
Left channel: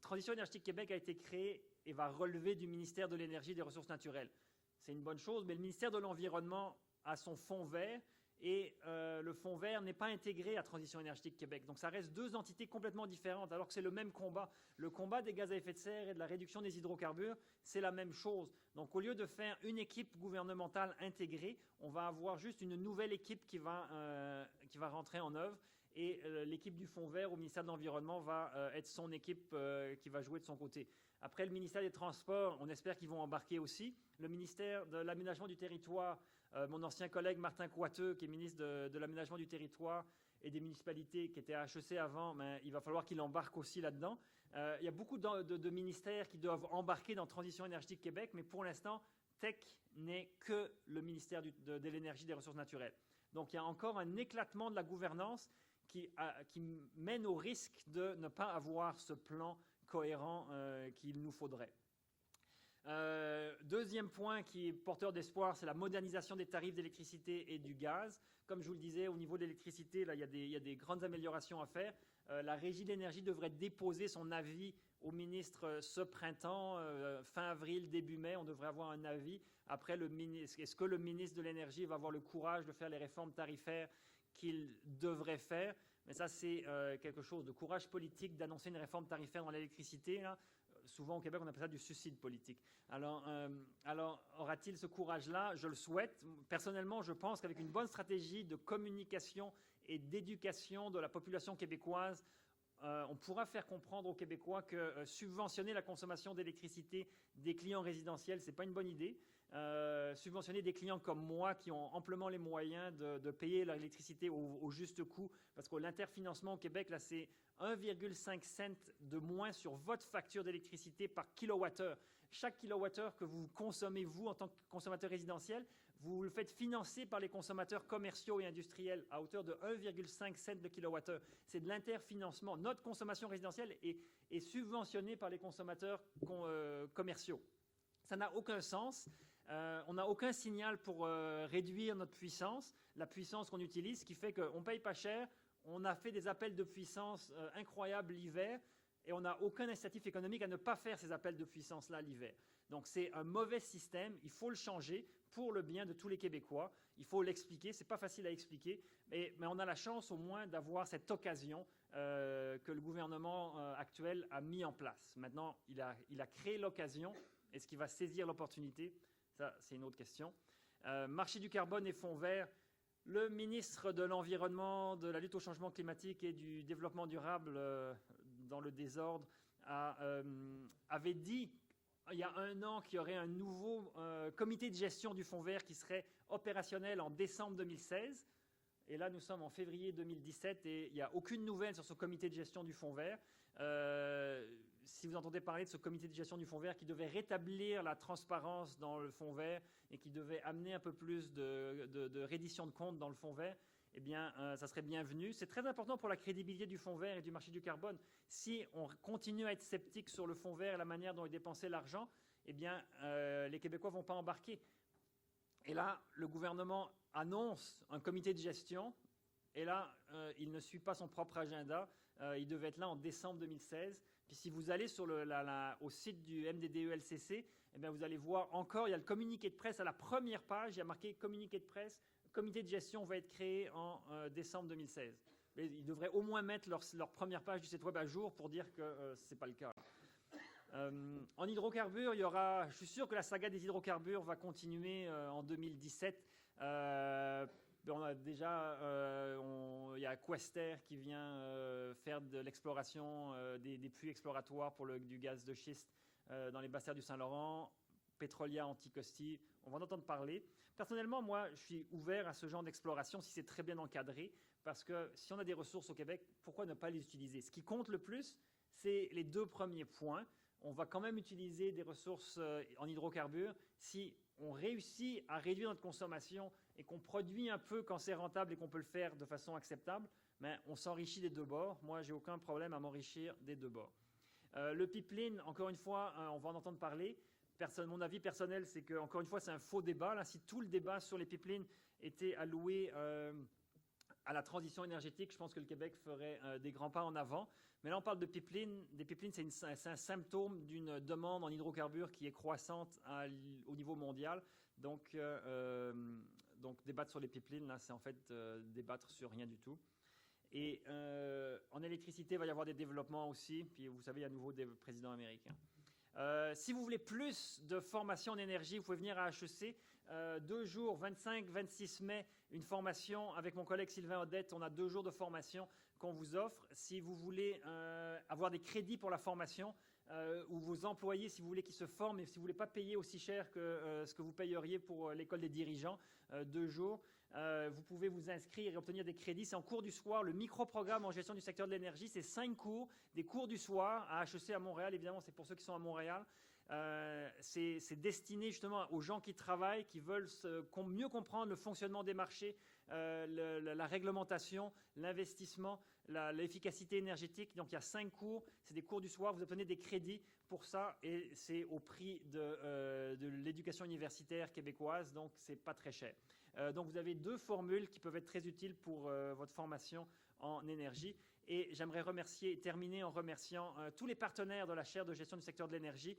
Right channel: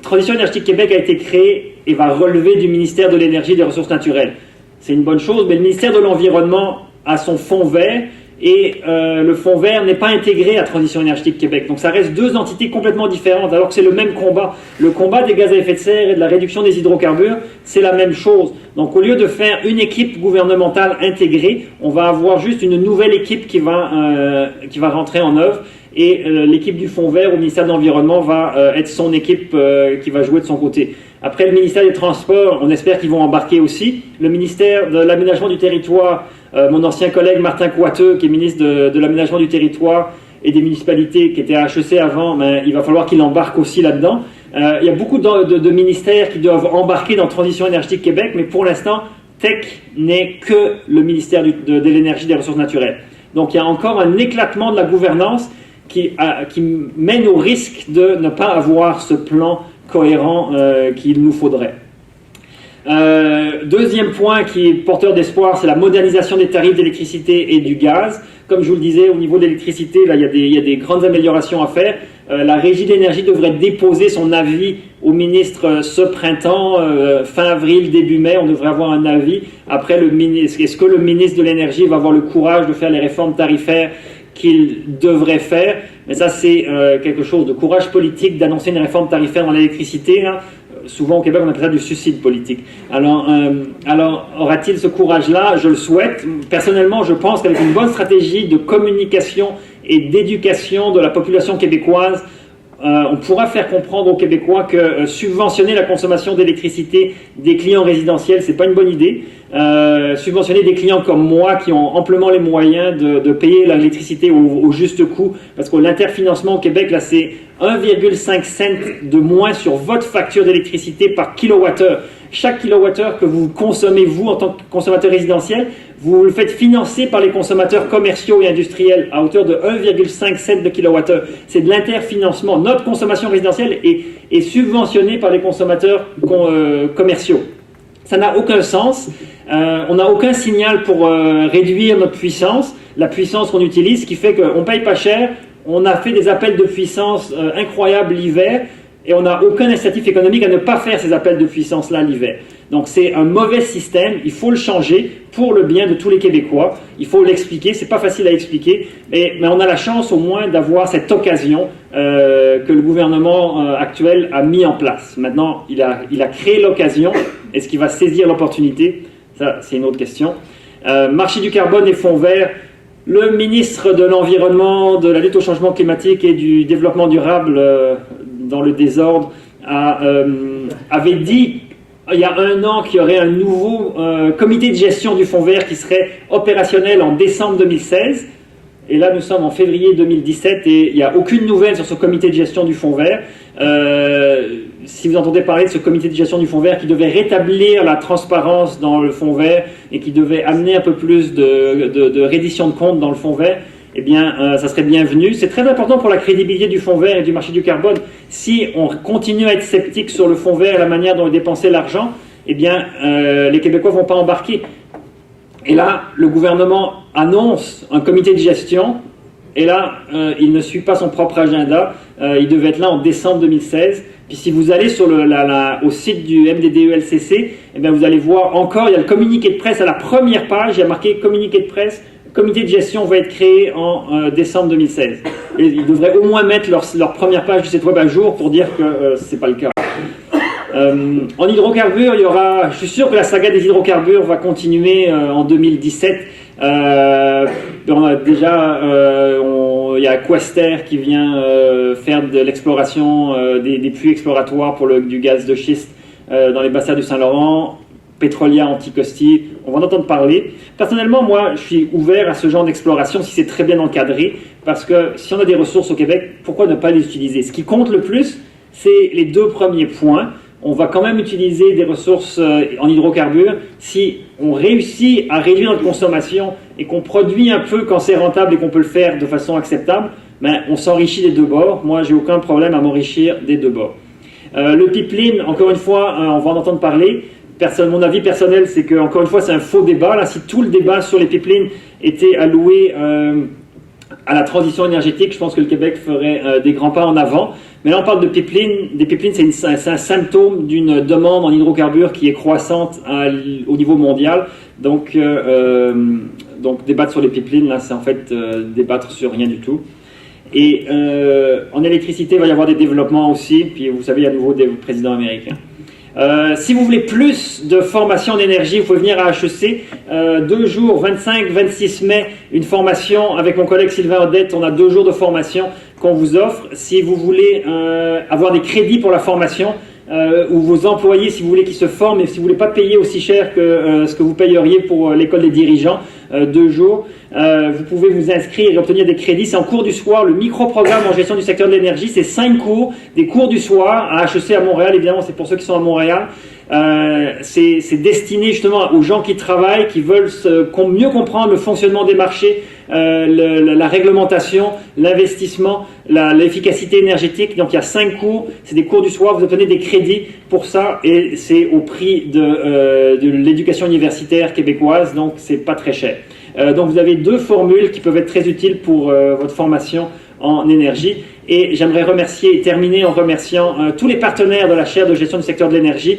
Transition énergétique Québec a été créée et va relever du ministère de l'Énergie et des Ressources naturelles. C'est une bonne chose, mais le ministère de l'Environnement a son fonds vert, et le fonds vert n'est pas intégré à Transition énergétique Québec. Donc ça reste deux entités complètement différentes, alors que c'est le même combat. Le combat des gaz à effet de serre et de la réduction des hydrocarbures, c'est la même chose. Donc au lieu de faire une équipe gouvernementale intégrée, on va avoir juste une nouvelle équipe qui va rentrer en œuvre. Et l'équipe du fonds vert au ministère de l'Environnement va être son équipe qui va jouer de son côté. Après, le ministère des Transports, on espère qu'ils vont embarquer aussi. Le ministère de l'Aménagement du Territoire, mon ancien collègue Martin Coiteux, qui est ministre de l'Aménagement du Territoire et des municipalités, qui était à HEC avant, mais il va falloir qu'il embarque aussi là-dedans. Il y a beaucoup de ministères qui doivent embarquer dans Transition énergétique Québec, mais pour l'instant, TEC n'est que le ministère de l'énergie et des ressources naturelles. Donc il y a encore un éclatement de la gouvernance qui mène au risque de ne pas avoir ce plan cohérent qu'il nous faudrait. Deuxième point qui est porteur d'espoir, c'est la modernisation des tarifs d'électricité et du gaz. Comme je vous le disais, au niveau de l'électricité, là, il y a des grandes améliorations à faire. La Régie de l'énergie devrait déposer son avis au ministre ce printemps, fin avril, début mai. On devrait avoir un avis. Après, est-ce que le ministre de l'énergie va avoir le courage de faire les réformes tarifaires qu'il devrait faire? Mais ça, c'est quelque chose de courage politique d'annoncer une réforme tarifaire dans l'électricité. Souvent au Québec, on appelle ça du suicide politique. Alors aura-t-il ce courage-là? Je le souhaite. Personnellement, je pense qu'avec une bonne stratégie de communication et d'éducation de la population québécoise, on pourra faire comprendre aux Québécois que subventionner la consommation d'électricité des clients résidentiels, c'est pas une bonne idée. Subventionner des clients comme moi qui ont amplement les moyens de payer l'électricité au juste coût, parce que l'interfinancement au Québec, là, c'est 1,5 cent de moins sur votre facture d'électricité par kilowattheure. Chaque kilowattheure que vous consommez, vous, en tant que consommateur résidentiel, vous le faites financer par les consommateurs commerciaux et industriels à hauteur de 1,5 cent de kilowattheure. C'est de l'interfinancement. Notre consommation résidentielle est subventionnée par les consommateurs commerciaux. Ça n'a aucun sens. On n'a aucun signal pour réduire notre puissance, la puissance qu'on utilise, ce qui fait qu'on ne paye pas cher. On a fait des appels de puissance incroyables l'hiver et on n'a aucun incitatif économique à ne pas faire ces appels de puissance-là l'hiver. Donc c'est un mauvais système, il faut le changer pour le bien de tous les Québécois. Il faut l'expliquer, c'est pas facile à expliquer, mais on a la chance au moins d'avoir cette occasion que le gouvernement actuel a mis en place. Maintenant, il a créé l'occasion. Est-ce qu'il va saisir l'opportunité? Ça, c'est une autre question. Marché du carbone et fonds verts. Le ministre de l'Environnement, de la lutte au changement climatique et du développement durable, dans le désordre, avait dit il y a un an qu'il y aurait un nouveau comité de gestion du fonds vert qui serait opérationnel en décembre 2016. Et là, nous sommes en février 2017 et il n'y a aucune nouvelle sur ce comité de gestion du fonds vert. Si vous entendez parler de ce comité de gestion du fonds vert qui devait rétablir la transparence dans le fonds vert et qui devait amener un peu plus de reddition de comptes dans le fonds vert, eh bien, ça serait bienvenu. C'est très important pour la crédibilité du fonds vert et du marché du carbone. Si on continue à être sceptique sur le fonds vert et la manière dont est dépensé l'argent, eh bien, les Québécois ne vont pas embarquer. Et là, le gouvernement annonce un comité de gestion, et là, il ne suit pas son propre agenda. Il devait être là en décembre 2016. Puis si vous allez sur au site du MDDELCC, eh bien, vous allez voir encore, il y a le communiqué de presse à la première page, il y a marqué communiqué de presse, comité de gestion va être créé en décembre 2016. Et ils devraient au moins mettre leur première page du site web à jour pour dire que ce n'est pas le cas. En hydrocarbures, je suis sûr que la saga des hydrocarbures va continuer en 2017. Il y a Quester qui vient faire de l'exploration des puits exploratoires pour du gaz de schiste dans les bassins du Saint-Laurent. Petrolia Anticosti, on va en entendre parler. Personnellement, moi, je suis ouvert à ce genre d'exploration si c'est très bien encadré, parce que si on a des ressources au Québec, pourquoi ne pas les utiliser? Ce qui compte le plus, c'est les deux premiers points. On va quand même utiliser des ressources en hydrocarbures si on réussit à réduire notre consommation et qu'on produit un peu quand c'est rentable et qu'on peut le faire de façon acceptable, ben, on s'enrichit des deux bords. Moi, j'ai aucun problème à m'enrichir des deux bords. Le pipeline, encore une fois, on va en entendre parler. Mon avis personnel, c'est que, encore une fois, c'est un faux débat. Là, si tout le débat sur les pipelines était alloué à la transition énergétique, je pense que le Québec ferait des grands pas en avant. Mais là, on parle de pipelines. Des pipelines, c'est un symptôme d'une demande en hydrocarbures qui est croissante au niveau mondial. Donc débattre sur les pipelines, là, c'est en fait débattre sur rien du tout. Et en électricité, il va y avoir des développements aussi. Puis, vous savez, il y a à nouveau des présidents américains. Si vous voulez plus de formation en énergie, vous pouvez venir à HEC. 2 jours, 25-26 mai, une formation avec mon collègue Sylvain Odette. On a 2 jours de formation qu'on vous offre. Si vous voulez avoir des crédits pour la formation, ou vos employés, si vous voulez qu'ils se forment, et si vous ne voulez pas payer aussi cher que ce que vous payeriez pour l'école des dirigeants, 2 jours, vous pouvez vous inscrire et obtenir des crédits. C'est en cours du soir. Le micro-programme en gestion du secteur de l'énergie, c'est 5 cours, des cours du soir à HEC à Montréal. Évidemment, c'est pour ceux qui sont à Montréal. C'est destiné justement aux gens qui travaillent, qui veulent mieux comprendre le fonctionnement des marchés, la réglementation, l'investissement, l'efficacité énergétique. Donc il y a 5 cours, c'est des cours du soir, vous obtenez des crédits pour ça et c'est au prix de l'éducation universitaire québécoise, donc c'est pas très cher. Donc vous avez 2 formules qui peuvent être très utiles pour votre formation en énergie. Et j'aimerais remercier et terminer en remerciant tous les partenaires de la chaire de gestion du secteur de l'énergie.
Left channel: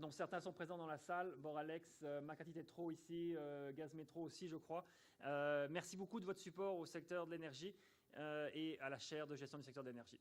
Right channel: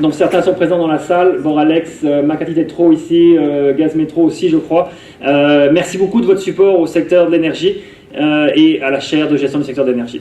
Donc certains sont présents dans la salle, Boralex, Makati Tetro ici, Gaz Métro aussi je crois. Merci beaucoup de votre support au secteur de l'énergie et à la chaire de gestion du secteur de l'énergie.